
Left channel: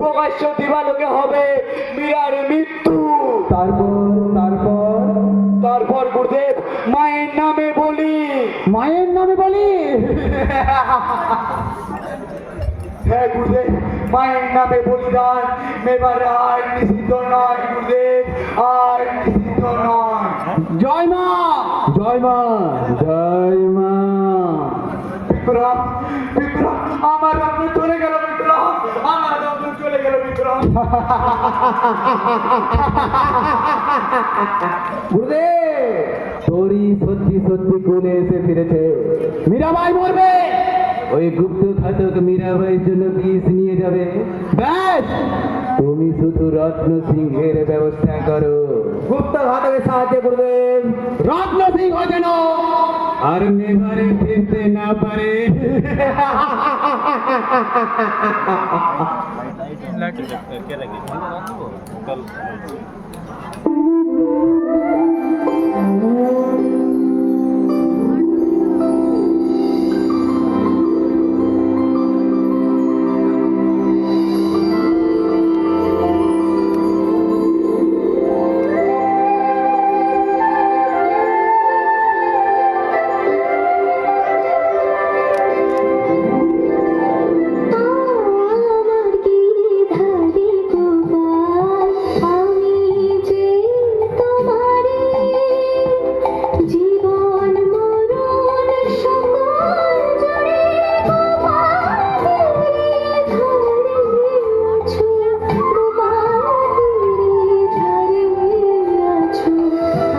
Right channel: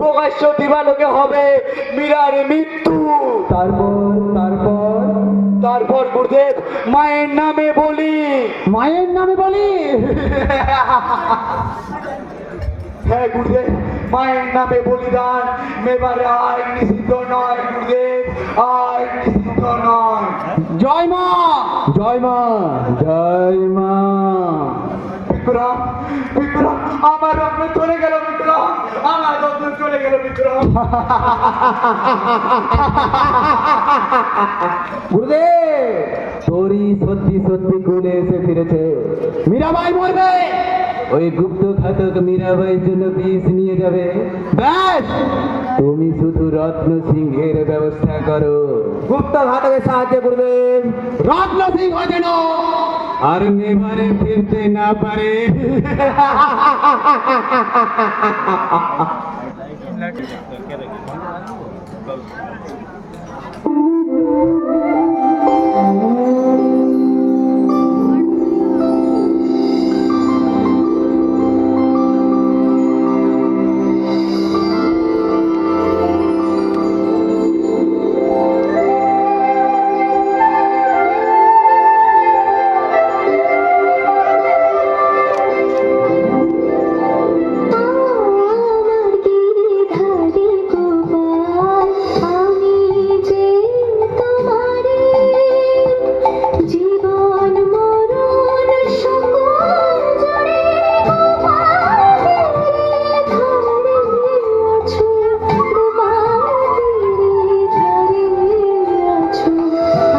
প্রকাশ্য দিবালোকে হবে মীরার মৃত্যু। তারপর গুরুদেব মায়ের নামে বলি। হ্যাঁ গুরুদেব, মায়ের নামে বলিদান এবার আর নিষিদ্ধ নয় গুরুদেব, আর নিষিদ্ধ নয়। জয় মা, জয় মা, জয় মা। বিক্রম, বিক্রম, আমার রত্ন চলে গেল। বিক্রম, আমার রত্ন চলে গেল। বিক্রম। গুরুদেব, তোরই সত্যি সত্যি কোলে এসে ফিরেছে। মীরাবাই মরবে, ওই গুপ্ত ঘাতক মীরাবাইয়ের জন্য বিষ নিয়ে যাবে। ব্যাস, তুমি শুধু রত্ন সিংহের ব্যবস্থা করো। গুপ্ত ঘাতকের সাহায্যে গুরুদেব রত্ন সিংহ যেন আর নেভারে ফিরতে না পারে। আমার গিরিধারী গোপাল, আমি যে তোমারে জীবন মরণ সকল জুড়ে তোমার ধরে আছো, তোমার ধরে আছো, আমার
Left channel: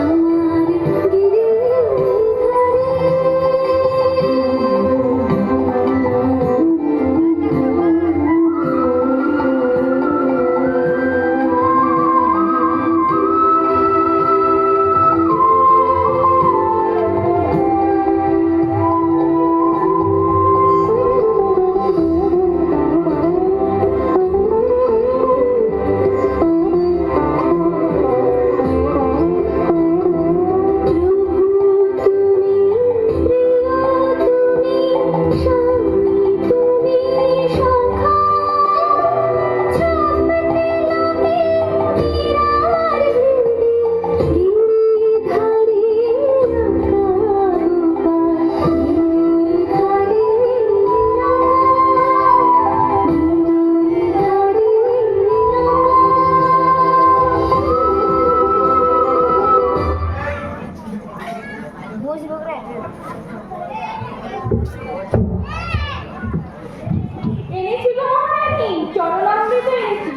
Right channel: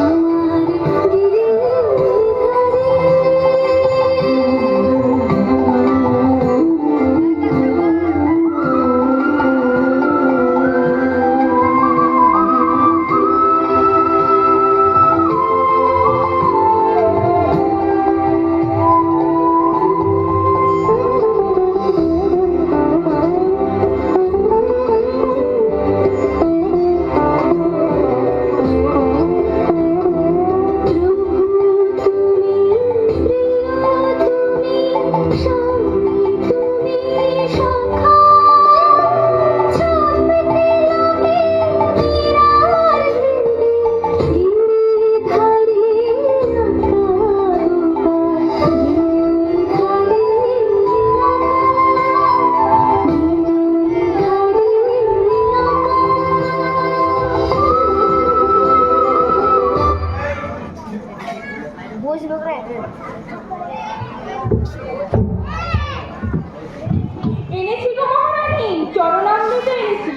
এনেছি গো মহারানী, চরণামৃত এনেছি।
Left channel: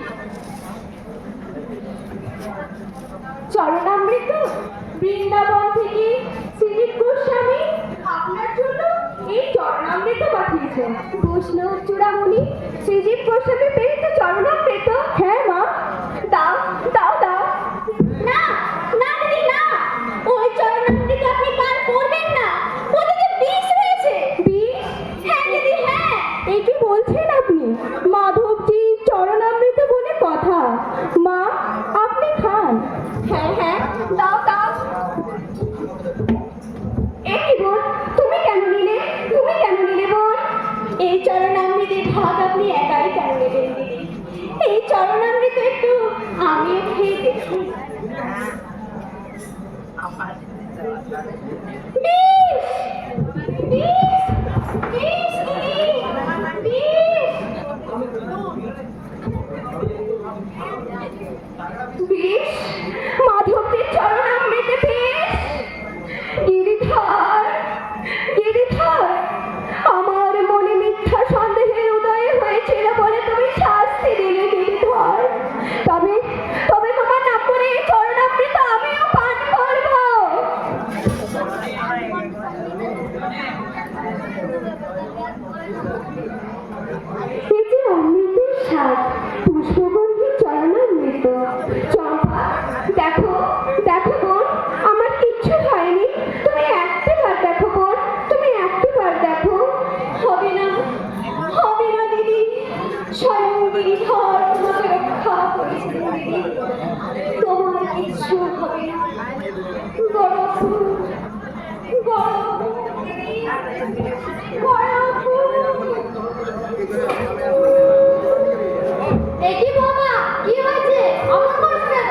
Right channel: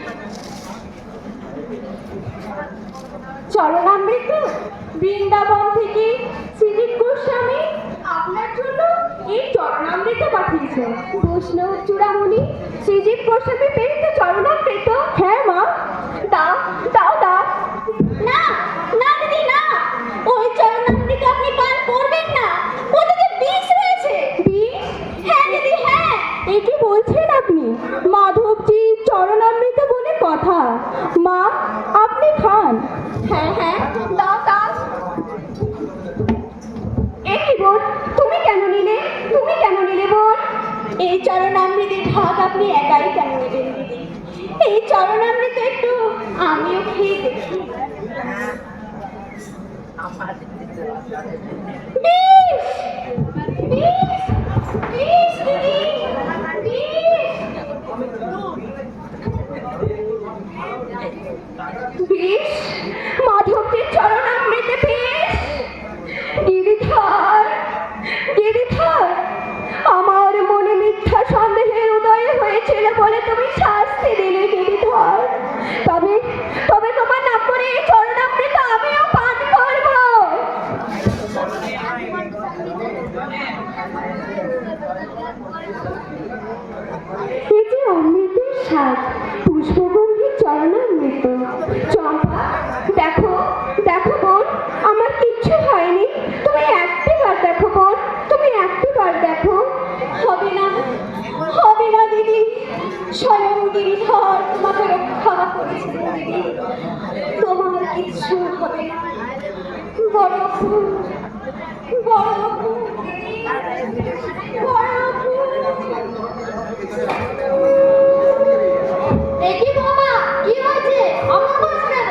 চরণামৃত বৃন্দাবন থেকে শ্রীজীব গোস্বামী আপনার জন্য এই চরণামৃত পাঠিয়েছে। বৈষ্ণব চূড়ামণি শ্রীজীব গোস্বামী প্রেরিত চরণামৃত? হ্যাঁ মা, দাও দাও দাও। না না দিদি না, ওই চরণামৃত আপনি পান করবেন না, ওতে যে বিষ রয়েছে। বিষ? হ্যাঁ দিদি হ্যাঁ, এ কি বোন, তুমি কেন নিলে? তুমি কেন নিলে বোন? এই চরণামৃতের ভাগ আপনি একাই কেন নেবেন দিদি? এই চরণামৃত একটু আমিও খেয়ে দেখি। বেশ, বেশ, বেশ দিদি, বেশ। মাধবদের চরণামৃতে বেশ। গিরিধর, গিরিধর, আমার মনে মিথ্যা সন্দেহের উদয় হয়েছিল বলে তুমি শাস্তি দিলে গিরিধর। তবে তবে তোমার না করে এই চরণামৃত আমিও পান করব। এই যে অমৃতের স্বাদ, পুষ্পগন্ধি চরণামৃত। চম্পা, দেখো, দেখো বোন, আমার কিচ্ছু হয়নি। তুমি একটিবার দেখো বোন, তুমি একটিবার দেখো। হবে না, হবে না দিদি। স্বয়ং গিরিধর তোমাকে রক্ষা করেছিল দিদি। তোমার কিচ্ছু হবে না। বড় ফুল, বড় ফুল, বড় ফুল। এ কি বাবা, কি হয়েছে? অমন করছো কেন?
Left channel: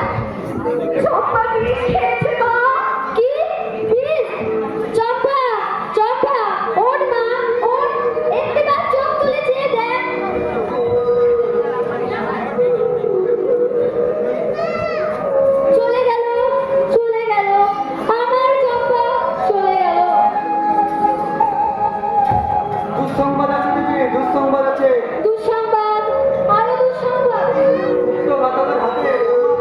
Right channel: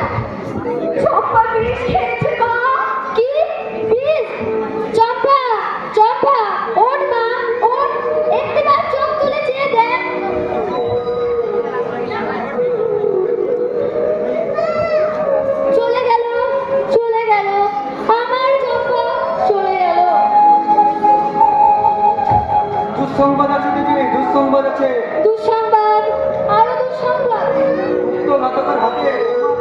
চম্পা বিষ খেয়েছে মা। কি বিষ? চম্পা, চম্পা, ওঠ মা, ওঠ। একটিবার চোখ তুলে চেয়ে দেখ। চলে গেল, চলে গেল, আমার চম্পা চলে গেল। দুঃসংবাদ আছে দিদি, দুঃসংবাদ আছে। দুঃসংবাদ, আরো দুঃসংবাদ। উক্ত ঘাতকের হাতে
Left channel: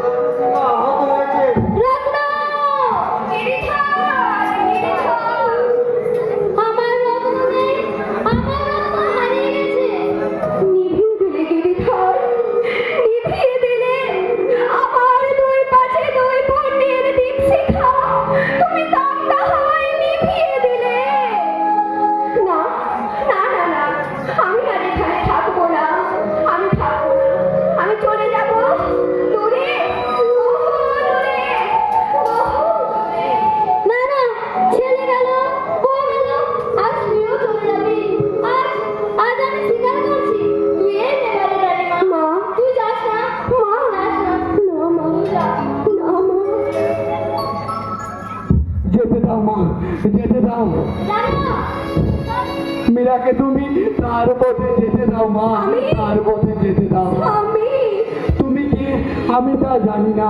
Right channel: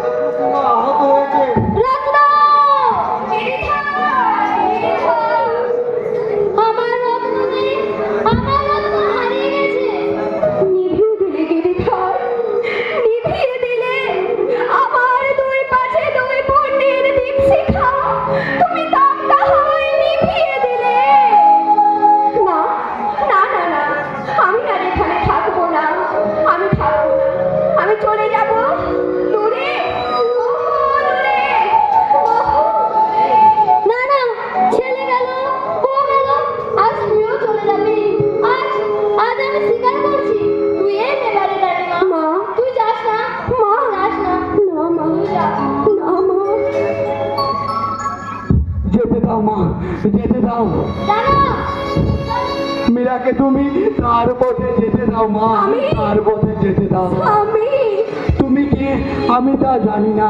আমার সিংহ আহত হয়েছে। রত্ন! আমার রত্ন নেই, আমার রত্ন হারিয়ে গেছে। নিভিয়ে দিলে গিরিধর, নিভিয়ে দিলে আমার দুই পাশে দুই পণ্ডিত দীপশিখা। তুমি দামটা হয় নিভিয়ে দিলে। না, না, না, না, আমি আর এখানে থাকবো না। আমি থাকবো না, আমি চলে যাব দূরে, বহু দূরে, বহু দূরে। না না, ছেলে গেল, বউ গেল, আজ তুইও চলে যাবি। আজ আজ আমি স্বীকার করছি, তুই এই নেবারে রানীমা। মা, তুই যাস না, মা, যাস না। না মা, না মা। যেতে দাও মা, যেতে দাও। দাঁড়া। মীরাকে তুমি তার পথে যেতে দাও মা, তার পথে যেতে দাও। আমি তুমি কি আমি তা জানি না।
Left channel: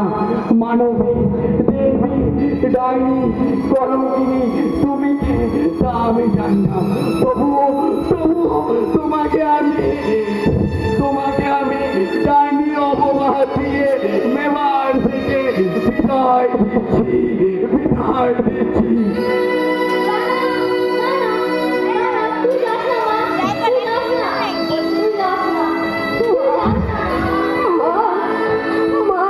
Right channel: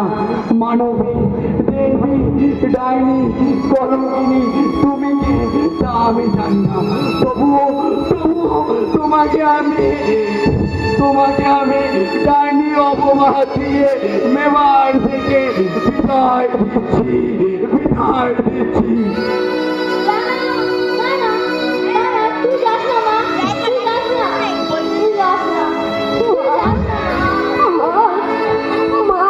মানবী, দেবী, ডাইনি, কলঙ্কিনী, তুমি কি তা আমি জানি না। তবুও তবুও তোমাকে আমি ডাইনি অপবাদ দিয়ে মেবার থেকে বিদায় দিচ্ছি, বিদায় দিচ্ছি। তুই যাস না মা, তুই যাস না, তুই যাস না, তুই যাস না। মা,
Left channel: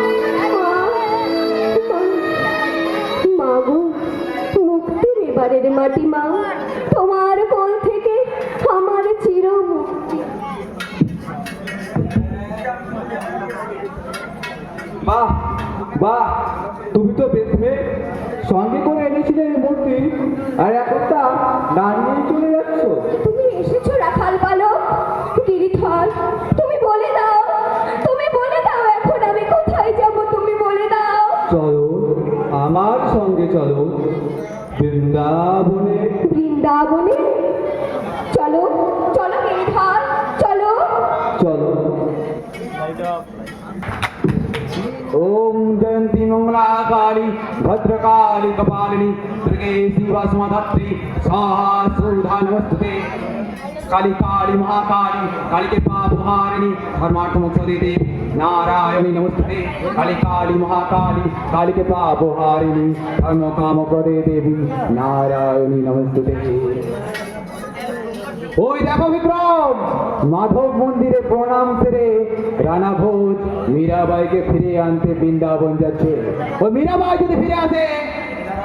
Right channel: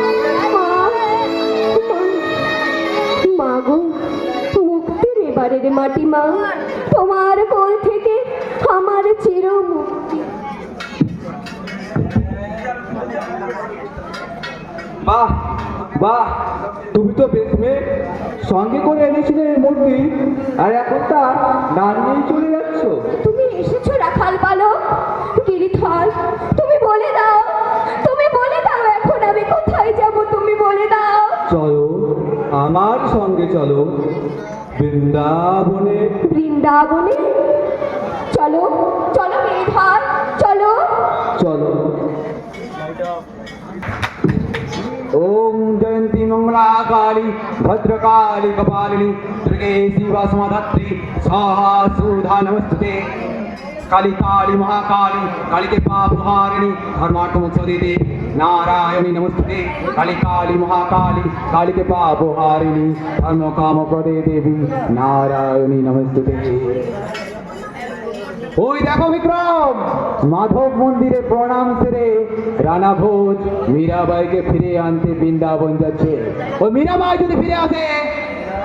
মা, মা গো, মুক্তির এবারের মাটি মা, তোমার কোল থেকে আমার চির মুক্তি। বাহ, বাহ, তুমি তো বেশ মেয়ে। সঙ্গে করে এনেছিলে এই মূর্তি, আর এখনটা না নিয়ে চলে যাচ্ছ। তুমি এসেছো রাখাল বালক। গিরিধর, তুমি বলে দাও, তুমি বলে দাও এখন আমি কোথায় যাব, তুমি বলে দাও। চলো আমার সঙ্গে চলো বৃন্দাবনে। বৃন্দাবনে? চলো, চলো গিরিধর, চলো। চলো। ओम जयंती मंगला काली भद्रकाली कपालिनी दुर्गे शिवा समाधत्री स्वाहा सुधा नमस्ते। काली काली महाकाली काली के पाप हारिणी धर्मार्थ मोक्षदे देवी नारायणी नमस्ते। काली काली महाकाली काली के पाप हारिणी धर्म काम प्रदे देवी नारायणी नमस्ते। ওই দেখো বিক্রম, মাধব মন্দিরে প্রণাম সেরে রানা ভোজ মীরাবাইকে ফিরে আনতে বৃন্দাবন যাচ্ছে। ও মীরাবাই যদি ফিরে আসে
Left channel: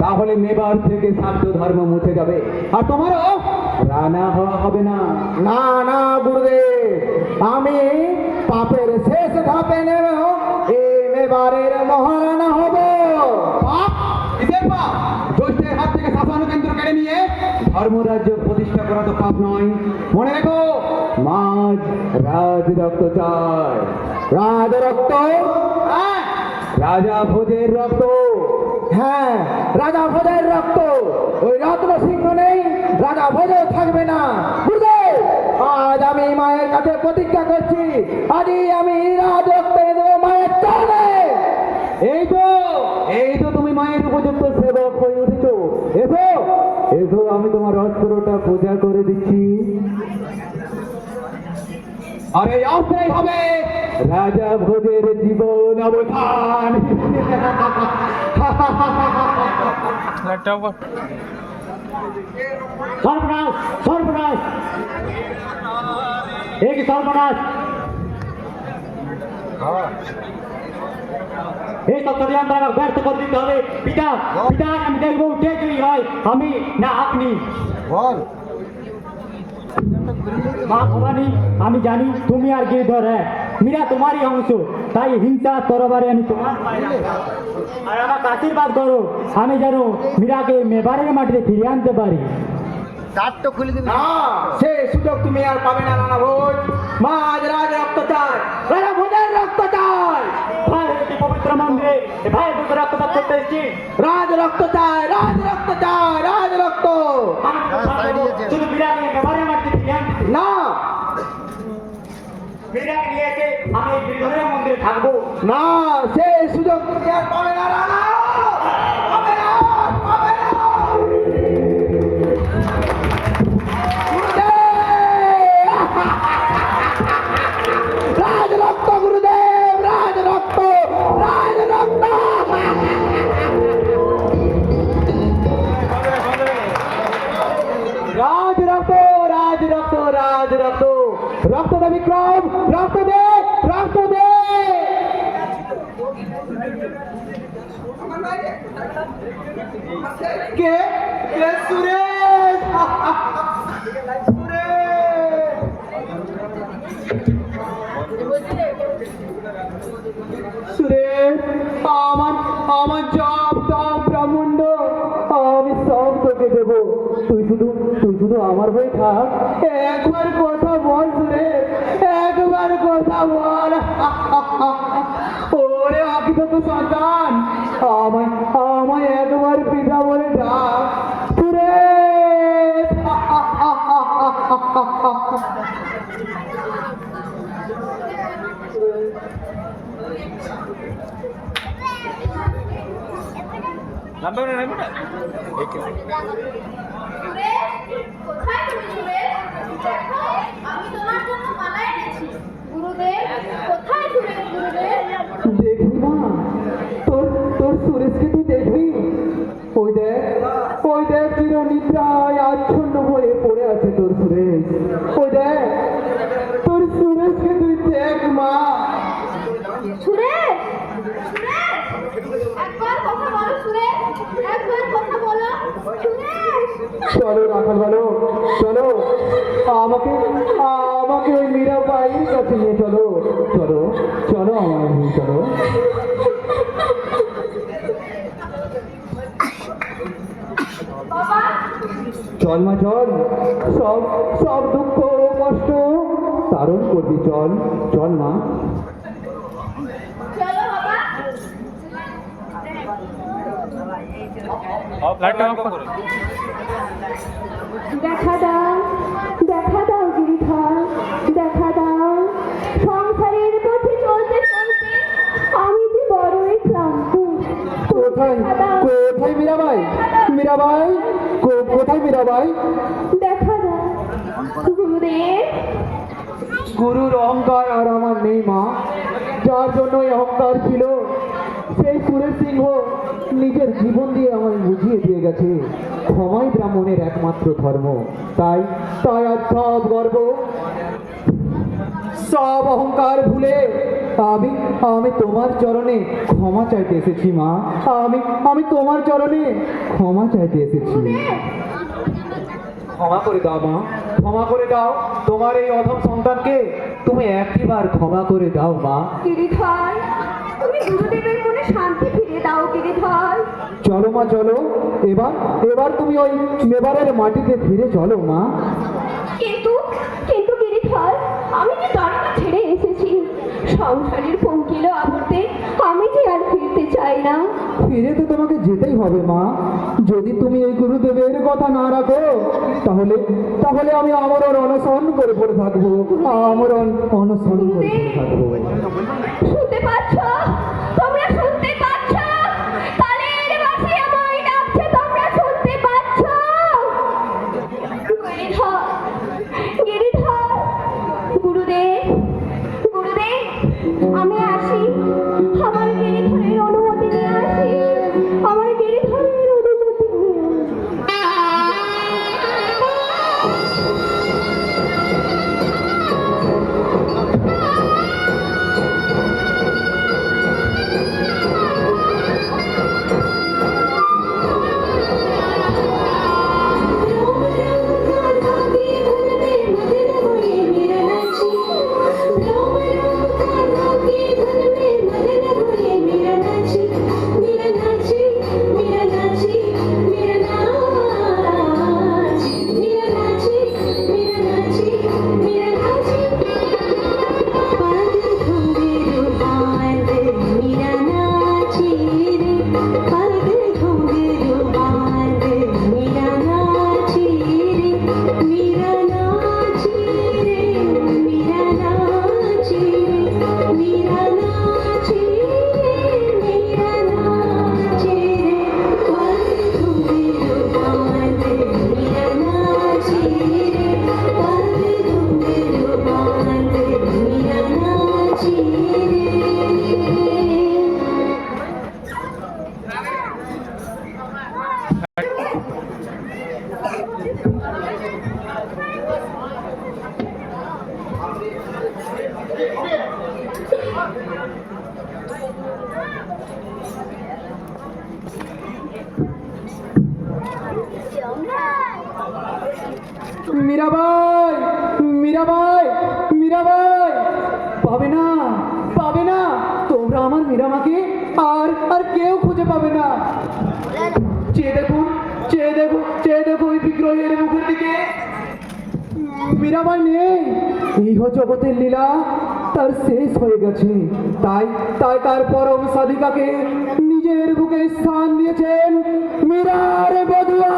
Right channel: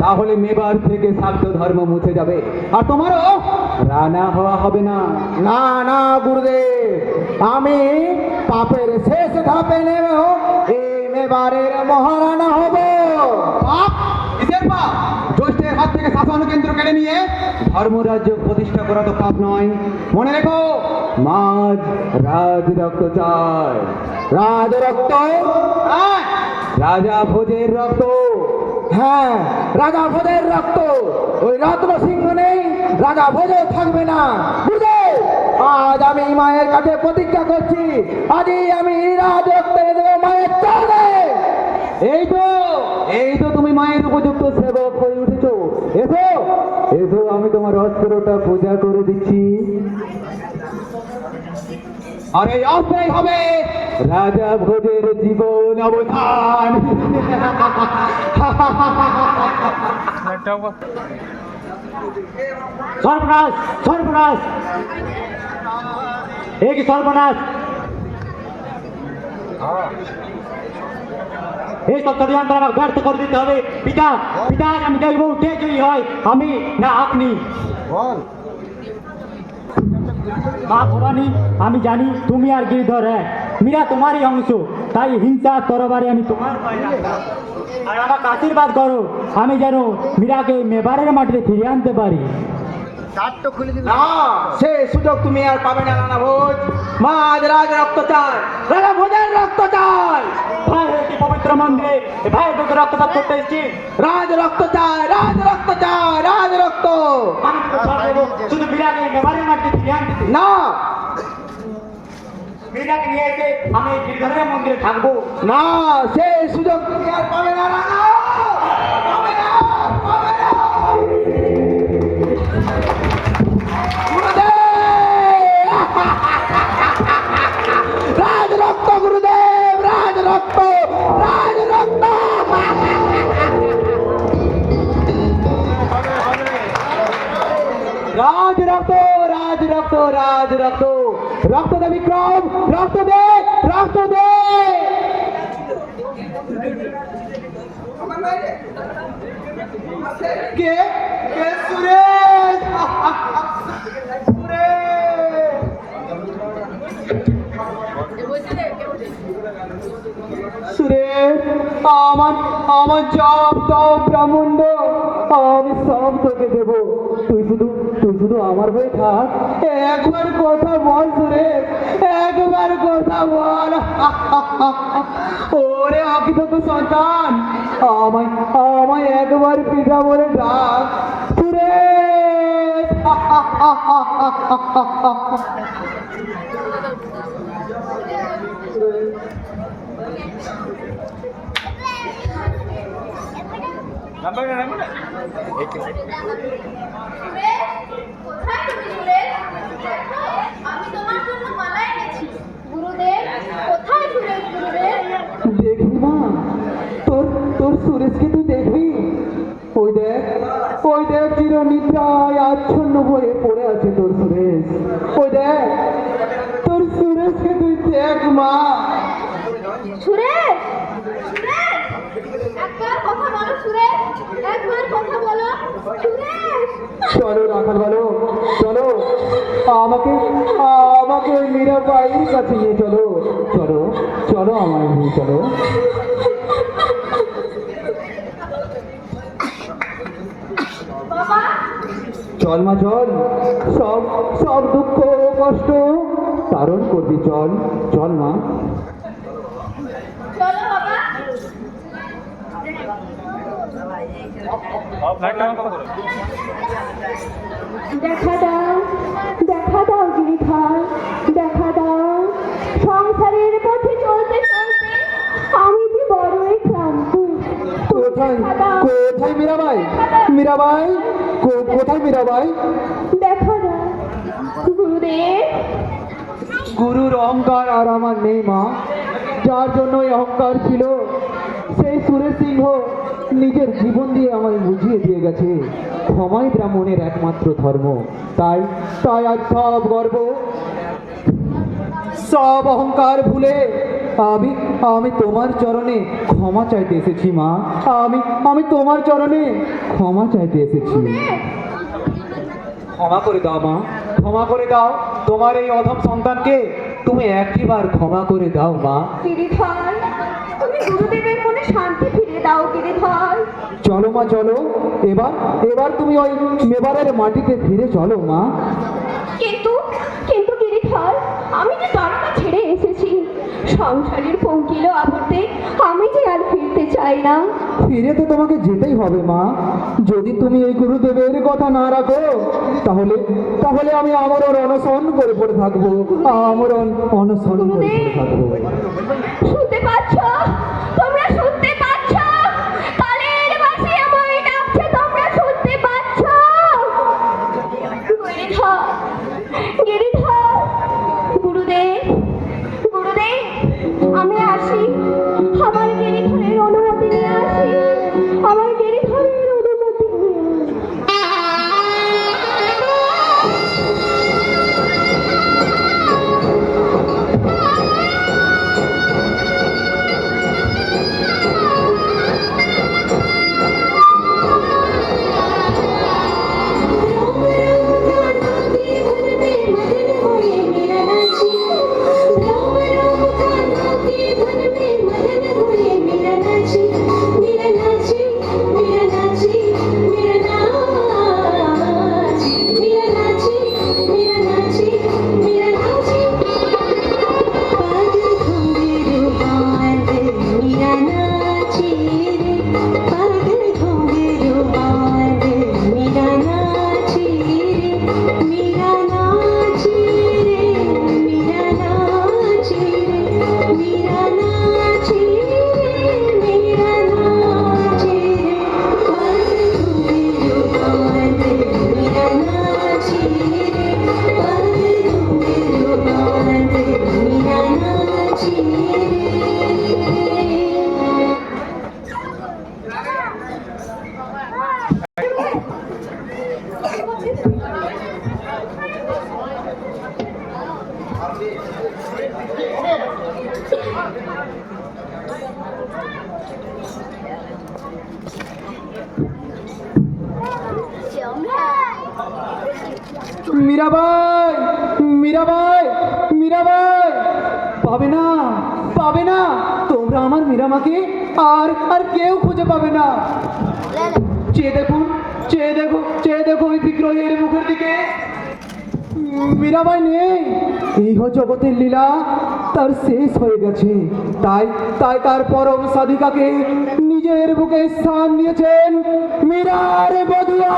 তাহলে মেবার থেকে শাক্ত ধর্ম মুছে যাবে, আর তোমারও রানা হওয়া হবে না। না না গুরুদেব, আমি পাপের শেষ ধাপে নেমেও এই এবারের মহারানা হব। পাপ? কিসের পাপ? জ্যৈষ্ঠের হাত থেকে শাসন কেন্দ্র কেড়ে নিয়ে ধর্মরাজ্য প্রতিষ্ঠা করা তো পাপ নয়। মনে রেখো, মাঝ রাজ রক্ত চায়। রাজ রক্ত? হ্যাঁ, রাজা ভোজের রক্ত। হ্যাঁ, রাজা ভোজের রক্ত। ওই রত্ন সিংহ নেই, রাজা ভোজে থাকবে না। বুঝলে? আজ আমি মায়ের কাছে প্রতিজ্ঞা করছি, আজই আমি রাজ রক্ত দেবো মায়ের চরণে। এই তো তুমি মায়ের উপযুক্ত সেবক হয়ে উঠেছো। এসো এসো, আমি তোমার অস্ত্রটা পূজা করে দিচ্ছি। আর এই অস্ত্রই হবে রাজা ভোজের জীবন অবসান। সর্বনাশ, সর্বনাশ, এ কি সর্বনাশ! এই সব ষড়যন্ত্র আমাকে ব্যর্থ করে দিতে হবে। পিতা, পিতা, আমি দেখব কে জয়ী হয়, আমি না আপনি। মা ভবানী, আমি জানি তুমি আর গিরিধর এক। মীরা তোমারই অংশ, তাই হিংসা তরবারে আমি তোমার পায়ে রাখলাম। আর আমাকে আশীর্বাদ করো, আমি যেন মীরাকে মেবারের মাটিতে ফিরিয়ে আনতে পারি। না, সে সুযোগ তুমি আর পাবে না রানা ভোজ। মা আজ রাজ রক্ত চায়, রাজা ভোজের রক্ত চায়। ভাই, এই পবিত্র মন্দিরে ভাই তোকে রক্তপাত করতে এসেছি। রাজ রক্ত চায়, রাজ রক্ত চায়, রাজ রক্ত। আমি তোকে সব দেবো, শুধু মীরাকে মেবারের মাটিতে ফিরিয়ে আনতে। না, মীরাকে নিয়ে এসে আমি এই গিরিধরের মন্দিরে থাকবো। না, সে সুযোগ তুমি আর পাবে না রানা। পাবে না, পাবে না। রাজ রক্ত গুরুদেব, রাজ রক্ত, রাজ রক্ত। রাজ রক্ত, রাজ রক্ত, রাজ রক্ত। রক্ত দে বিক্রম, রক্ত দে, রক্ত দে। কে কে সুরেশ? সুরেশ, আমার জপ তপ ব্রাহ্মণ্ড আমি সব তোকে দেবো। তুই শুধু আমার হয়ে থাক। একবার কথা বল সুরেশ, একবার কথা বল। ওরে অকিত সন্তান, আমায় একবার পিতা বলে ডাক সুরেশ। কোথায় তুমি সুরেশ? আমি তোমার জন্য মালা এনেছি। গুরুদেব, কোথায় সুরেশ গুরুদেব? দেখবি মা, তোর সুরেশকে তুই দেখবি? ওই দেখ চিরনিদ্রায় আচ্ছন্ন হয়ে পড়ে আছে তোর সুরেশ। ওই দেখ তোর সুরেশকে তুই দেখ মা। সুরেশ, সুরেশ, একবার কথা বলো সুরেশ, একবার কথা বলো সুরেশ। চলো রাখাল বলো, চলো আমাকে ওই মীরাবাইয়ের কাছে নিয়ে চলো। চলো আমার নিয়ে চলো। বাবা, চল মা চল, সব দুঃখ কষ্ট তারণ করবি। চল না। চলো বাবা। দেখা দাও গিরিধর, দেখা দাও। সংসারের পথে চলতে চলতে আমি যে বড়ই ক্লান্ত। কোথায় মীরাবাই? কোথায় মীরাবাই? দেখা দাও গুরুদেব। গুরুর অহংকার আর আমার নেই মা। যার জন্য এই অহংকার ছিল, সেই সুরেশ সিংহ নিজের জীবন দিয়ে আমায় বুঝিয়ে দিয়ে গেছে ক্ষমাই ব্রাহ্মণের একমাত্র ধর্ম। তাই আজ সব গর্ব, সব অহংকার ভুলে আমি তোমার চরণে ক্ষমা চাইতে এসেছি মা। আমি তোমার চরণে ক্ষমা চাইতে এসেছি। ক্ষমা করে দাও মা, ক্ষমা করে দাও। তোমার এই অধম সন্তানকে তুমি একবার ক্ষমা করে দাও মা। গিরিধর, তুমি গুরুদেবের মনে শান্তি ফিরে দাও গিরিধর। চলো মা চলো, এবার এবার তুমি ওই মেবারের মাটিতে ফিরে চলো মা। কিন্তু কিন্তু গিরিধর, আমি যে দ্বারকা ছেড়ে এসেছি, সংসারের পঙ্কিল আবর্তে আমি যে আর ফিরতে চাই না। ফিরে তো তোমাকে যেতেই হবে মা। যদি তুমি এই গুরুদেবের কথা না রাখো, তাহলে তাহলে আমি আমরণ অনশন করে পড়ে থাকবো, আমরণ অনশন করে পড়ে থাকবো। শুনতে পাচ্ছ? তোমরা শুনতে পাচ্ছ? কালের বাঁশি আমায় ডাকছে, তোমরা শুনতে পাচ্ছ? গিরিধর, গিরিধর, গুরুদেব, গুরুদেব, আমি আসি। আমার গিরিধরের অনুমতি নিয়ে আসি, আমার গিরিধরের অনুমতি নিয়ে মীরাবাই, মীরাবাই, মীরাবাই, পাবে না, পাবে না, তোমরা আমার মীরামাকে আর আর কেউ খুঁজে পাবে না। চেয়ে দেখো, চেয়ে দেখো, চেয়ে দেখো ওই বিগ্রহের মুখের দিকে। মীরাবাই নেই। এই জগতের লীলা তার শেষ হয়ে গেছে। তাই তাই তার পরম সাধিকাকে নিজের বুকে স্থান দিয়েছেন মীরার বধূয়া।